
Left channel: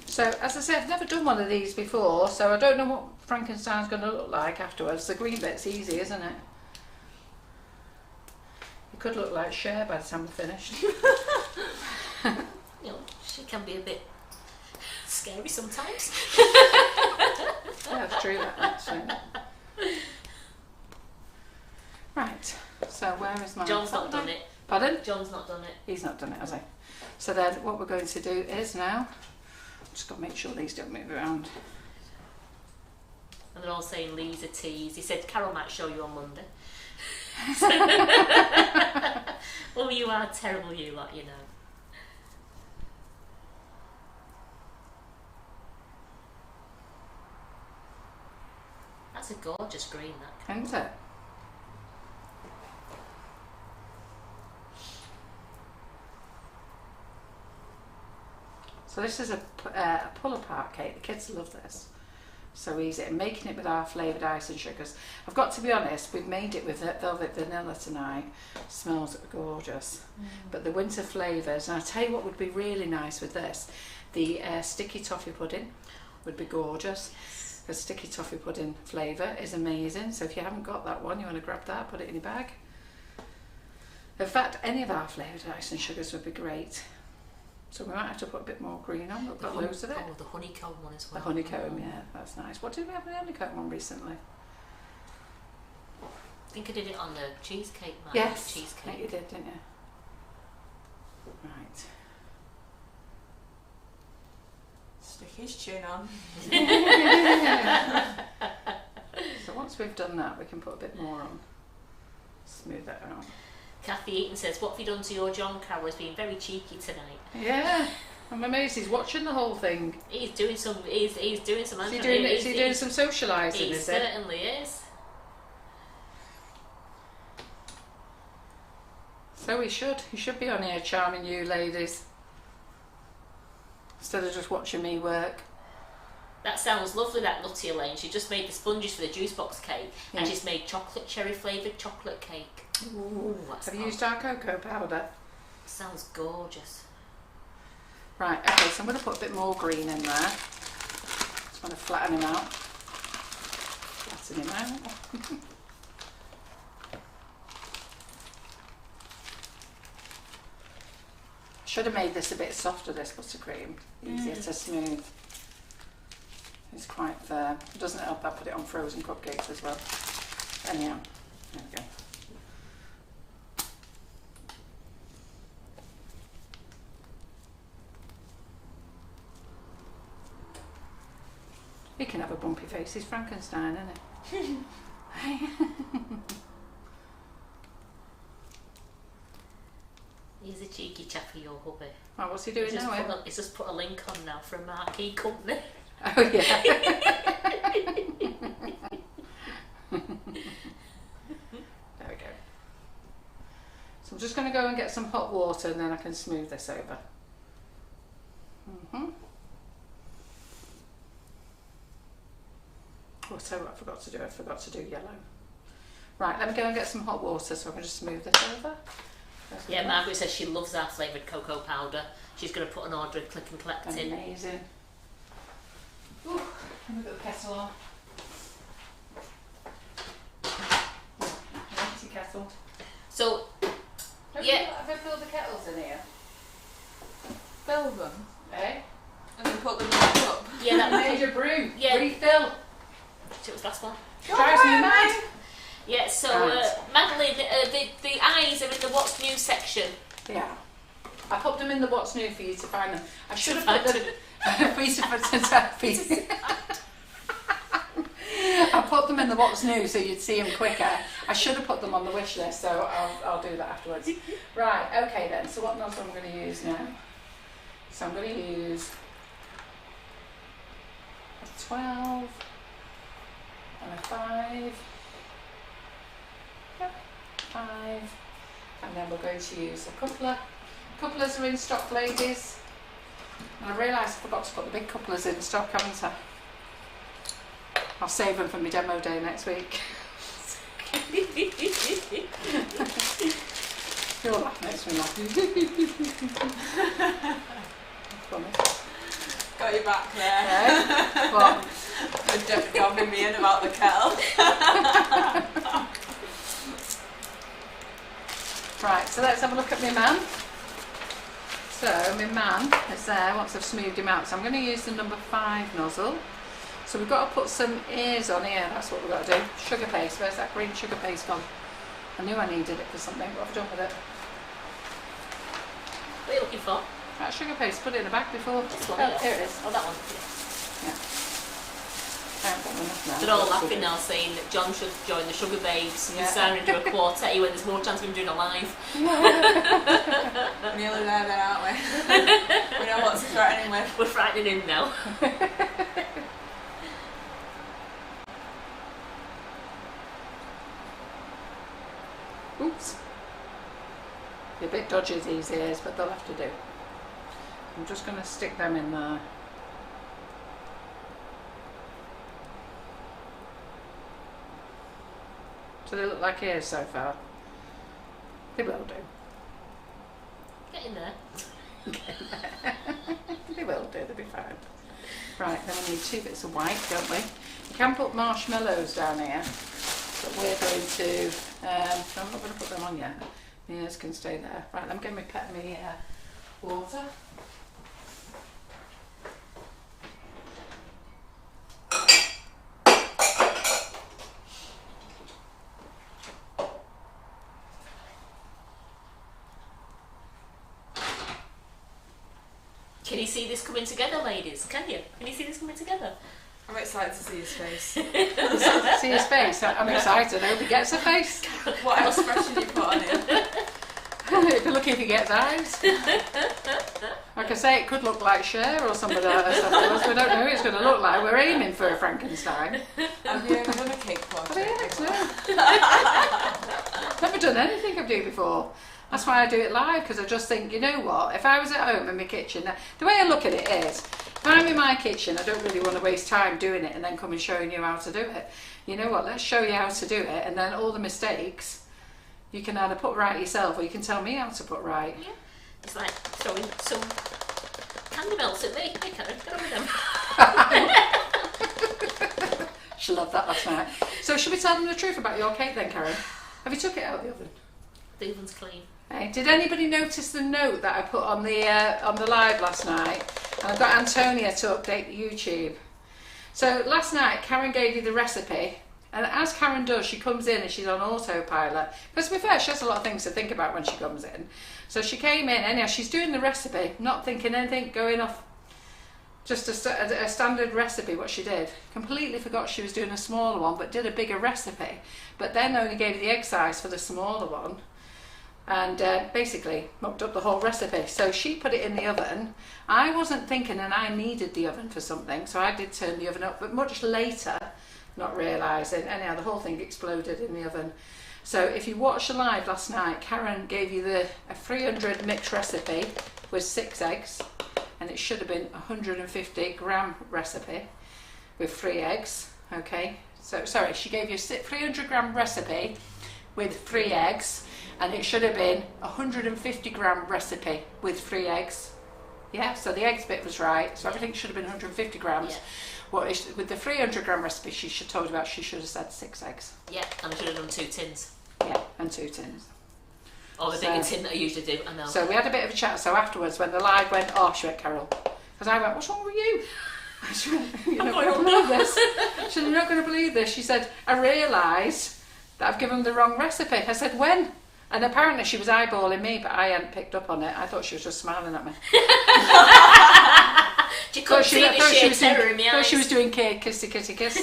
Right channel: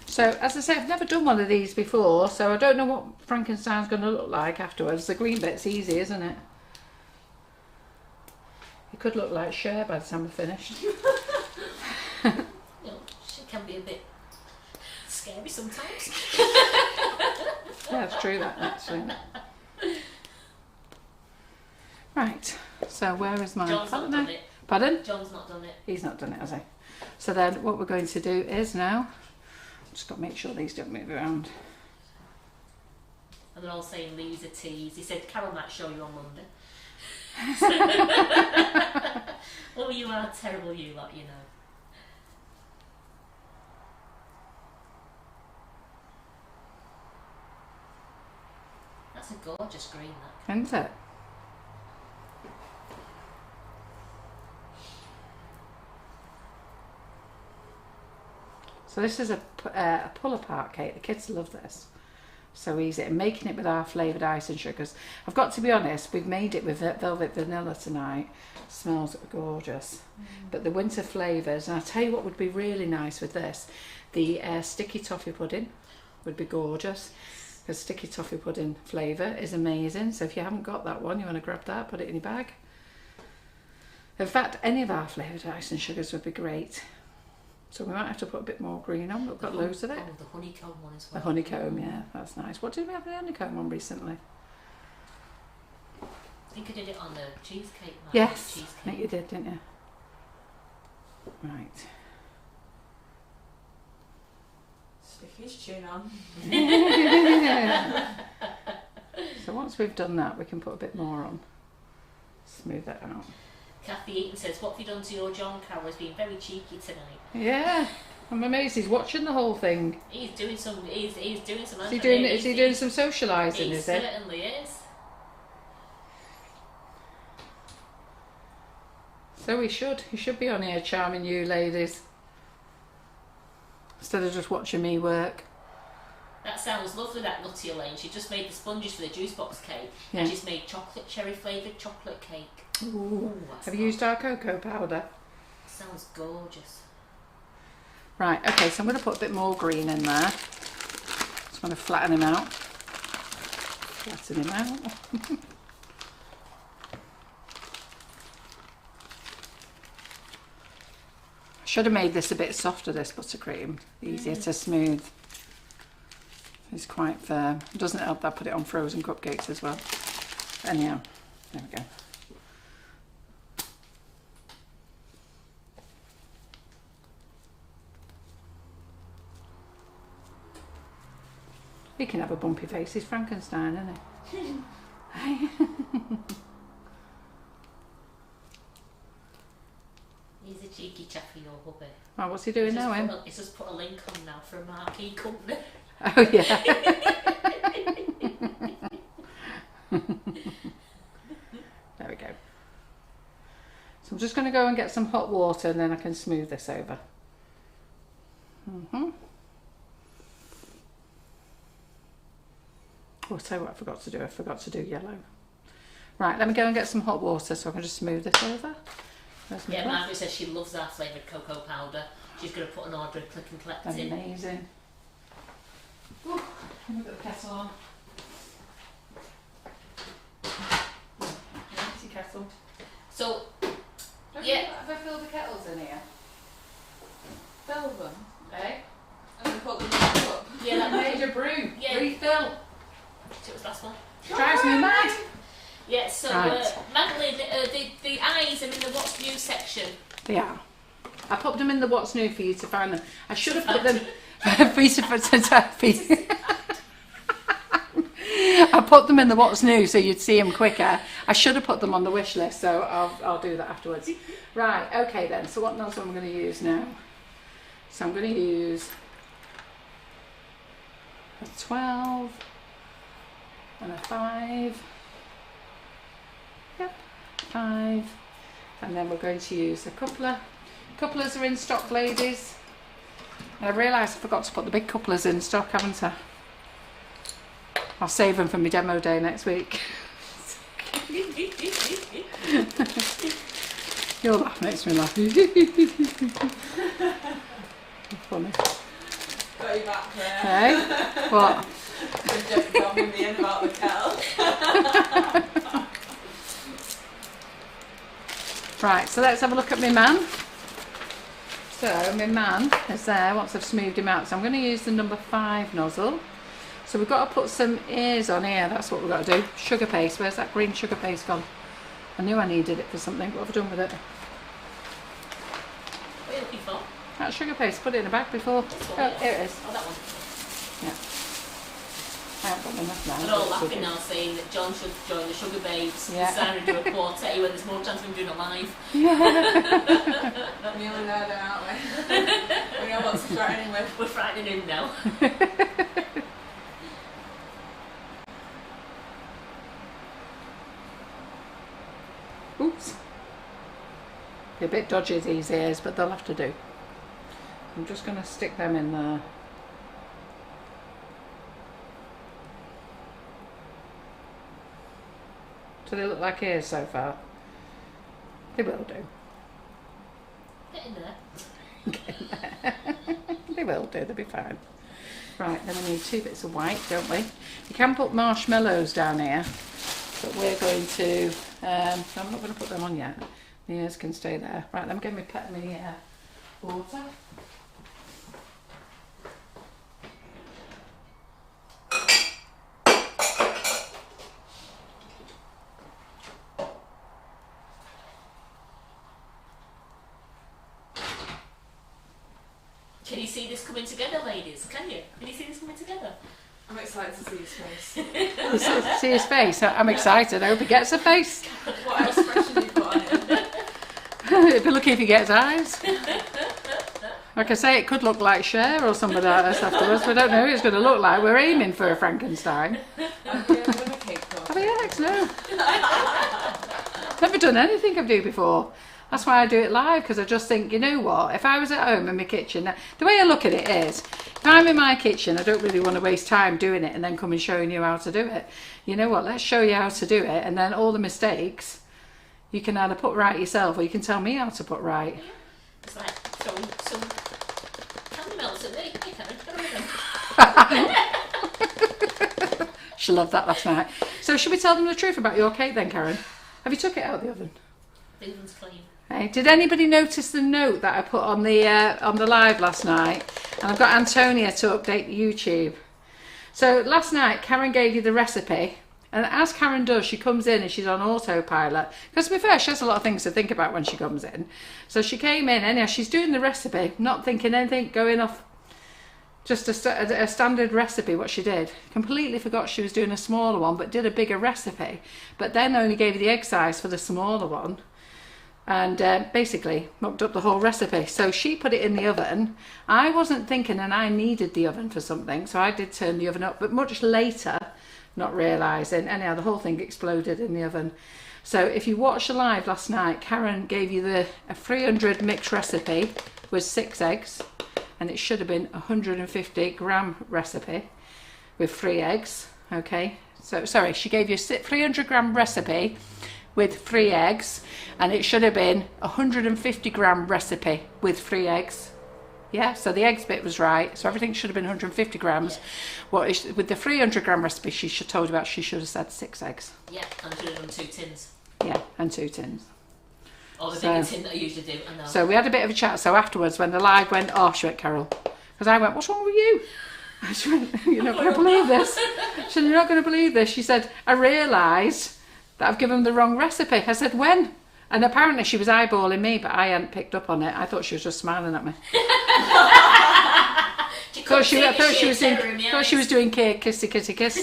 So, as I say, I've never done one of these before, so I don't know what Frankenstein's going to look like afterwards. The green bit's easy, isn't it? It could look like Cher by the time we're finished. She can be a bit scary sometimes. Yeah, that's true, that, actually. Right, so where is my... John's not done it. Pardon? John's not done it. He's not done it, has he? So then what we're going to do is now... Just got to make sure these don't move around. And they're all saying Lee's a tease. He said Carol might show you on Monday. Oh, you are terrible, you lot, you know. That's a gorgeous green, that. Isn't it? So this is a pull-apart cake. The kids love this. So easy. And making it with our flavoured icing sugars. I've got to be honest, we've made it with velvet vanilla tonight. Smells gorgeous. But the winter flavours, and I'll tell you what would be really nice with this. The sticky toffee pudding would be gorgeous. The sticky toffee pudding flavour is amazing. So if you haven't got that one, you want to grab that, put it in your bag. In fact, any of our flavoured icing sugars would be great. So we might have to put a bit more green on, but we've got loads of it. Oh, the honeycomb one as well. The honeycomb, yeah, that's nice. What did we have the honeycomb on recently? I think I did it on the cheesecake. Yes, cheesecake. I think you did, didn't you? Right. Stick his chin on. So once we've done that, we can put a bit more on. Smooth that out. Kathy Eaton says, what have you done to your John, Carol? Has been very cheeky tonight. Yeah, I'm amazed he's watching the whole thing. He's doing some. He's doing some. Is he doing some socialising? He is it? Certainly is. So he should. He should be on here charming you ladies, instead of just watching me work. That sounds lovely, that Nutty Elaine. She just made the sponges for the juice box cake, and she's made chocolate cherry flavoured chocolate cake. Ooh, have you used our cocoa powder? Sounds gorgeous. Right, okay, so I'm going to put a bit more green in there. Just want to flatten him out. Flatten him out. Should have made this a bit softer, this buttercream. Easier to smooth. It's quite firm. It doesn't help that I put it on frozen cupcakes as well. Anyhow, there we go. He can have a bumpy face. He's Frankenstein, isn't he? He's a cheeky chappy, your hubby. Right, what's he doing now, He's just put a link on now for a marquee company. Oh, yeah. There we go. So I'm just going to go and get some hot water and then I can smooth this over. Oh, I'll tell you what I forgot to do. I forgot to do yellow. Right, let me go and get some hot water so I can just smooth this over. Yeah, Margaret says she loves our flavoured cocoa powder. She's going to put an order and click and collect in. Amazing. Ooh, let me put the kettle on. Empty kettle. So, Have I filled the kettles in here? Fill them. Eh? And then put them back up. yeah, that Major brew. Yeah. Refill. It was last one. Drives me mad. Yeah, so Right. Madeline, the eyes are in the what's new section. Yeah. I popped them in the what's new for you to find them. I should have put them for you to I put them in the what's new so you'd see them quicker. I should have put them on the wish list, so I'll do that afterwards. Right, okay then. So what nozzle am I going to use now? So I'm going to use a 12 and a 5. Yep, 5. And then we're going to use a coupler. Couplers are in stock, ladies. And I realised I forgot to put the big couplers in stock, haven't I? I'll save them for my demo day next week. Your laugh makes me laugh. Funny. Got you back there. Hey? What? But just bombing me in about the kettle. Right, so let's have a look at my man. So my man is there once I've smoothed him out. So I'm going to use the number 5 nozzle. So we've got to put some ears on here. That's what we've got to do. Sugar paste. Where's that green sugar paste gone? I knew I needed it for something. What have I done with it? What are you looking for? That sugar paste. Put it in a bag before. This one, Oh, yeah. here it is. Oh, that one. Yeah. I haven't got enough now. They're all laughing now, saying that John should join the Sugar Babes Yeah. and Sarah do a quartet when there's more chance of him doing a live. Nearly there, then, aren't we? We know what's threatening with. We're frightening him now. Oops. They're a bit dodgy, these ears, but they'll have to do. I'm just going to stick them in there. Do they look like ears so far? They will do. Get in there. They will do, they'll be fine. Right, then we need 2 bits of white, don't we? You can put marshmallows down here, but we're going to, I'm not going to put them on yet. The ears can stay there. Right, let me get my water. Can you see this coming together, ladies? Can you? Can you see this coming together? I'm excited to see his face. See his face? I'm excited. I hope he gets a face. What else expression you put on it? It'd be lucky if he gets eyes. Like I say, it could look like Cher or somebody else afterwards. We don't know who it's going to look like. We're aiming for a Frankenstein. Have you ever done a cake Have project? I, Alex? No. Never done anything I've done before. That's why I do it live, because I just think, you know what, if I was at home in my kitchen, the way I look at it is, if I'm in my kitchen, I don't really want to waste time doing it and then come and showing you how to do it. You know what, let's show you how to do it, and then all the mistakes you can either put right yourself or you can tell me how to put right. Yeah. It's like throwing some candy melts at me. Hey, Karen, get on with them. She loved that last night. So should we tell them the truth about your cake then, Karen? Have you took it out of the oven? The oven's clean. Hey, did anybody notice the note that I put on the live last night? And I've got Antonia to update the YouTube. So last night Karen gave you the recipe, and as Karen does, she comes in and she's on autopilot. Because to be fair, she has a lot of things to think about when she comes in. So she came in, anyhow, she's doing the recipe, not thinking anything, going off just a standard recipe, what she did. Completely forgot she was doing a smaller one, but did a bigger recipe. But then only gave you the egg size for the smaller one. and basically mocked up the whole recipe. So she put it in the oven. I wasn't thinking, and I needed the oven for something, so I did turn the oven up, but much later, not realising. Anyhow, the whole thing exploded in the oven. So if you watched the live last night, Karen gave you a 300 mix recipe with 6 eggs, and it should have been a 150 gram recipe with 3 eggs. Okay, so sorry, she gave you a 300 gram recipe with 3 eggs, and it should have been a 150 gram recipe with 3 eggs. Yeah, so the eggs bit was right, so everything should have been 150 grams. Yeah. With the 300 gram recipe she told you about, she should have said 6 eggs. Yeah, and I should have done 2 tins. Yeah, and 2 tins. Or the bigger tin that I usually do, I know. So we had a bit of a chat, so afterwards when the live went off, she went, Carol, because I went, what's wrong with you? She went, you're not going to believe this. She said, you're not going to believe this. She said, I realised that I've given them the wrong recipe. I said, when? And apparently she was eyeballing me, but I hadn't picked up on it. I thought she was just smiling at me. Thought she was doing kissy kitty kiss.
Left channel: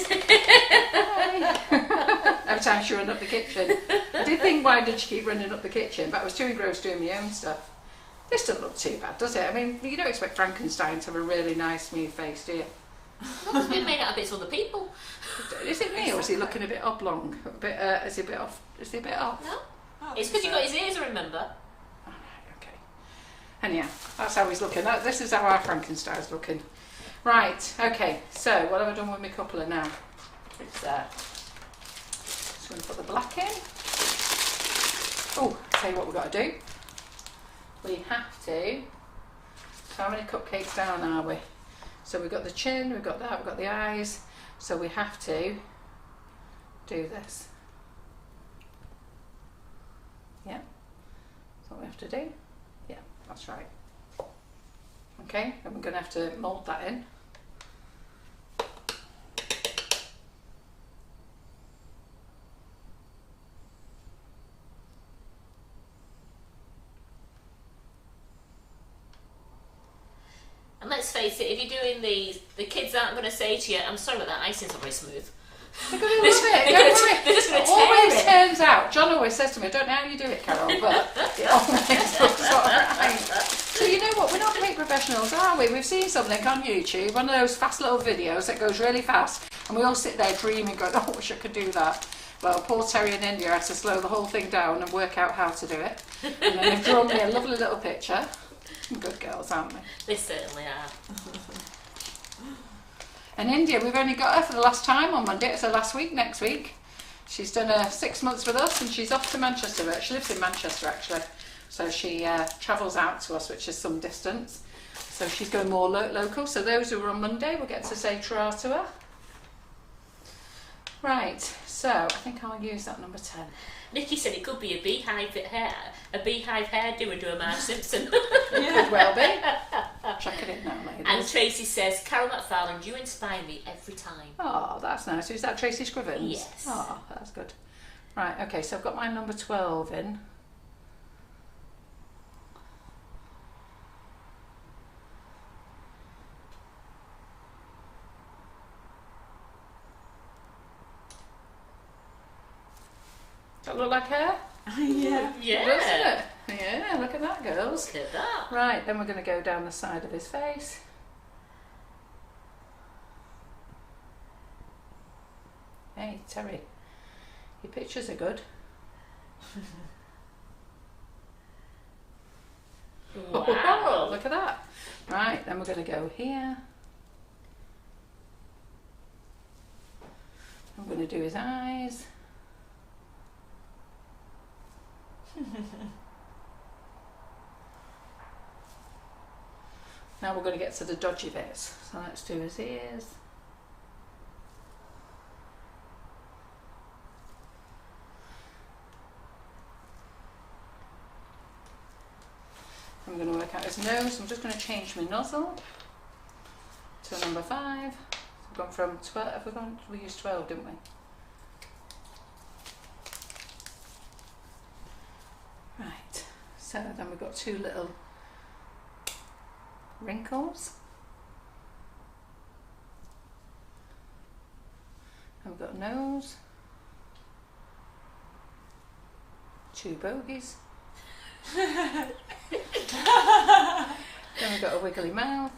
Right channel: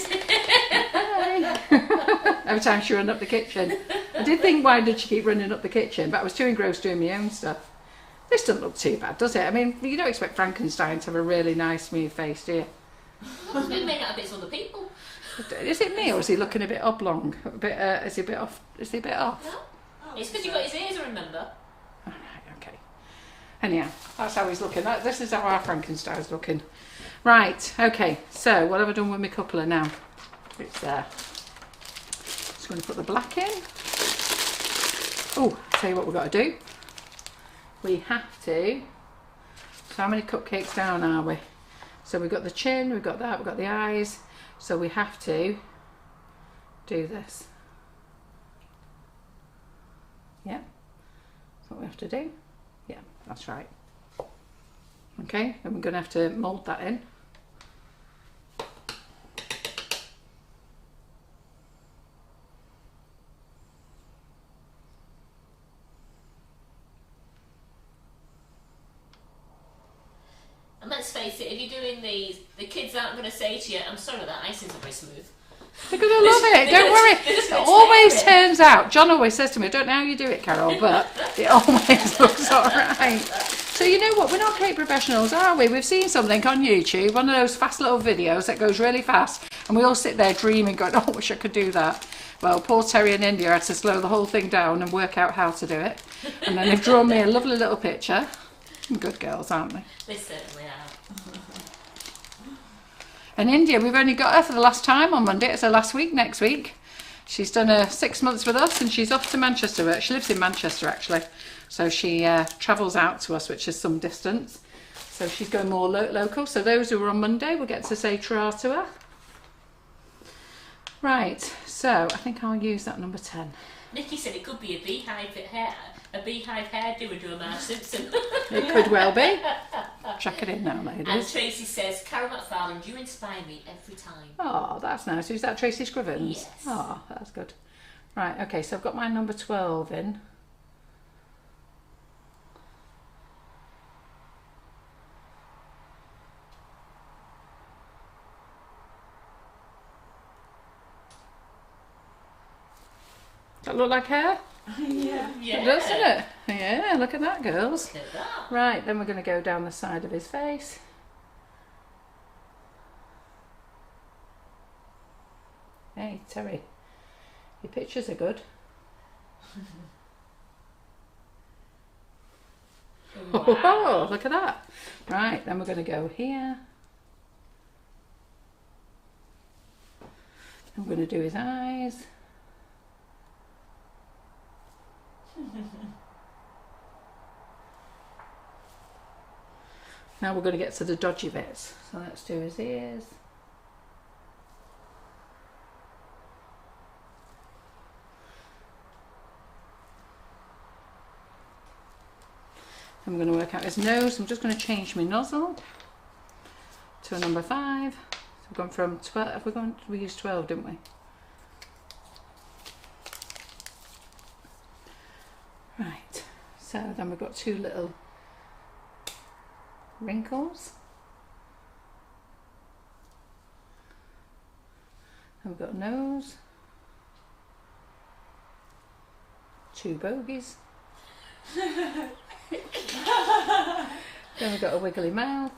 Every time she ran up the kitchen. I did think, why did she keep running up the kitchen? But I was too engrossed doing my own stuff. This doesn't look too bad, does it? I mean, you don't expect Frankenstein to have a really nice, smooth face, do you? It's been made out of bits of other people. Is it me, or is he looking a bit oblong? A bit, is he a bit off? Is he a bit off? No. It's because you got his ears, I remember. Oh, right, okay. Anyhow, that's how he's looking. This is how our Frankenstein's looking. Right, okay. So, what have I done with my coupler now? It's there. Just going to put the black in. Oh, I'll tell you what we've got to do. We have to... So how many cupcakes down are we? So we've got the chin, we've got that, we've got the eyes. So we have to do this. Yeah, that's what we have to do. Yeah, that's right. Okay, then we're going to have to mould that in. And let's face it, if you're doing these, the kids aren't going to say to you, I'm sorry but that icing's not very smooth. They're going to love it, don't worry. It always turns out, John always says to me, I don't know how you do it, Carol, but it always looks alright. So you know what, we're not cake professionals, are we? We've seen something on YouTube, one of those fast little videos that goes really fast, and we all sit there dreaming, going, oh, I wish I could do that. Well, poor Terry in India had to slow the whole thing down and work out how to do it. And then they've drawn me a lovely little picture. Good girls, aren't they? They certainly are. And India, we've only got her for the last time on Monday. It's her last week next week. She's done her 6 months with us and she's off to Manchester. She lives in Manchester actually. So she travels out to us, which is some distance. So she's going more local. So those who are on Monday will get to say tra to her. Right, so I think I'll use that number 10. Nikki said it could be a beehive hairdo and do a Marge Simpson. It could well be. Chuck it in now, ladies. And Tracy says, Carol McFarland, you inspire me every time. Oh, that's nice. Who's that, Tracy Scrivens? Yes. Oh, that's good. Right, okay, so I've got my number 12 in. Does that look like hair? Yeah. Yeah. Doesn't it? Yeah, look at that, girls. Look at that. Right, then we're going to go down the side of his face. Hey, Terry, your pictures are good. Wow. Oh, look at that. Right, then we're going to go here. I'm going to do his eyes. Now we're going to get to the dodgy bits. So let's do his ears. I'm going to work out his nose. I'm just going to change my nozzle to a number 5. So we've gone from 12. We used 12, didn't we? Right. So then we've got 2 little wrinkles. And we've got a nose. 2 bogies. Then we've got a wiggly mouth.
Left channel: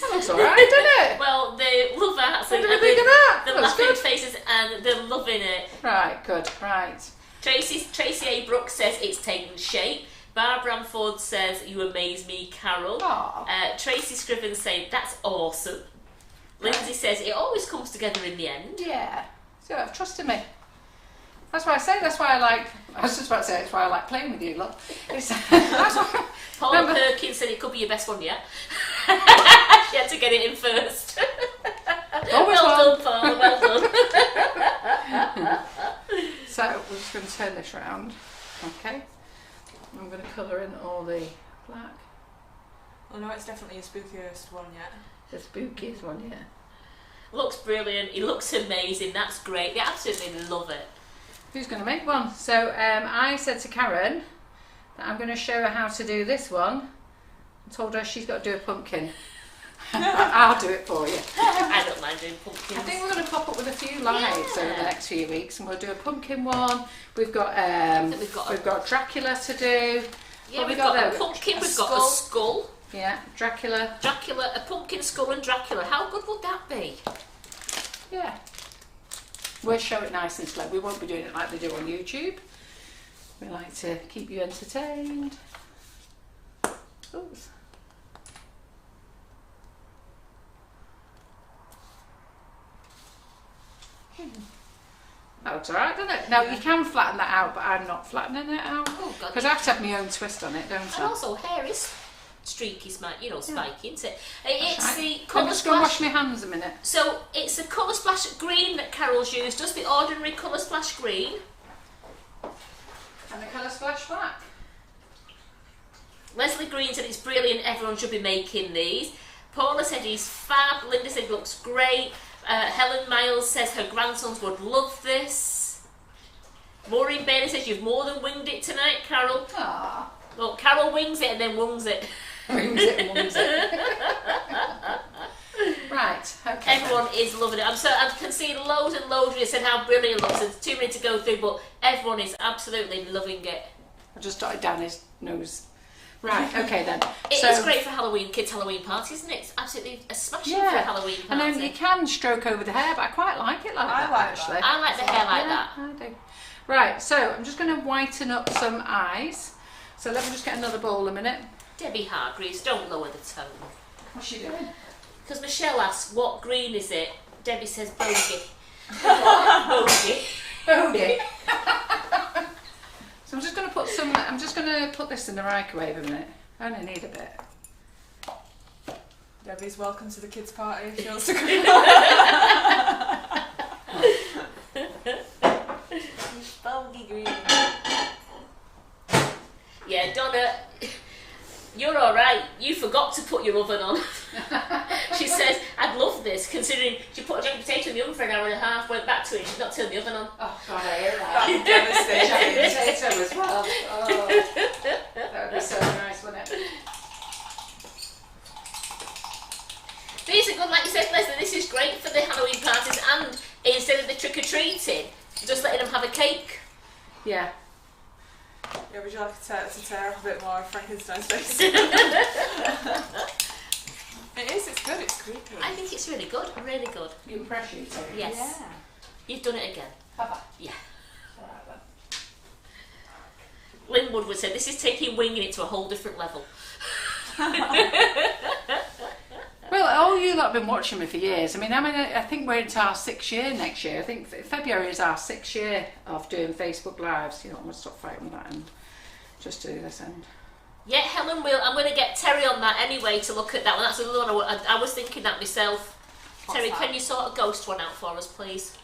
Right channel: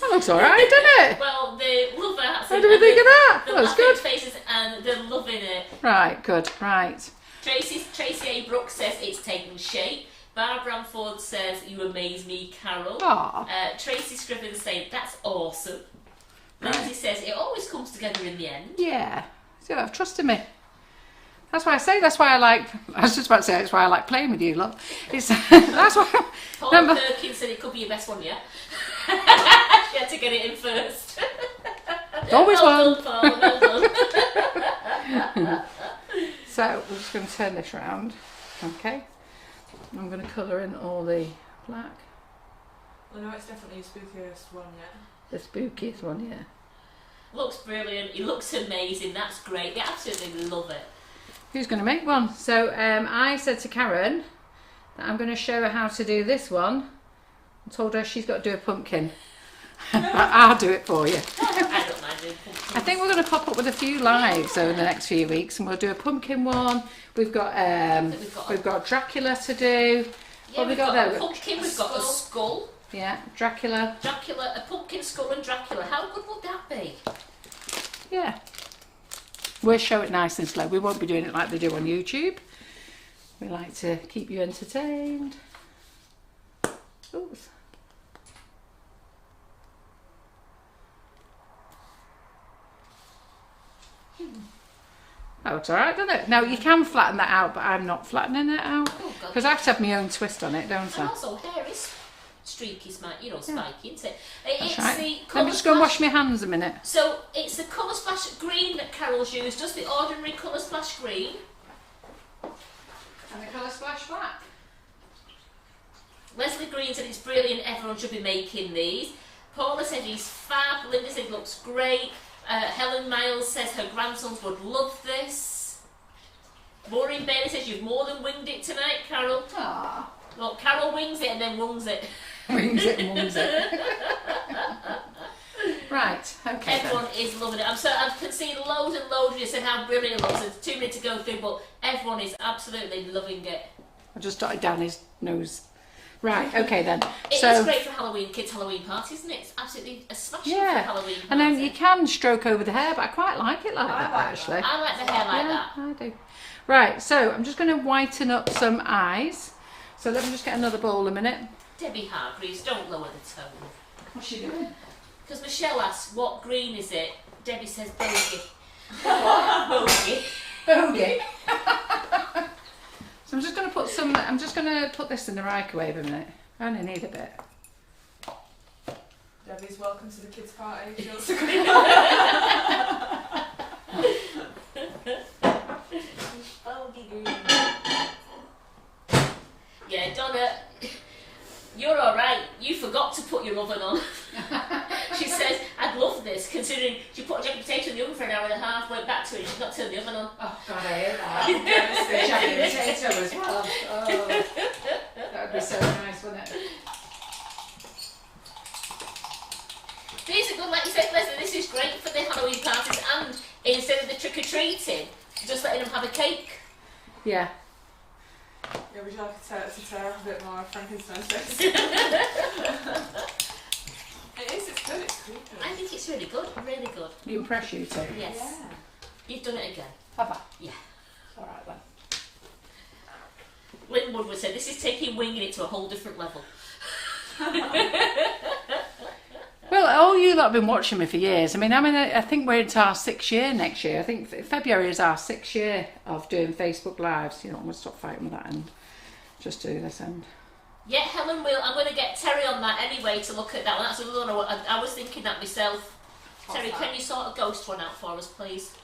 That looks alright, doesn't it? Well, they love that. What do we think of that? The That's laughing good. faces and they're loving it. Right, good, right. Tracy A. Brooks says it's taken shape. Barbara Bramford says you amaze me, Carol. Aw. Tracy Scriven saying that's awesome. Lindsay says it always comes together in the end. Yeah, so you have trust in me. That's why I say, that's why I was just about to say, that's why I like playing with you, love. It's, that's why. Paul Perkins said it could be your best one yet. She had to get it in first. Always well one. done, Paul, well done. So we're just going to turn this round, okay? I'm going to colour in all the black. Oh no, it's definitely your spookiest one yet. The spookiest one, yeah. Looks brilliant. He looks amazing. That's great. They absolutely love it. Who's going to make one? So I said to Karen that I'm going to show her how to do this one. I told her she's got to do a pumpkin. I'll do it for you. I don't mind doing pumpkins. I think we're going to pop up with a few lives over the next few weeks, and we'll do a pumpkin one. We've got Dracula to do. Yeah, What we've got there? a pumpkin. We've got a skull. Yeah, Dracula. A pumpkin skull and Dracula. How good would that be? Yeah. We'll show it nice and slow. We won't be doing it like they do on YouTube. We like to keep you entertained. Oops. That looks alright, doesn't it? Now you can flatten that out, but I'm not flattening it out because I have to have my own twist on it, don't And I? also, hair is streaky, spiky, isn't it? It's Right. the I'm colour just going to splash. wash my hands a minute. So it's the colour splash green that Carol's used, just the ordinary colour splash green. And the colour splash black. Leslie Green said it's brilliant, everyone should be making these. Paula said he's fab. Linda said he looks great. Helen Miles says her grandsons would love this. Maureen Bailey says you've more than winged it tonight, Carol. Aww. Well, Carol wings it and then wungs it. Wings it and wings it. Right, okay. Everyone is loving it. I can see loads and loads of you said how brilliant it looks. There's 2 minutes to go through, but everyone is absolutely loving it. I just jotted down his nose. Right, okay then. It is great for Halloween, kids' Halloween party, isn't it? It's absolutely a smashing for a Halloween party. And then you can stroke over the hair, but I quite like it like that like actually. I like the hair like that. I do. Right, so I'm just going to whiten up some eyes. So let me just get another bowl a minute. Debbie Hargreaves, don't lower the tone. What's she doing? Because Michelle asks, what green is it? Debbie says bogey. Bogey. Bogey. So I'm just going to put this in the microwave a minute. I only need a bit. Debbie's welcome to the kids' party. She wants to Bogey green. Yeah, Donna, you're alright. You forgot to put your oven on. She says, I'd love this, considering she put a jacket potato in the oven for an hour and a half, went back to it, and she's not turned the oven on. Oh God, I hear that. Jacket potato as well. Oh, that would be so nice, wouldn't it? These are good, like you said, Leslie, this is great for the Halloween parties, and instead of the trick-or-treating, just letting them have a cake. Yeah. Yeah, would you like to tear up a bit more of Frankenstein's face? It's good, it's creepy. I think it's really good, really good. You impress you too. Yes. Yeah. You've done it again. Have I? Yeah. Alright then. Lynn Woodward said, this is taking winging it to a whole different level. Well, all you lot have been watching me for years. I think we're into our 6th year next year. I think February is our 6th year of doing Facebook Lives. You know, I'm going to stop fighting with that and just do this end. Yeah, Helen will. I'm going to get Terry on that anyway to look at that one. That's another one I was thinking that myself. Terry, can you sort a ghost one out for us, please?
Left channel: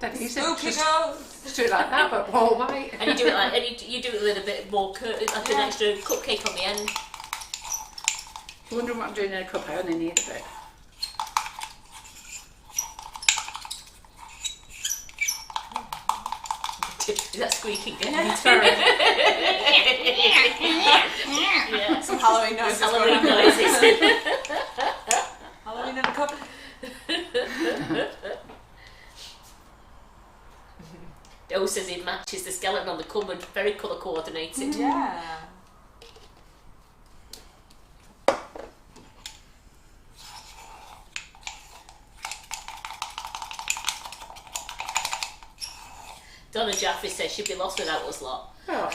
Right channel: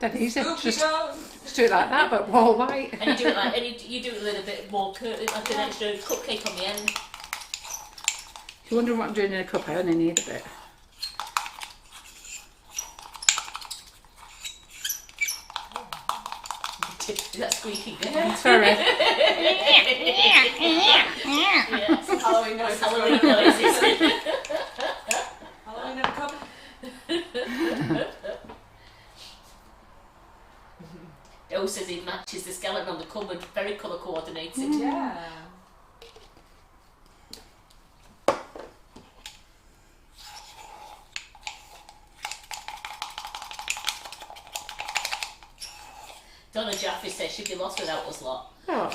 Dead easy. Spooky Just ghost. do it like that, but all white. And you do it like, you do it with a bit more, like an extra cupcake on the end. If you're wondering what I'm doing in a cup, I only need a bit. Is that squeaking again? Sorry. Yeah. Some Halloween noises. Halloween noises. Halloween in a O says it matches the skeleton on the cupboard. Very colour coordinated. Yeah. Donna Jaffe says she'd be lost without us lot. Oh,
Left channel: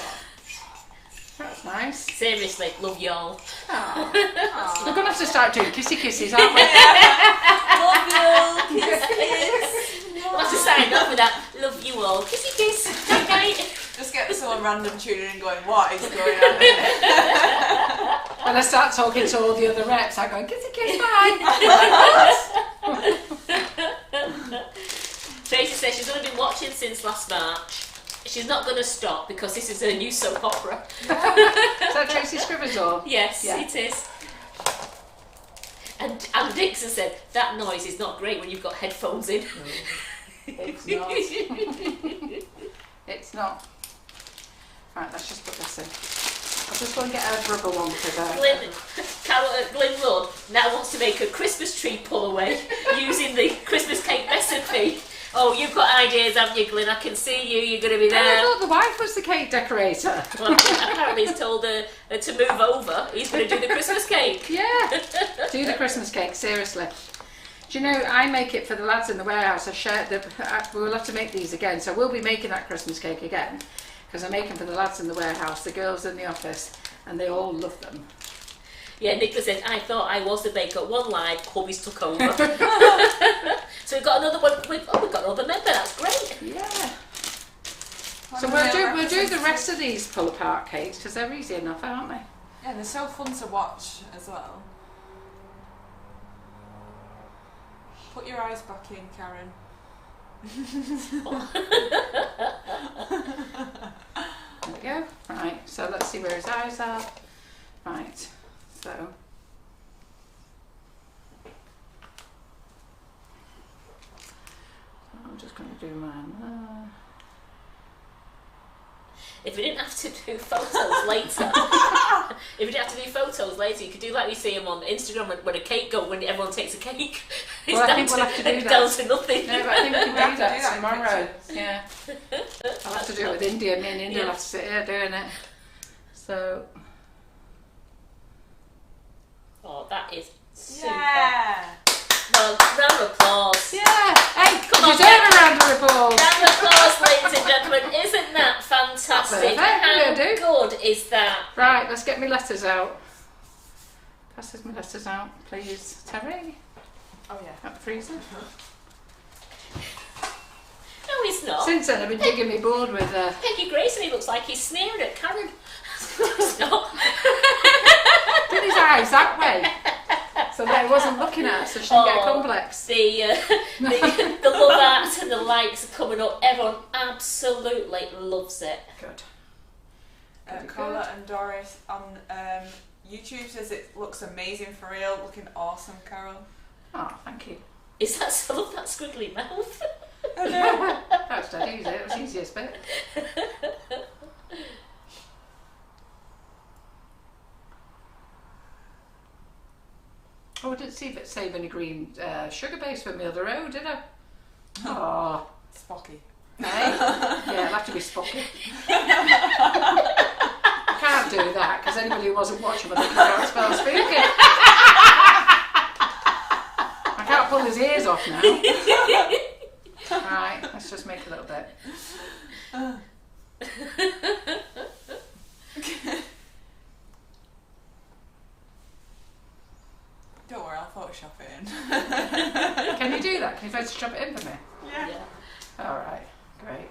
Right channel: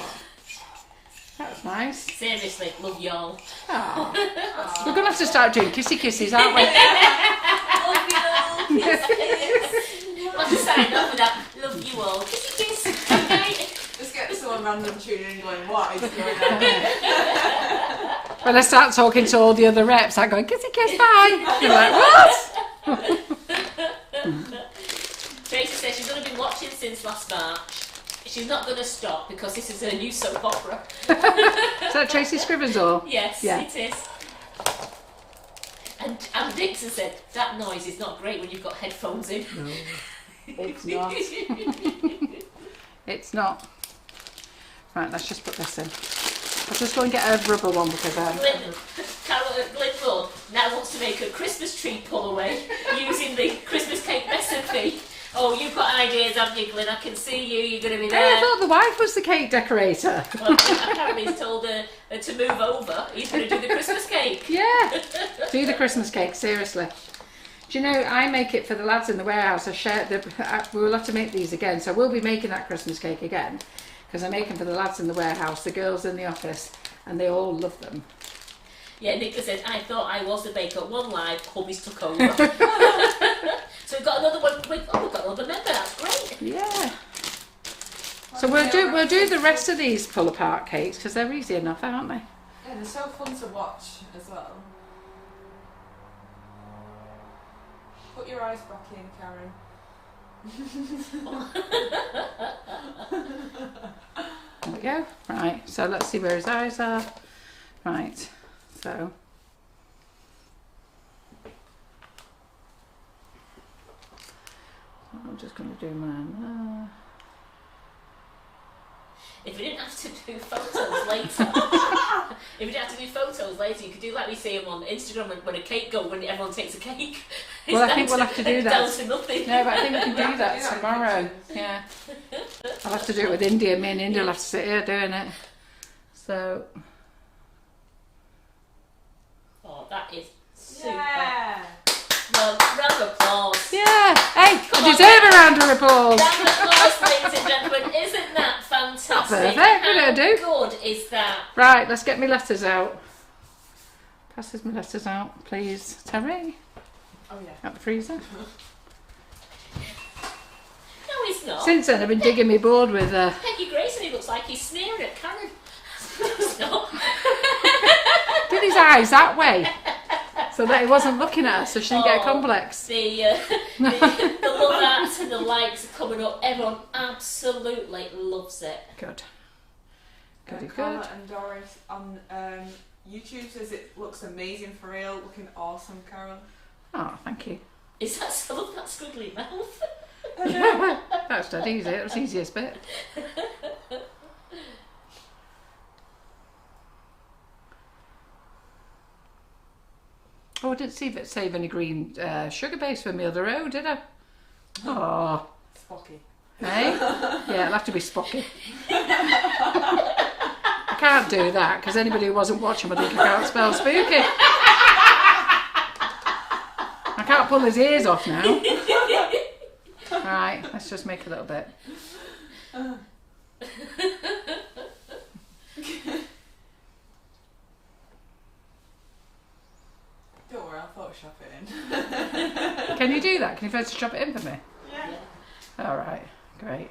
that's nice. Seriously, love y'all. Oh. We're going to have to start doing kissy kisses, aren't we? Love you all. Kiss, kiss. We'll have to sign off with that. Love you all. Kissy kiss. Okay. Just get someone random tuning in going, what is going on? When I start talking to all the other reps, I go, kissy kiss, bye. You're like, what? Tracy says she's only been watching since last March. She's not going to stop because this is her new soap opera. Is that Tracy Scrivens or? Yes, Yeah. it is. And Dixon said, that noise is not great when you've got headphones in. No, it's not. It's not. Right, let's just put this in. I'll just go and get a rubber one because Glenn Rudd now wants to make a Christmas tree pull away using the Christmas cake recipe. Oh, you've got ideas, haven't you, Glenn? I can see you. You're going to be I there. thought the wife was the cake decorator. Well, apparently he's told her to move over. He's going to do the Christmas cake. Yeah, do the Christmas cake, seriously. Do you know, I make it for the lads in the warehouse. We'll have to make these again, so we'll be making that Christmas cake again because I make them for the lads in the warehouse, the girls in the office, and they all love them. Yeah, Nicola says, I thought I was the baker. One live, hubby's took over. So we've got another one. We've got another member. That's great. Yeah. So we'll do the rest of these pull apart cakes because they're easy enough, aren't they? Yeah, they're so fun to watch as well. Put your eyes back in, Karen. There we go. Right, so let's see where his eyes are. Right, so. I'm just going to do mine there. If we didn't have to do photos later, you could do like we see them on Instagram when a cake goes, when everyone takes a cake. Well, I think we'll have to do that. Down to nothing. No, but I think we can do that tomorrow. Yeah. I'll have to do it with India. Me and India will have to sit here doing it. So. Oh, that is super. Yeah. Well, round of applause. Yeah. Hey, Come you on, deserve a round of applause. Round of applause, ladies and gentlemen. Isn't that fantastic? Perfect, How will do. good is that? Right, let's get my letters out. Passes my letters out, please. Terry, Oh yeah. out the freezer. No, he's not. Since then, I've been digging my board with. Peggy Grayson, he looks like he's sneering at Karen. He's not. Did his eyes that way, so that he wasn't looking at her, so she didn't get a complex. The love art and the likes are coming up. Everyone absolutely loves it. Good. Pretty Carla good. and Doris on YouTube says it looks amazing for real. Looking awesome, Carol. Oh, thank you. Is that I love that squiggly mouth? That's dead easy. That was the easiest bit. Oh, I didn't save any green sugar base for me other row, did I? Oh, Spocky. hey? Yeah, it'll have to be Spocky. I can't do that because anybody who wasn't watching would think I can't spell spooky. I can't pull his ears off now. Right, let's just make a little bit. Don't worry, I'll Photoshop it in. Can you do that? Can you Photoshop it in for me? Yeah. All right, great.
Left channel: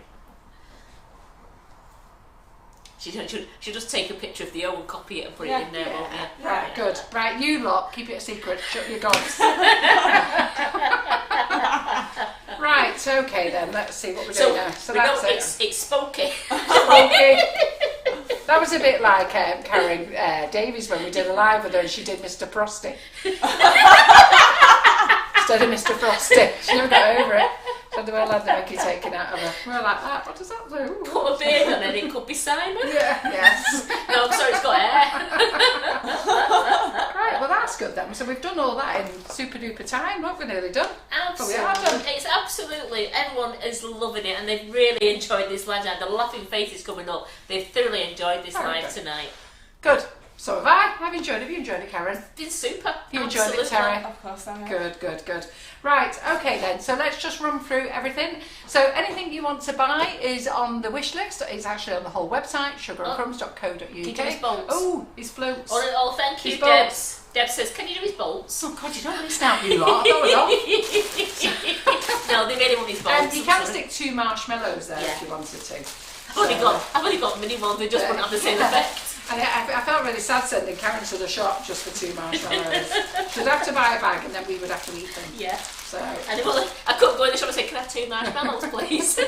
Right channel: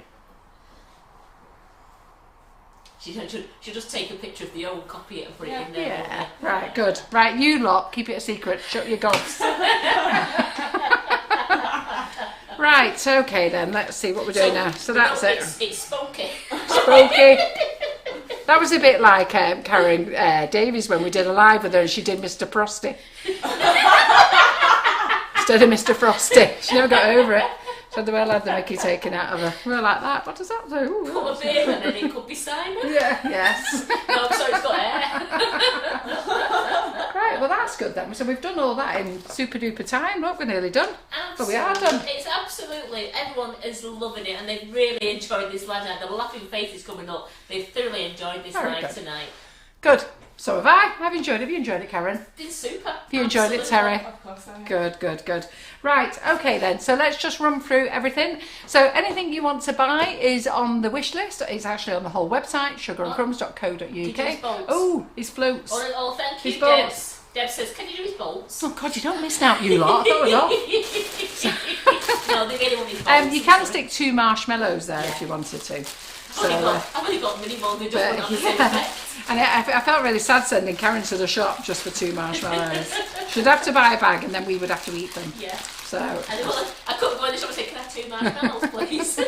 She'll just take a picture of the old, copy it and put it in there. won't Yeah. you? Right, good. Right, you lot, keep it a secret. Shut your gods. Right, okay then. Let's see what we're doing now. So that's it. It's spunky. Spooky. That was a bit like Karen Davies when we did a live with her and she did Mr. Frosty. Instead of Mr. Frosty. She never got over it. So they all had the Mickey taken out of her. We were like that. What does that do? Ooh, Put a beard on it, it could be Simon. yeah, yes. No, sorry, it's got hair. Right, well that's good then. So we've done all that in super duper time. Look, we're nearly done. but we are done. It's absolutely, everyone is loving it and they've really enjoyed this lad. The laughing faces coming up. They've thoroughly enjoyed this night tonight. Good. So have I. I've enjoyed it. Have you enjoyed it, Karen? It's been super. You enjoyed it, Terry? Of course I have. Good, good, good. Right, okay then. So let's just run through everything. So anything you want to buy is on the wish list. It's actually on the whole website, sugarandcrumbs.co.uk. Oh, his floats. Oh, thank you, His Deb. bolts. Deb says, can you do his bolts? Oh God, you don't miss out, you lot. I thought it was off. No, they really want his bolts. You can stick 2 marshmallows there if you wanted to. I've only got mini ones, they just won't have the same effect. And I felt really sad sending Karen to the shop just for 2 marshmallows. She'd have to buy a bag and then we would have to eat them. Yeah. So. And I couldn't go in the shop and say, can I have 2 marshmallows, please?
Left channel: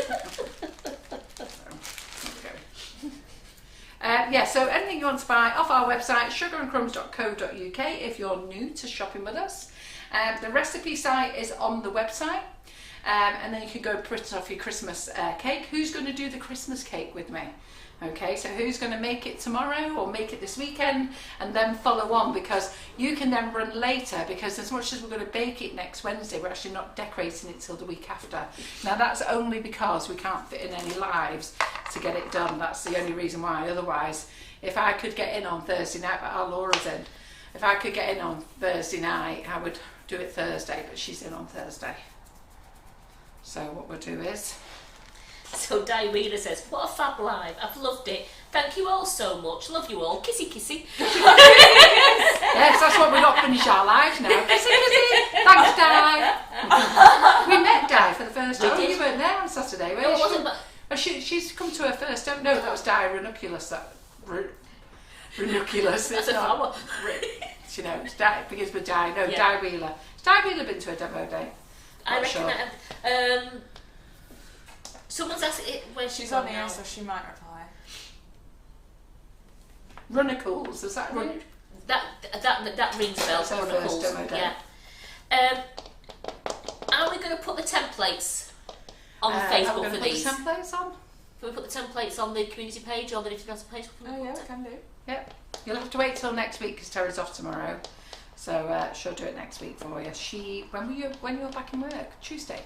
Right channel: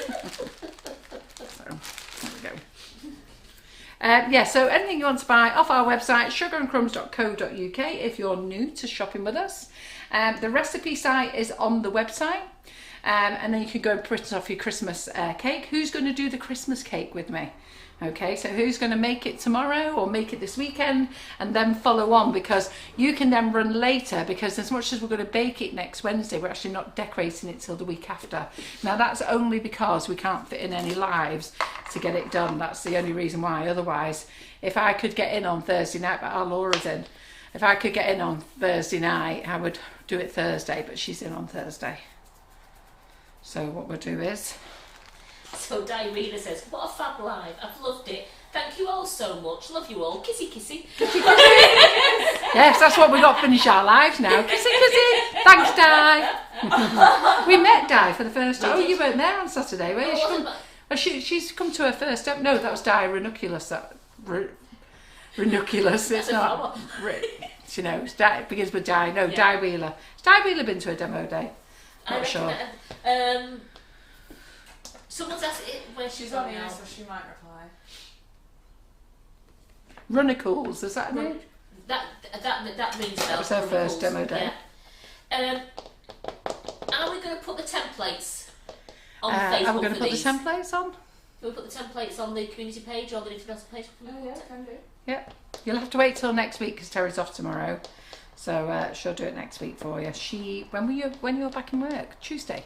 So anything you want to buy off our website, sugarandcrumbs.co.uk, if you're new to shopping with us. The recipe site is on the website. And then you can go print off your Christmas cake. Who's going to do the Christmas cake with me? Okay, so who's going to make it tomorrow or make it this weekend and then follow on, because you can then run later, because as much as we're going to bake it next Wednesday, we're actually not decorating it till the week after. Now that's only because we can't fit in any lives to get it done. That's the only reason why. Otherwise, if I could get in on Thursday night, but our Laura's in, if I could get in on Thursday night, I would do it Thursday, but she's in on Thursday. So what we'll do is... So Di Wheeler says, what a fab live, I've loved it. Thank you all so much. Love you all. Kissy kissy. Yes, that's what we got to finish our lives now. Kissy kissy. Thanks, Di. We met Di for the first time. Oh, you weren't there on Saturday, were you? She's come to her first time. No, that was Di Ranunculus. Ranunculus. It's not. You know, it begins with Di. No, yeah. Di Wheeler. Has Di Wheeler been to a demo day? Not sure. Someone's asked it when she's on here, so she might reply. Runnacles, is that right? That rings bells. That's our first demo day. Yeah. Are we going to put the templates on Facebook? Are we going to put the templates on? Can we put the templates on the community page or the Instagram page? Oh yeah, can do. Yep. You'll have to wait till next week because Terry's off tomorrow. So she'll do it next week for you. When you're back in work? Tuesday.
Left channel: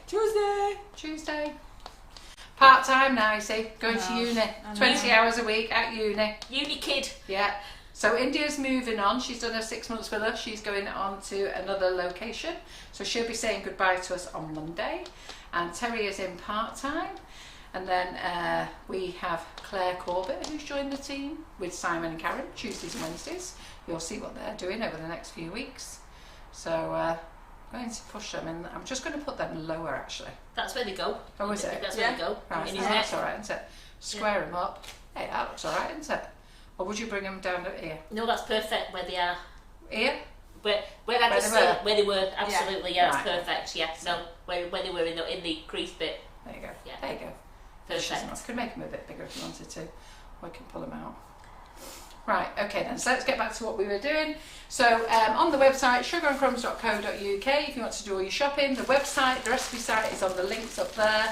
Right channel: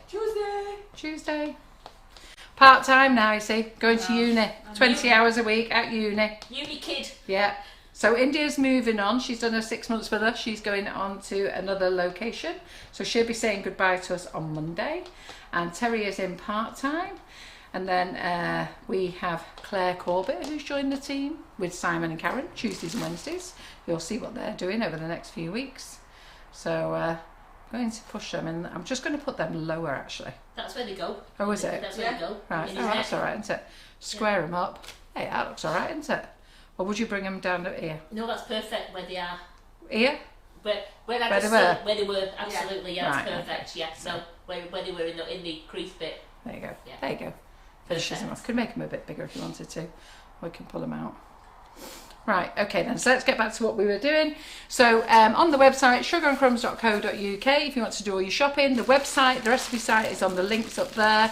Part time now, you see. Going to uni. 20 hours a week at uni. Uni kid. Yeah. So India's moving on. She's done her 6 months with us. She's going on to another location. So she'll be saying goodbye to us on Monday. And Terry is in part time. And then we have Claire Corbett, who's joined the team with Simon and Karen, Tuesdays and Wednesdays. You'll see what they're doing over the next few weeks. So going to push them, and I'm just going to put them lower actually. That's where they go. Oh, is it? That's where they go. Right. Oh, that's all right, isn't it? Square them up. Hey, that looks all right, isn't it? Or would you bring them down to here? No, that's perfect where they are. Here? Where they were. Absolutely, yeah, right. It's perfect. Yeah, so where they were in the crease bit. There you go. Yeah. There you go. Finishes them off. Could make them a bit bigger if you wanted to. Or we can pull them out. Right, okay then, so let's get back to what we were doing. So on the website, sugarandcrumbs.co.uk, if you want to do all your shopping, the website, the recipe site is on the links up there.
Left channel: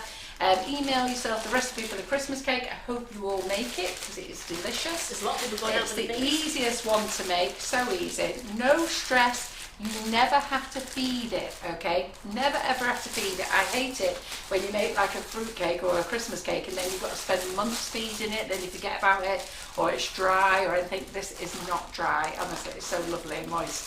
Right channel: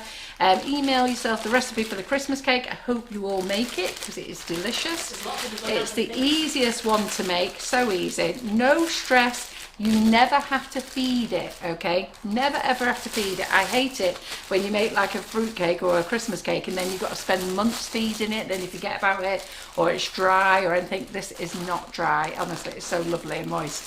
Email yourself the recipe for the Christmas cake. I hope you all make it because it is delicious. It's the easiest one to make, so easy, no stress. You never have to feed it, okay? Never ever have to feed it. I hate it when you make like a fruit cake or a Christmas cake and then you've got to spend months feeding it, then you forget about it, or it's dry or anything. This is not dry, honestly, it's so lovely and moist.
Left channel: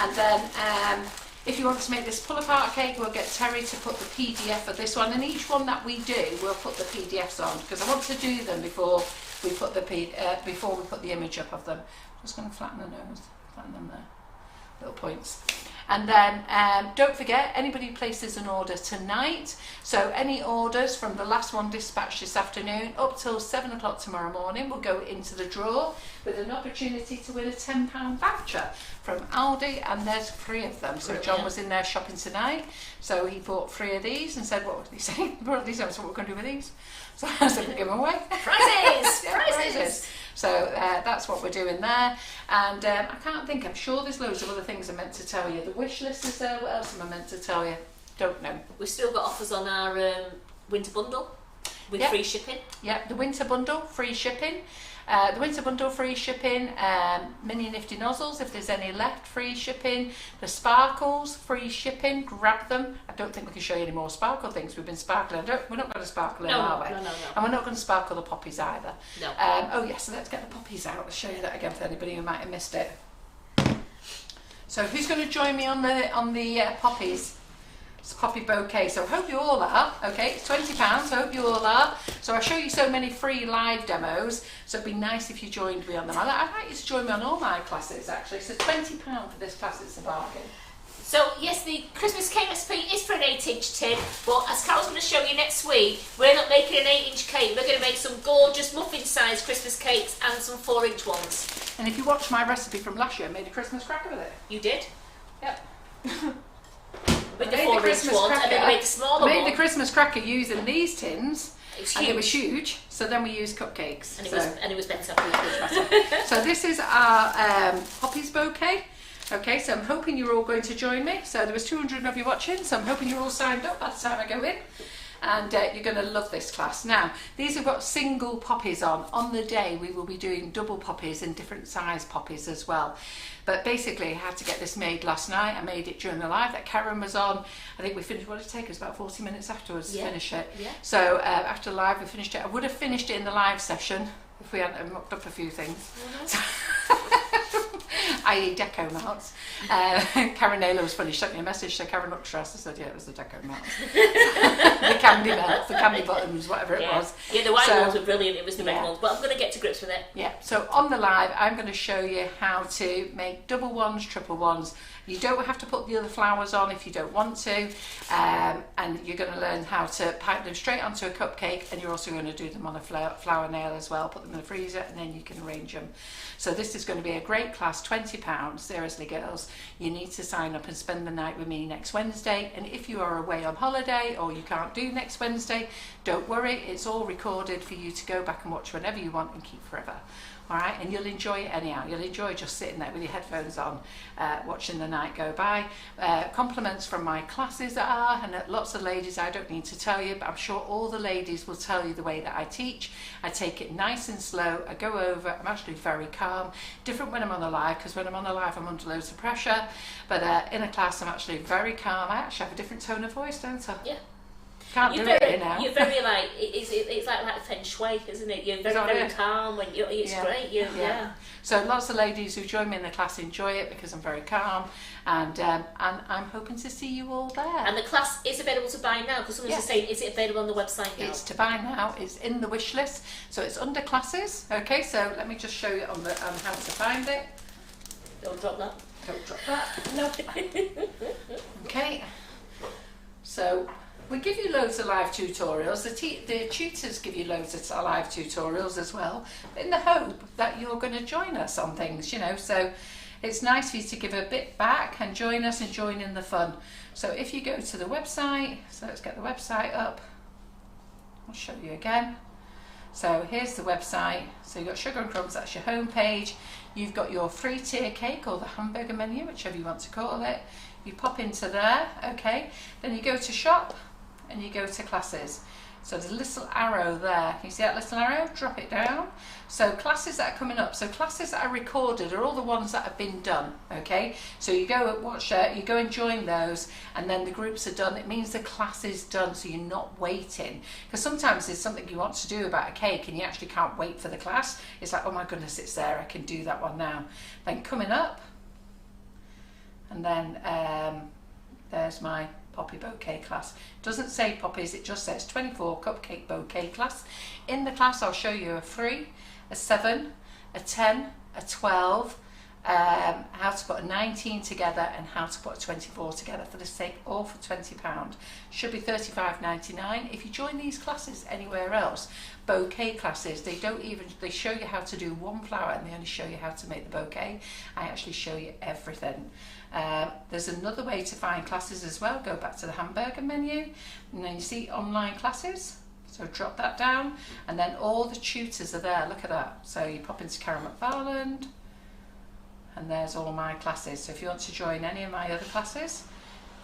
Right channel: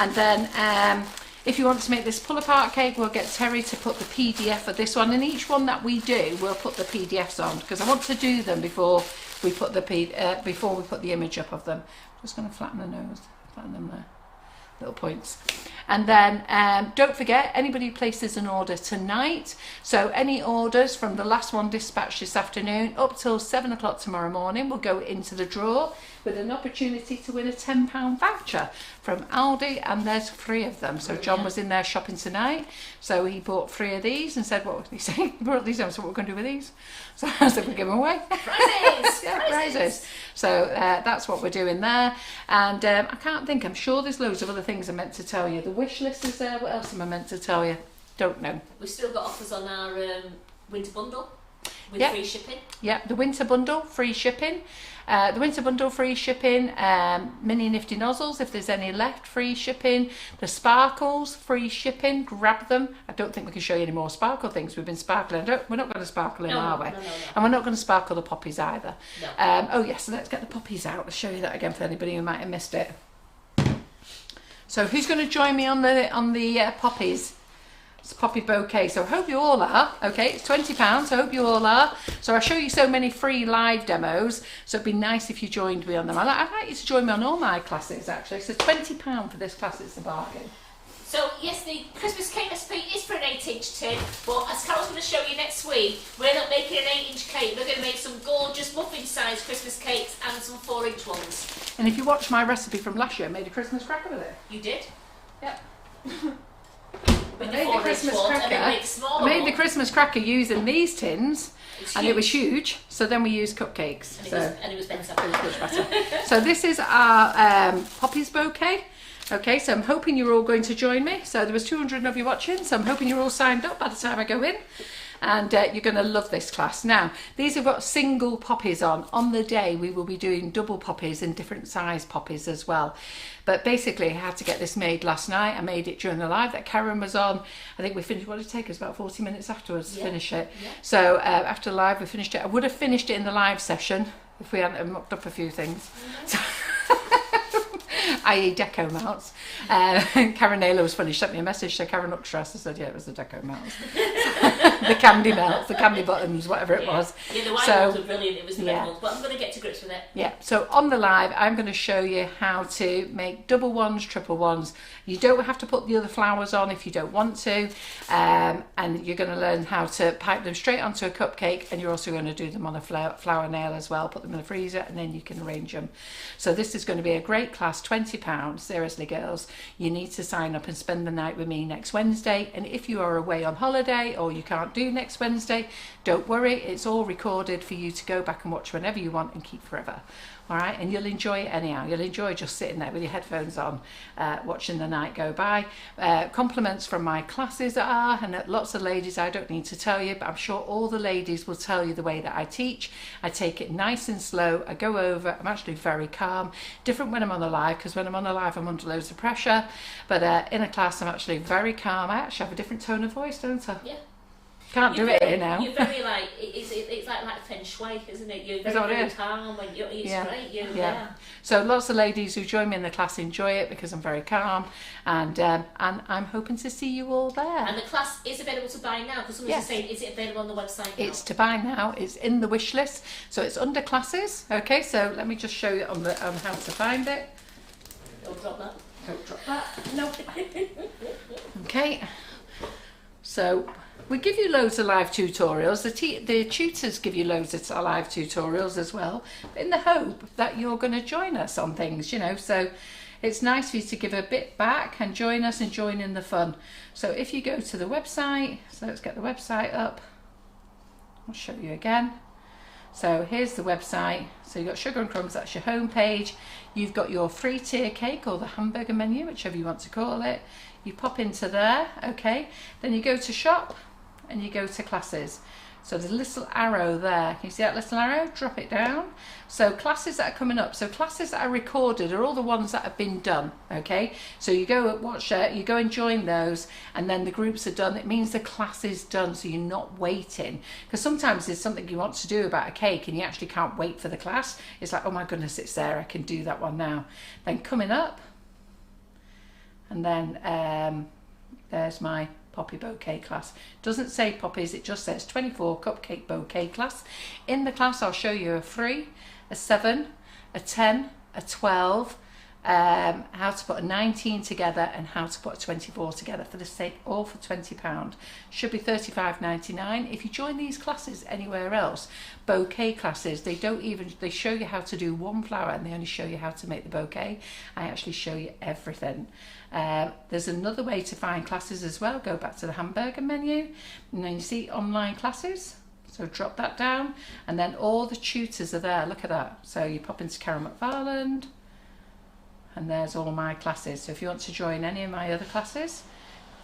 And then if you want to make this pull-apart cake, we'll get Terry to put the PDF of this one, and each one that we do, we'll put the PDFs on, because I want to do them before we put the image up of them. I'm just going to flatten the nose, flatten them there. Little points. And then don't forget, anybody places an order tonight, so any orders from the last one dispatched this afternoon up till 7 o'clock tomorrow morning will go into the draw with an opportunity to win a £10 voucher from Aldi, and there's 3 of them. So John was in there shopping tonight, so he bought 3 of these and said, what would he say? He brought these on, so what we're going to do with these? So I said, we'll give them away. Prizes! Yeah, prizes. So that's what we're doing there. And I can't think, I'm sure there's loads of other things I meant to tell you. The wish list is there. What else am I meant to tell you? Don't know. We've still got offers on our winter bundle. With Yep. free shipping. Yeah, the winter bundle, free shipping. The winter bundle, free shipping. Mini nifty nozzles, if there's any left, free shipping. The sparkles, free shipping. Grab them. I don't think we can show you any more sparkle things. We've been sparkling. We're not going to sparkle in, are we? No. And we're not going to sparkle the poppies either. No. Oh yes, so let's get the poppies out. Let's show you that again for anybody who might have missed it. So who's going to join me on the poppies? It's a poppy bouquet. So I hope you all are. Okay, it's £20. I hope you all are. So I show you so many free live demos. So it'd be nice if you joined me on them. I'd like you to join me on all my classes actually. So £20 for this class. It's a bargain. So yes, the Christmas cake recipe is for an 8-inch tin, but as Carol's going to show you next week, we're not making an 8-inch cake. We're going to make some gorgeous muffin-sized Christmas cakes and some 4-inch ones. And if you watch my recipe from last year, I made a Christmas cracker with it. You did? Yep. With the 4-inch ones, and then we made the smaller I made one. the Christmas cracker using these tins, and it was huge. So then we used cupcakes. And it so was better. it was much better. So this is our poppies bouquet. Okay, so I'm hoping you're all going to join me. So there was 200 of you watching, so I'm hoping you're all signed up by the time I go in. And you're going to love this class. Now, these have got single poppies on. On the day, we will be doing double poppies and different size poppies as well. But basically, I had to get this made last night. I made it during the live that Karen was on. I think we finished, what did it take us, about 40 minutes afterwards to finish it. Yeah. So after the live, we finished it. I would have finished it in the live session if we hadn't mocked up a few things. I.e. deco mounts. Karen Naylor was funny. She sent me a message. So Karen looked stressed. I said, yeah, it was the deco mounts. The candy melts, the candy buttons, whatever it was. Yeah, the white ones were brilliant. It was the red ones. But I'm going to get to grips with it. Yeah, so on the live, I'm going to show you how to make double ones, triple ones. You don't have to put the other flowers on if you don't want to. And you're going to learn how to pipe them straight onto a cupcake. And you're also going to do them on a flower nail as well. Put them in the freezer and then you can arrange them. So this is going to be a great class, £20. Seriously, girls, you need to sign up and spend the night with me next Wednesday. And if you are away on holiday or you can't do next Wednesday, don't worry. It's all recorded for you to go back and watch whenever you want and keep forever. All right, and you'll enjoy it anyhow. You'll enjoy just sitting there with your headphones on, watching the night go by. Compliments from my classes are, and lots of ladies, I don't need to tell you, but I'm sure all the ladies will tell you the way that I teach. I take it nice and slow. I go over. I'm actually very calm. Different when I'm on the live, because when I'm on the live, I'm under loads of pressure. But in a class, I'm actually very calm. I actually have a different tone of voice, don't I? Yeah. Can't do it here now. You're very like it's like feng shui, isn't it? You're very calm when it's great. Yeah. So lots of ladies who join me in the class enjoy it because I'm very calm, and I'm hoping to see you all there. And the class is available to buy now because someone's saying, is it available on the website now? It's to buy now. It's in the wish list, so it's under classes. Okay, so let me just show you on how to find it. Don't drop that. Don't drop that. Nope. Okay. So. We give you loads of live tutorials. The tutors give you loads of live tutorials as well, in the hope that you're going to join us on things, you know. So it's nice for you to give a bit back and join us and join in the fun. So if you go to the website, so let's get the website up. I'll show you again. So here's the website. So you've got Sugar and Crumbs, that's your home page. You've got your free tier cake or the hamburger menu, whichever you want to call it. You pop into there, okay. Then you go to shop. And you go to classes. So there's a little arrow there. Can you see that little arrow? Drop it down. So classes that are coming up. So classes that are recorded are all the ones that have been done. Okay. So you go and watch it. You go and join those, and then the groups are done. It means the class is done. So you're not waiting. Because sometimes there's something you want to do about a cake, and you actually can't wait for the class. It's like, oh my goodness, it's there. I can do that one now. Then coming up, and then there's my poppy bouquet class. It doesn't say poppies, it just says 24 cupcake bouquet class. In the class I'll show you a 3, a 7, a 10, a 12, how to put a 19 together and how to put a 24 together for the sake, all for £20. Should be $35.99. If you join these classes anywhere else, bouquet classes, they show you how to do one flower and they only show you how to make the bouquet. I actually show you everything. There's another way to find classes as well. Go back to the hamburger menu and then you see online classes, so drop that down and then all the tutors are there. Look at that. So you pop into Carol McFarland and there's all my classes. So if you want to join any of my other classes,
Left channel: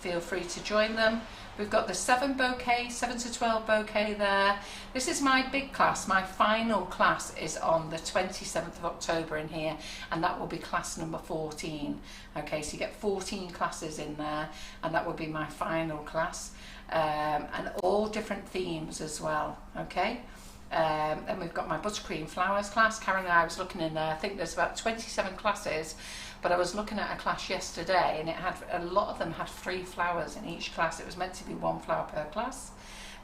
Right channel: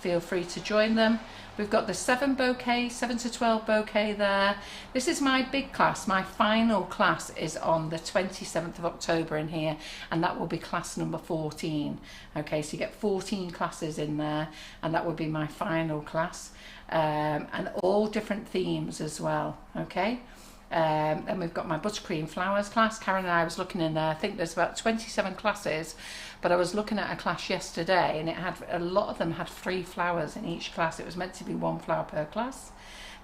feel free to join them. We've got the 7 to 12 bouquet there. This is my big class. My final class is on the 27th of October in here, and that will be class number 14. Okay, so you get 14 classes in there, and that will be my final class. And all different themes as well. Okay. And we've got my buttercream flowers class. Karen and I was looking in there. I think there's about 27 classes, but I was looking at a class yesterday, and it had a lot of them had 3 flowers in each class. It was meant to be 1 flower per class.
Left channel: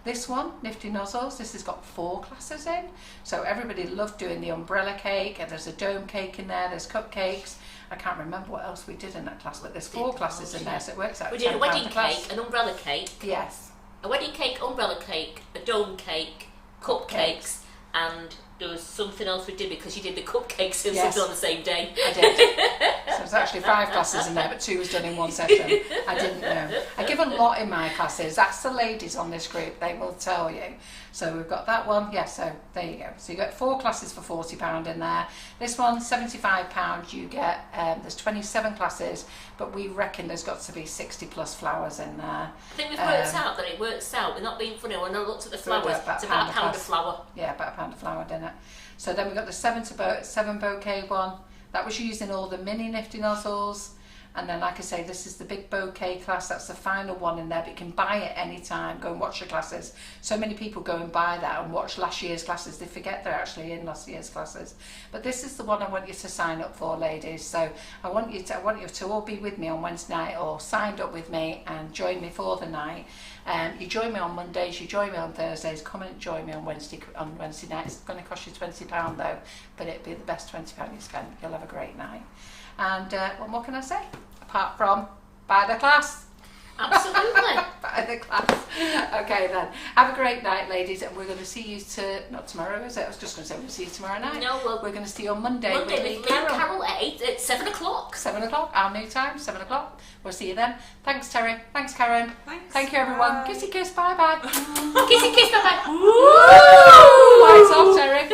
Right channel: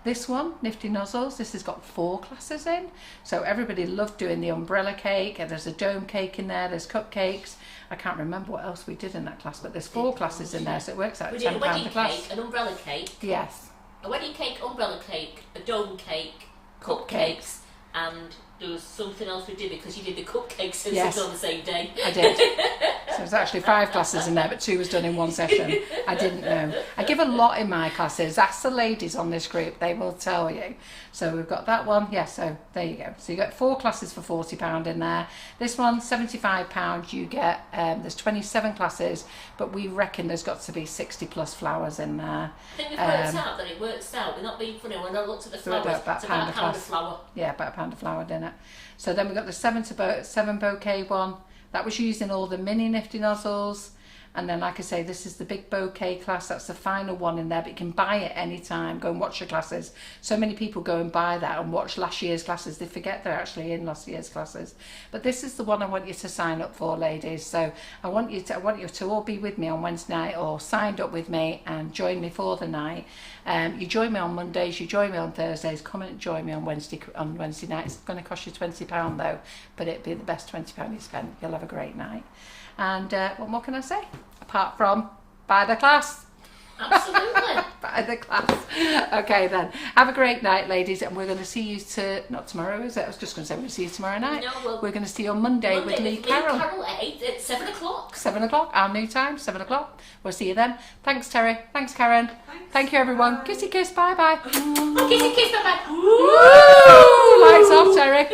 This one, Nifty Nozzles, this has got 4 classes in. So everybody loved doing the umbrella cake, and there's a dome cake in there, there's cupcakes. I can't remember what else we did in that class, but there's 4 classes in there, so it works out we did a £10 wedding per class. cake, an umbrella cake. Yes. A wedding cake, umbrella cake, a dome cake, cupcakes, and there was something else we did because you did the cupcakes and Yes. on the same day. I did. So there's actually 5 classes in there, but 2 was done in one session. I didn't know. I give a lot in my classes. That's the ladies on this group. They will tell you. So we've got that one. Yeah, so there you go. So you get 4 classes for £40 in there. This one, £75. You get, there's 27 classes, but we reckon there's got to be 60 plus flowers in there. I think we've worked out that it works out. We're not being funny. When I looked at the flowers, it's about a pound of flour. Yeah, about a pound of flour, didn't it? So then we've got the 7 bouquet one. That was using all the mini Nifty Nozzles. And then, like I say, this is the big bouquet class. That's the final one in there, but you can buy it anytime. Go and watch your classes. So many people go and buy that and watch last year's classes. They forget they're actually in last year's classes. But this is the one I want you to sign up for, ladies. So I want you to all be with me on Wednesday night, or signed up with me and join me for the night. You join me on Mondays, you join me on Thursdays. Come and join me on Wednesday night. It's going to cost you £20 though, but it'll be the best £20 you spend. You'll have a great night. And what more can I say? Apart from, buy the class. Absolutely. Buy the class. Okay then. Have a great night, ladies. And we're going to see you not tomorrow, is it? I was just going to say we're going to see you tomorrow night. No, we're going to see you on Monday with Lee Carol. Carol at 7 o'clock. 7 o'clock, our new time, 7 o'clock. We'll see you then. Thanks, Terry. Thanks, Karen. Thanks. Thank you, everyone. Bye. Kissy kiss. Bye-bye. Kissy kiss, bye-bye. Lights off, Terry.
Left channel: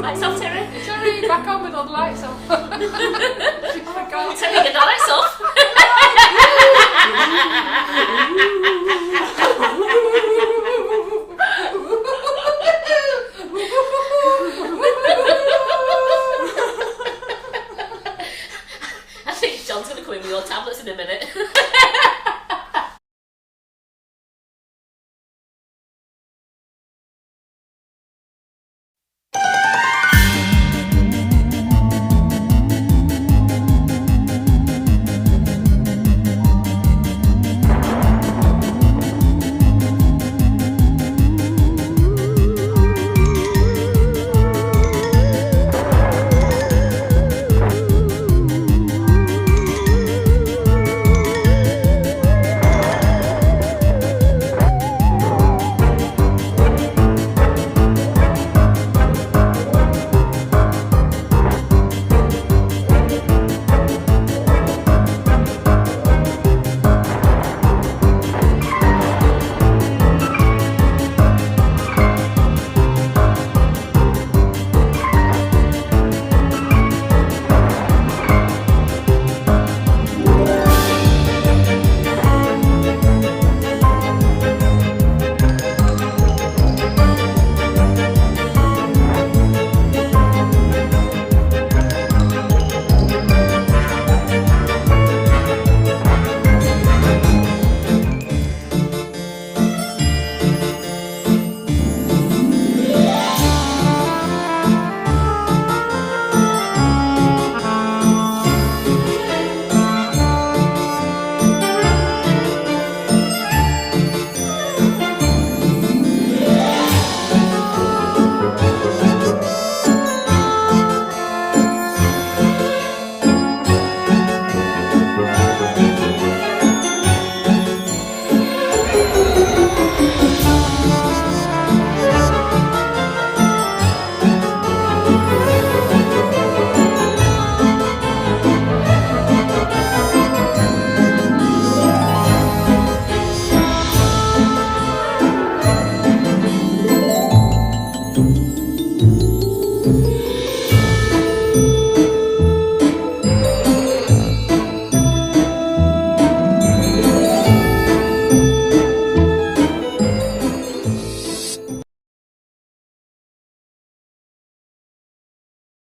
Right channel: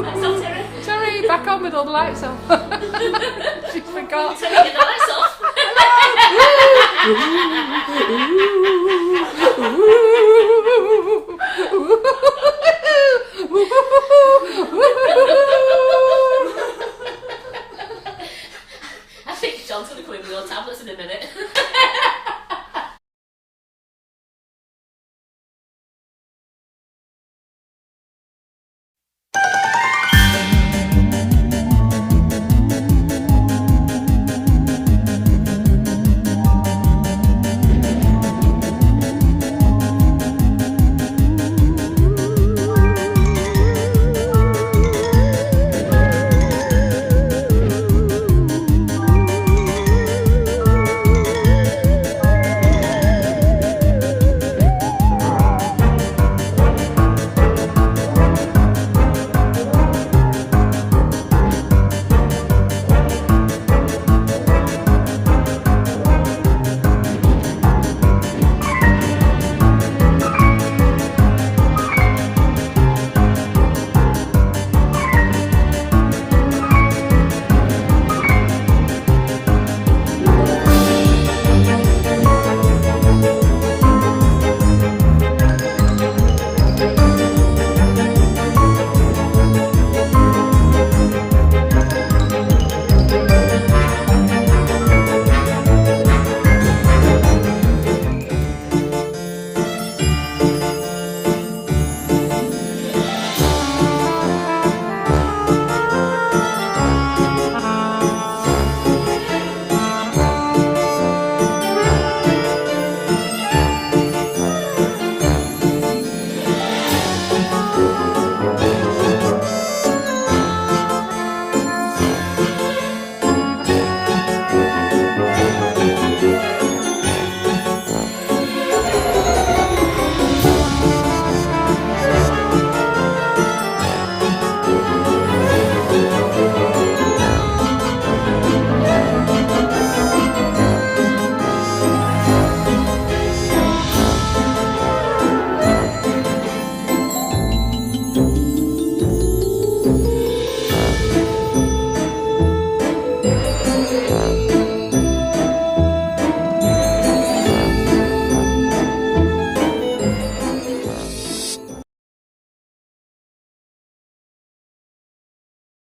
Lights off, Terry. Terry, back on with all the lights off. She forgot. Terry, with the lights off. I think John's going to come in with your tablets in a minute.